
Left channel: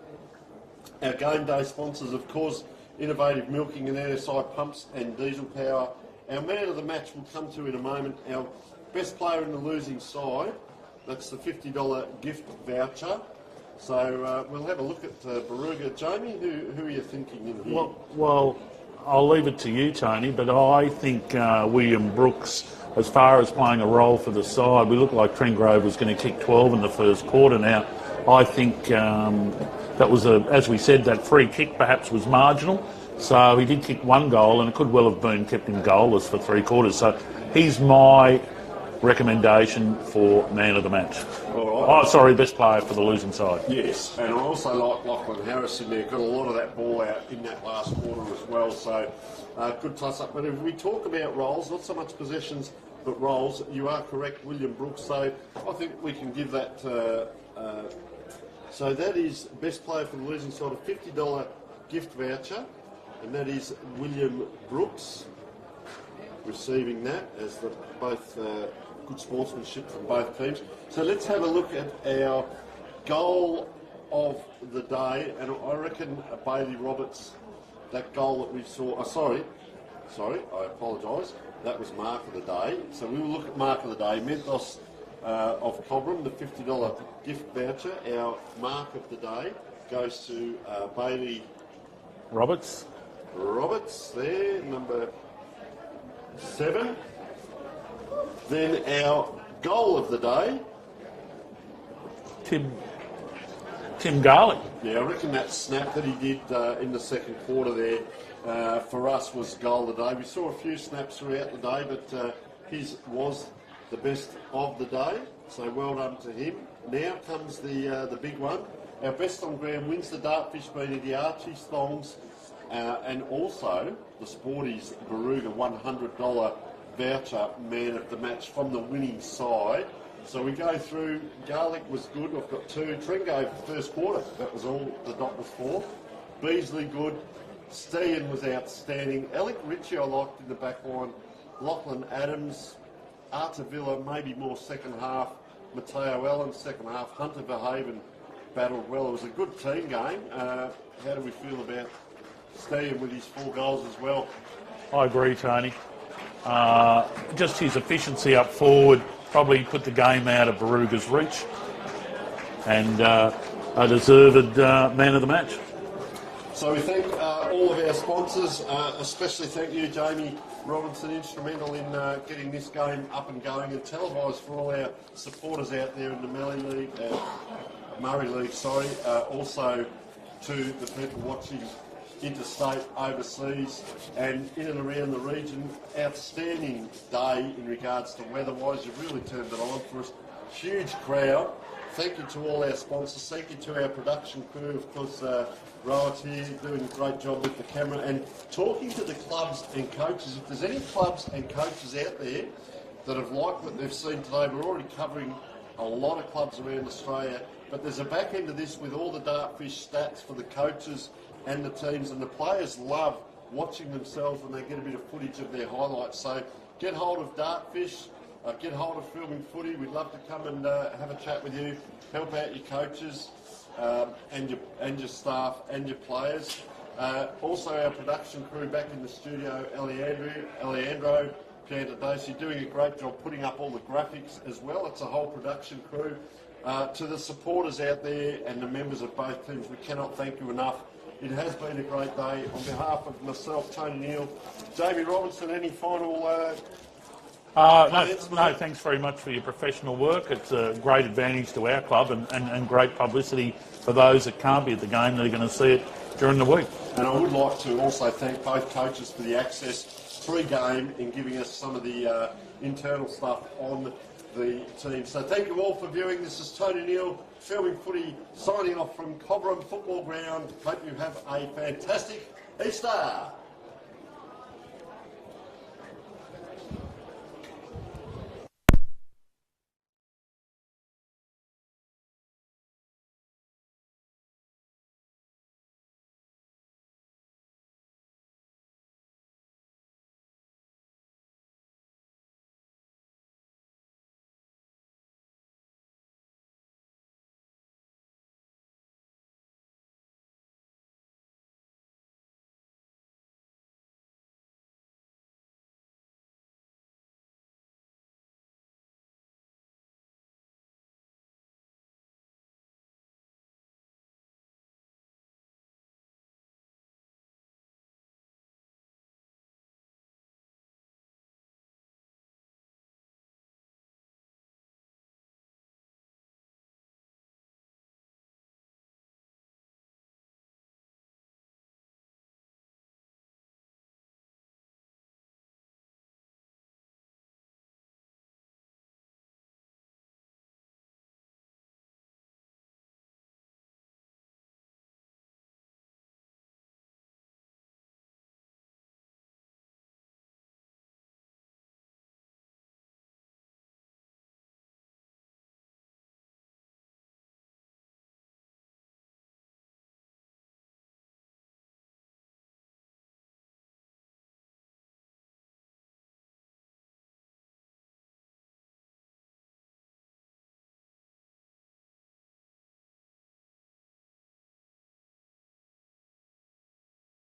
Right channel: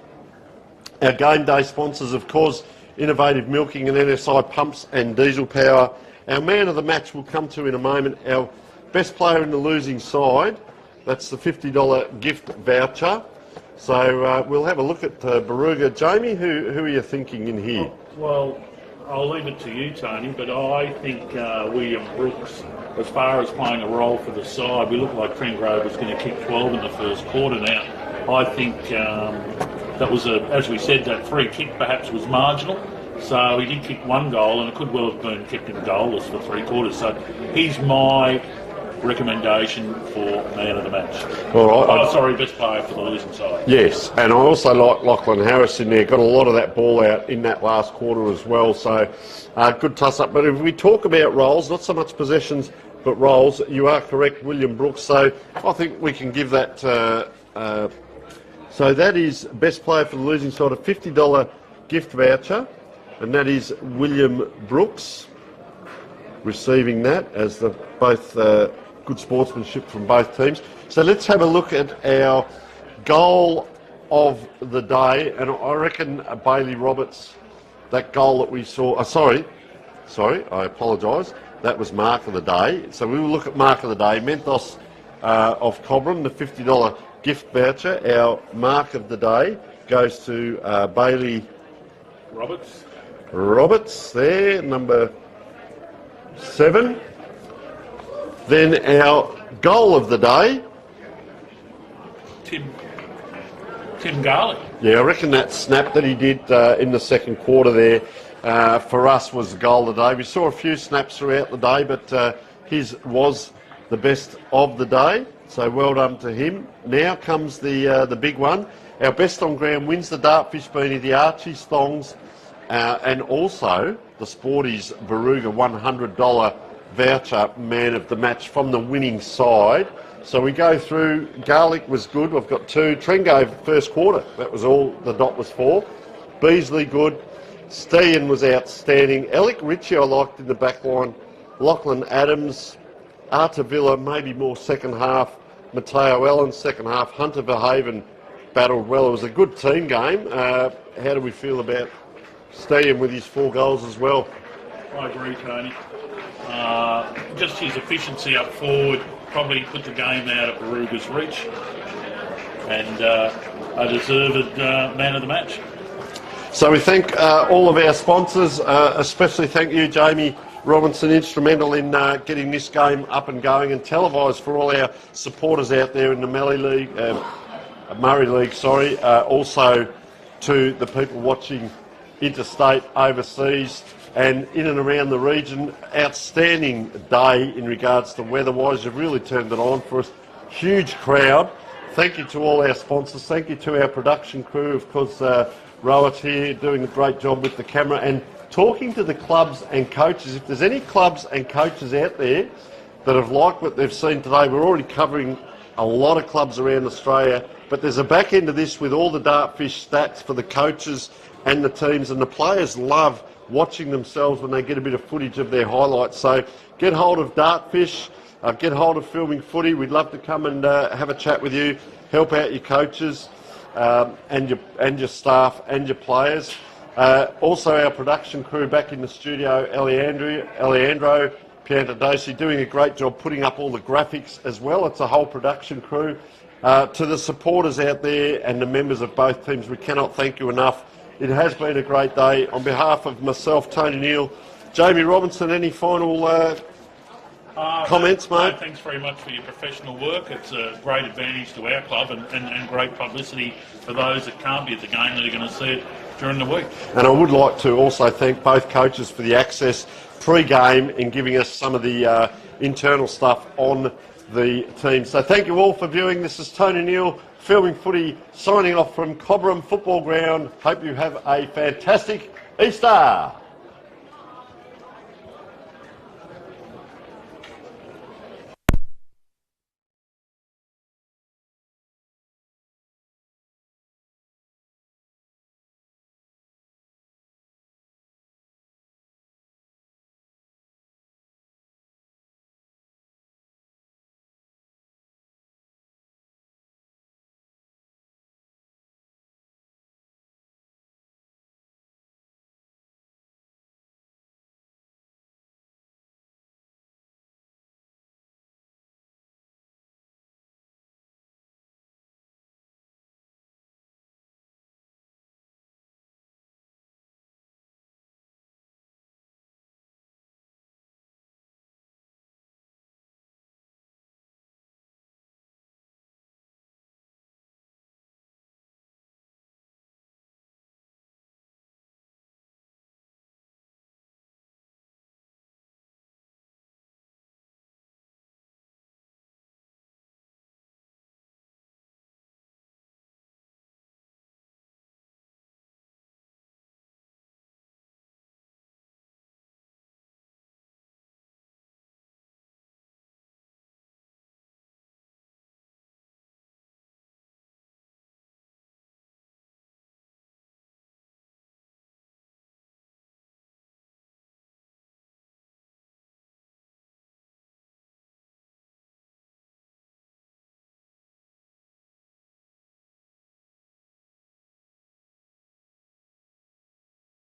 Our game day sponsors, of course, Innovative Milking and NSI Pumps and Diesel Power. Our man of the match will come to in a moment. Our best player in the losing side, that's the $50 gift voucher. So we'll have a look at Barooga. Jamie, who are you thinking in here? Well, I'll leave it to you, Tony, but I think William Brooks, as far as playing a role for the side, we look like Trent Grove was going to kick 12 in the first quarter. Now, I think that was, as we said, that free kick perhaps was marginal. So he did kick one goal, and it could well have been kept him goalless for three quarters. So he's my recommendation for man of the match. Best player for the losing side. Yes, and I also like Lachlan Harris in there. Got a lot of that ball out in that last quarter as well. So good toss-up. But if we talk about roles, not so much possessions, but roles, you are correct, William Brooks. So I think we can give that... so that is best player for the losing side, a $50 gift voucher. And that is William Brooks receiving that as the both... good sportsmanship from both teams. So let's have a look at our goal of the day, and I reckon Bailey Roberts, that goal that we saw, sorry, I apologise, that was mark of the day. So we will look at mark of the day, Mentos of Cobram, the $50 gift voucher. Our mark of the day goes to Bailey Roberts there, number 7. Then our goal of the day, Tim Garlick. Yeah, I reckon that snap that he did in the second quarter there for us was the goal of the day. We saw a few snaps throughout the day, but his was the best of the day. So well done to him. Now comes the big one. Our best on ground wins the Dartfish Beanie, the Archie's Thongs, and also the Sporties Barooga $100 voucher man of the match from the winning side. So we go through. Garlic was good. We've got 2. Trengove first quarter. That was all the dot was for. Beasley good. Steen was outstanding. Alec Ritchie I liked in the back line. Lachlan Adams. Artavilla maybe more second half. Mateo Allen second half. Hunter Verhaven battled well. It was a good team game. How do we feel about Steen with his 4 goals as well? I agree, Tony. Just his efficiency up forward probably put the game out of Barooga's reach, and a deserved man of the match. So we thank all of our sponsors, especially thank you, Jamie Robinson, instrumental in getting this game up and going and televised for all our supporters out there in the Murray League. Also to the people watching interstate, overseas, and in and around the region. Outstanding day in regards to weather-wise. You've really turned it on for us. Huge crowd. Thank you to all our sponsors. Thank you to our production crew, of course, Rowett here doing a great job with the camera and talking to the clubs and coaches. If there's any clubs and coaches out there that have liked what they've seen today, we're already covering a lot of clubs around Australia, but there's a back end of this with all the Dartfish stats for the coaches and the teams, and the players love watching themselves when they get a bit of footage of their highlights. So get hold of Dartfish, get hold of Filming Footy. We'd love to come and have a chat with you, help out your coaches and your staff and your players. Also our production crew back in the studio, Alejandro Piantadesi, doing a great job putting up all the graphics as well. It's a whole production crew. To the supporters out there and the members of both teams, we cannot thank you enough. It has been a great day. On behalf of myself, Tony Neal, Jamie Robinson, any final comments, mate? No, thanks very much for your professional work. It's a great advantage to our club and great publicity for those that can't be at the game that are going to see it during the week. And I would like to also thank both coaches for the access pre-game and giving us some of the internal stuff on the team. So thank you all for viewing. This is Tony Neal Filming Footy signing off from Cobram Football Ground. Hope you have a fantastic Easter.